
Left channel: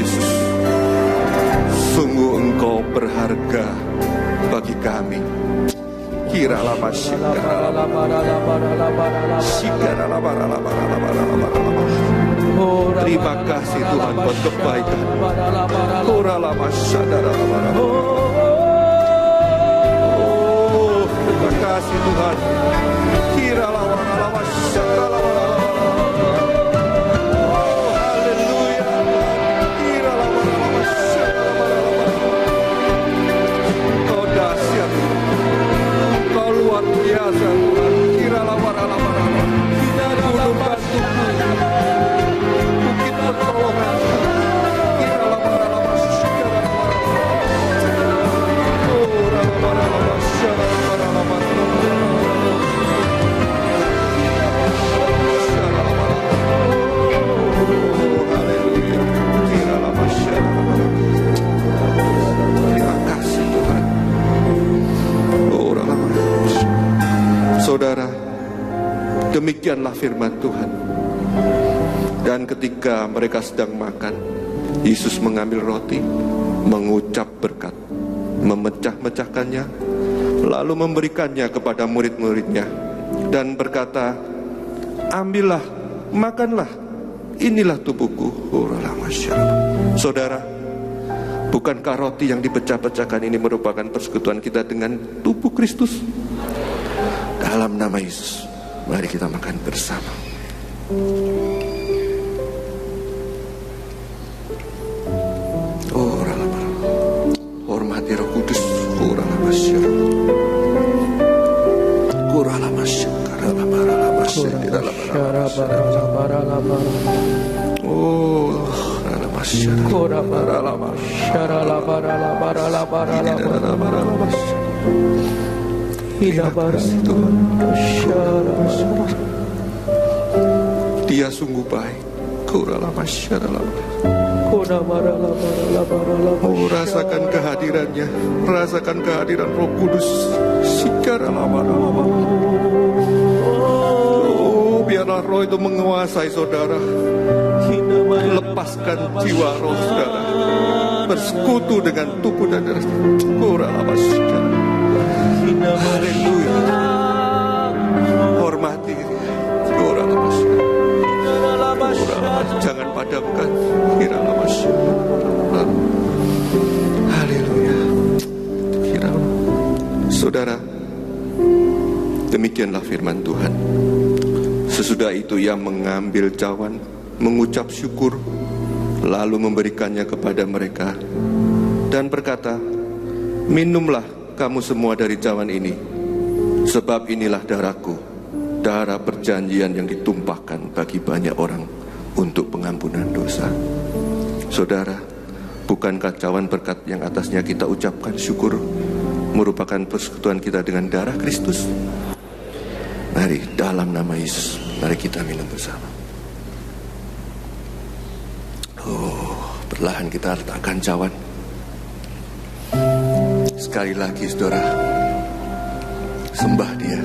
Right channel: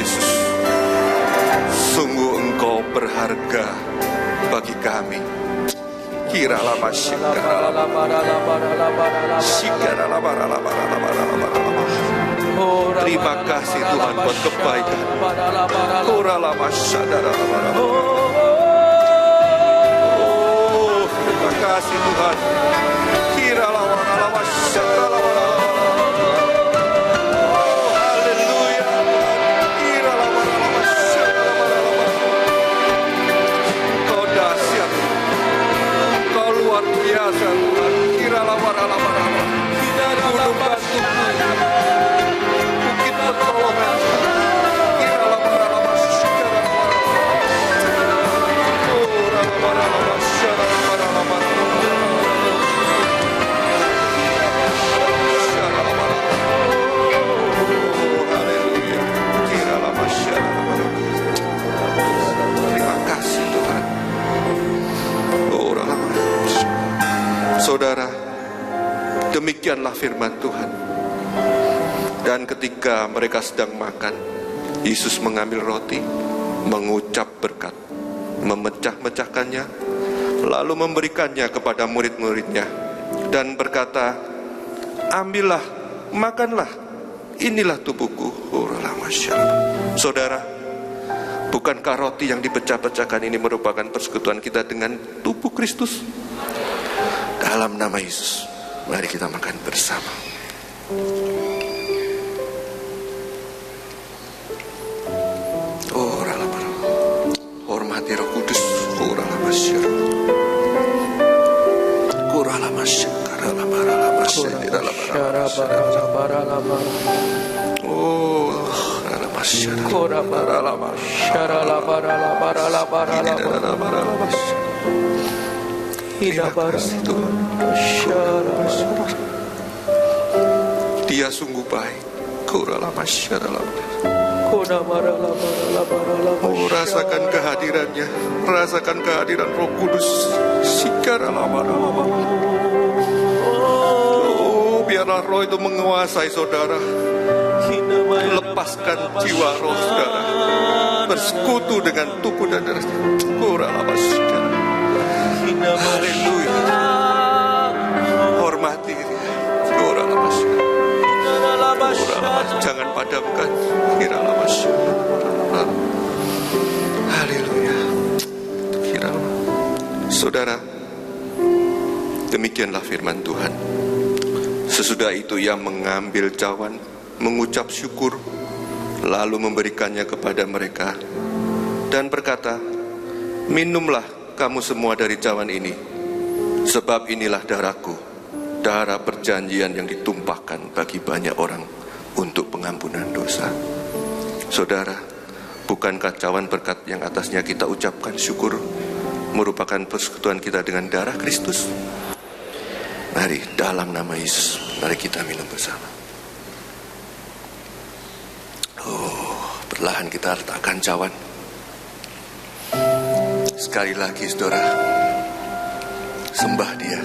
Yesus, sungguh Engkau berharga bagi kami. Kiralah terima kasih Tuhan buat kebaikan. Terima kasih Tuhan. Kau dahsyat, Kau luar biasa Tuhan. Gunung batuku, bukit pertolongan. Terima kasih Tuhan. Saudara, demikianlah firman Tuhan. Dan ketika mereka sedang makan, Yesus mengambil roti, mengucap berkat, memecah-mecahkannya, lalu memberikannya kepada murid-muridnya, dan berkata, ambillah, makanlah, inilah tubuhku. Saudara, bukankah roti yang dipecah-pecahkan ini merupakan persekutuan kita dengan tubuh Kristus? Dalam nama Yesus, mari kita makan bersama. Hormati Roh Kudus. Dia sungguh baik. Oh, rasakan kehadirannya, rasakan kehadiran Roh Kudus. Oh, biarlah Roh itu menguasai saudara. Lepaskan jiwa roh saudara, bersekutu dengan tubuh dan darahnya. Haleluya. Hormati dia. Jangan padamkan. Haleluya. Saudara, demikianlah firman Tuhan. Sesudah itu ia mengambil cawan, mengucap syukur, lalu memberikannya kepada mereka dan berkata, minumlah kamu semua dari cawan ini, sebab inilah darahku, darah perjanjian yang ditumpahkan bagi banyak orang untuk pengampunan dosa. Saudara, bukankah cawan berkat yang atasnya kita ucapkan syukur merupakan persekutuan kita dengan darah Kristus? Mari dalam nama Yesus, mari kita minum bersama. Oh, perlahan kita letakkan cawan. Sekali lagi saudara, sembah dia.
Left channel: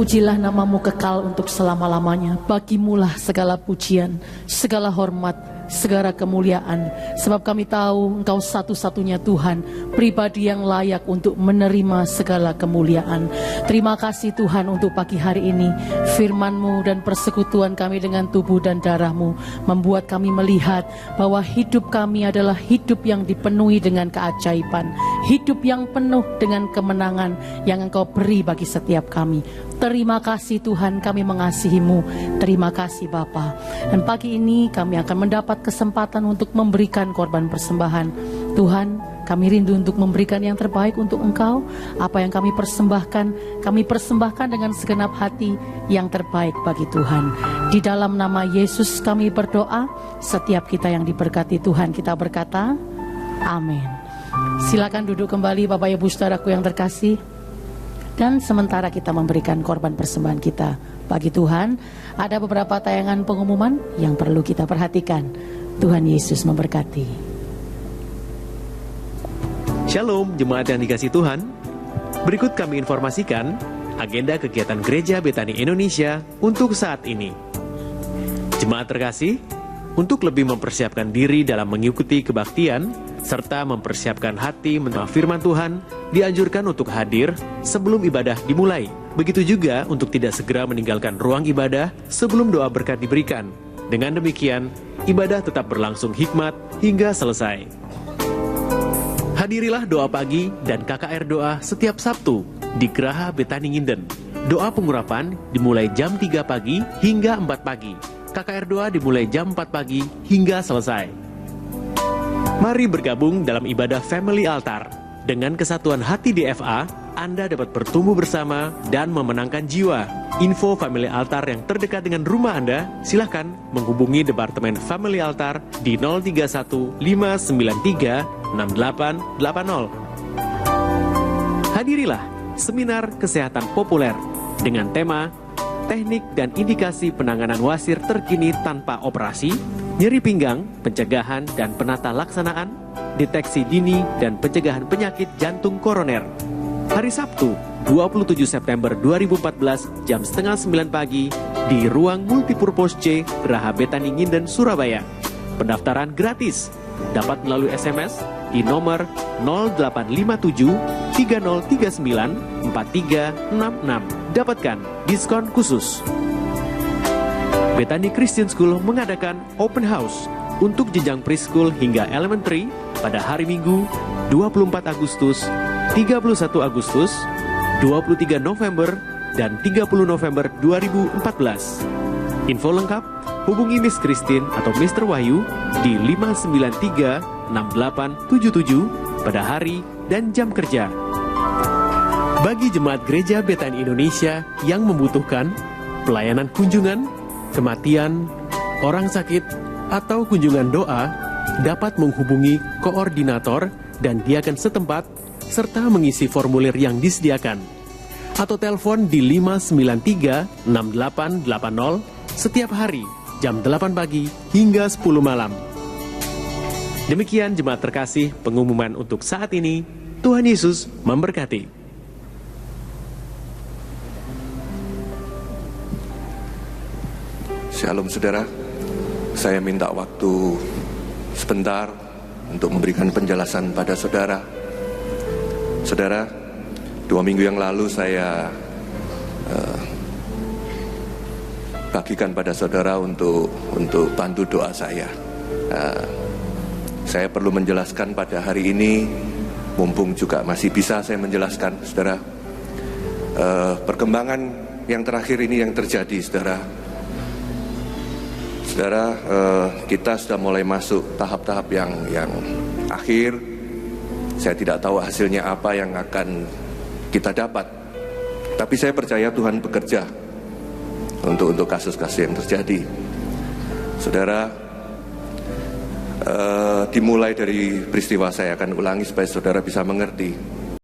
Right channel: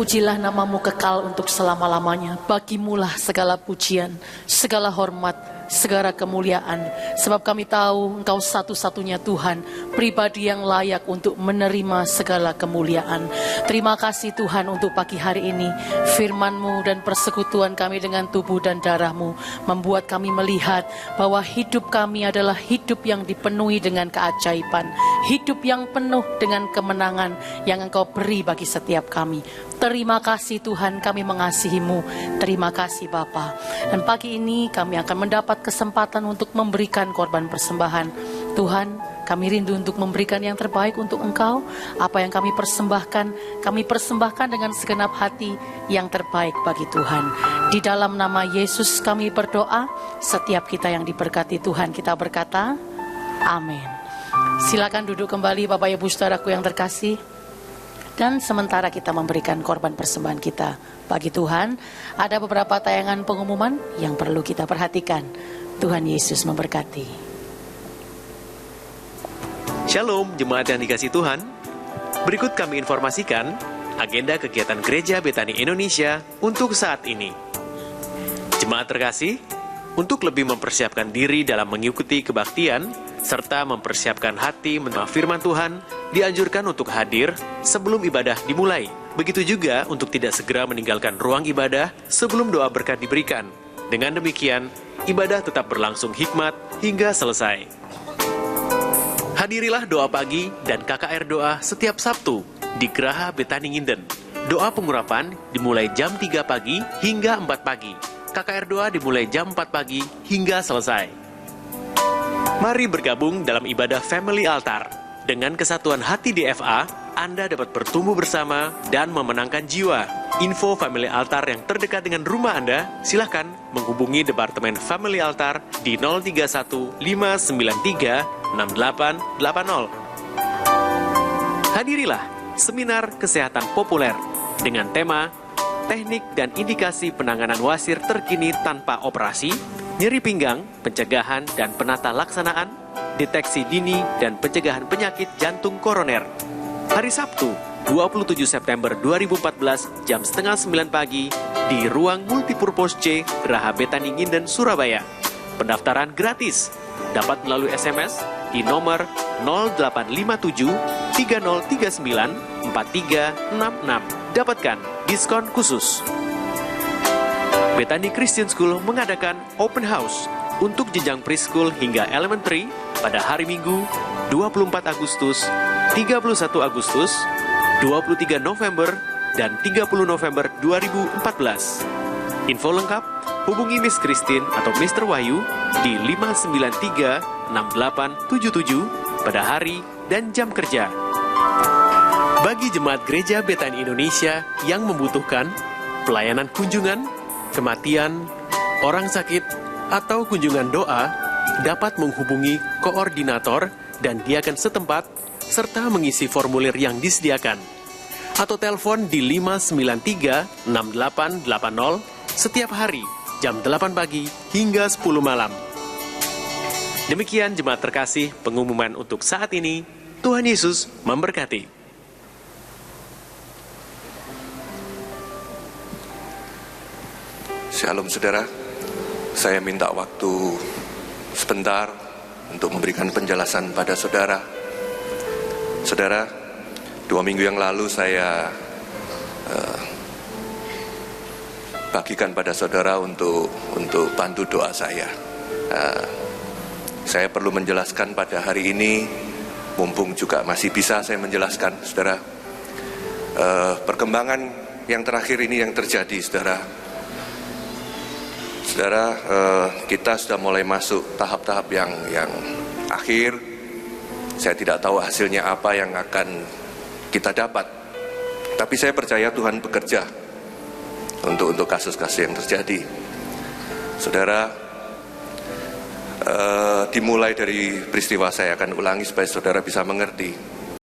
Terpujilah namamu kekal untuk selama-lamanya. Bagimulah segala pujian, segala hormat, segala kemuliaan. Sebab kami tahu Engkau satu-satunya Tuhan, pribadi yang layak untuk menerima segala kemuliaan. Terima kasih Tuhan untuk pagi hari ini. Firman-Mu dan persekutuan kami dengan tubuh dan darah-Mu membuat kami melihat bahwa hidup kami adalah hidup yang dipenuhi dengan keajaiban. Hidup yang penuh dengan kemenangan yang Engkau beri bagi setiap kami. Terima kasih Tuhan, kami mengasihi-Mu. Terima kasih Bapa. Dan pagi ini kami akan mendapat kesempatan untuk memberikan korban persembahan. Tuhan, kami rindu untuk memberikan yang terbaik untuk Engkau. Apa yang kami persembahkan dengan segenap hati yang terbaik bagi Tuhan. Di dalam nama Yesus kami berdoa. Setiap kita yang diberkati Tuhan, kita berkata, amin. Silakan duduk kembali Bapak Ibu Saudaraku yang terkasih. Dan sementara kita memberikan korban persembahan kita bagi Tuhan, ada beberapa tayangan pengumuman yang perlu kita perhatikan. Tuhan Yesus memberkati. Shalom jemaat yang dikasih Tuhan. Berikut kami informasikan agenda kegiatan Gereja Betani Indonesia untuk saat ini. Jemaat terkasih, untuk lebih mempersiapkan diri dalam mengikuti kebaktian, serta mempersiapkan hati menerima firman Tuhan, dianjurkan untuk hadir sebelum ibadah dimulai. Begitu juga untuk tidak segera meninggalkan ruang ibadah sebelum doa berkat diberikan. Dengan demikian, ibadah tetap berlangsung hikmat hingga selesai. Hadirilah doa pagi dan KKR doa setiap Sabtu di Geraha Betani Nginden. Doa pengurapan dimulai jam 3 pagi hingga 4 pagi. KKR doa dimulai jam 4 pagi hingga selesai. Mari bergabung dalam ibadah Family Altar. Dengan kesatuan hati DFA, Anda dapat bertumbuh bersama dan memenangkan jiwa. Info Family Altar yang terdekat dengan rumah Anda, silakan menghubungi Departemen Family Altar di 031 593 6880. Hadirilah Seminar Kesehatan Populer dengan tema Teknik dan Indikasi Penanganan Wasir Terkini Tanpa Operasi, Nyeri Pinggang, Pencegahan dan Penata Laksanaan, Deteksi Dini dan Pencegahan Penyakit Jantung Koroner. Hari Sabtu, 27 September 2014, jam setengah 9 pagi, di Ruang Multipurpose C, Geraha Betani Nginden, Surabaya. Pendaftaran gratis, dapat melalui SMS di nomor 0857 3039 4366. Dapatkan diskon khusus. Betani Christian School mengadakan open house untuk jenjang preschool hingga elementary pada hari Minggu 24 Agustus, 31 Agustus, 23 November, dan 30 November 2014. Info lengkap hubungi Miss Christine atau Mr. Wahyu di 593-6877 pada hari dan jam kerja. Bagi jemaat Gereja Betani Indonesia yang membutuhkan pelayanan kunjungan, kematian, orang sakit, atau kunjungan doa, dapat menghubungi koordinator dan diaken setempat serta mengisi formulir yang disediakan. Atau telepon di 593-6880 setiap hari jam 8 pagi hingga 10 malam. Demikian jemaat terkasih pengumuman untuk saat ini. Tuhan Yesus memberkati. Shalom saudara, saya minta waktu sebentar untuk memberikan penjelasan pada saudara. Saudara, 2 minggu yang lalu saya bagikan pada saudara untuk bantu doa saya. Saya perlu menjelaskan pada hari ini, mumpung juga masih bisa saya menjelaskan, saudara. Perkembangan yang terakhir ini yang terjadi, saudara. Saudara, kita sudah mulai masuk tahap-tahap yang akhir. Saya tidak tahu hasilnya apa yang akan kita dapat. Tapi saya percaya Tuhan bekerja untuk kasus-kasus yang terjadi. Saudara, dimulai dari peristiwa saya akan ulangi supaya saudara bisa mengerti.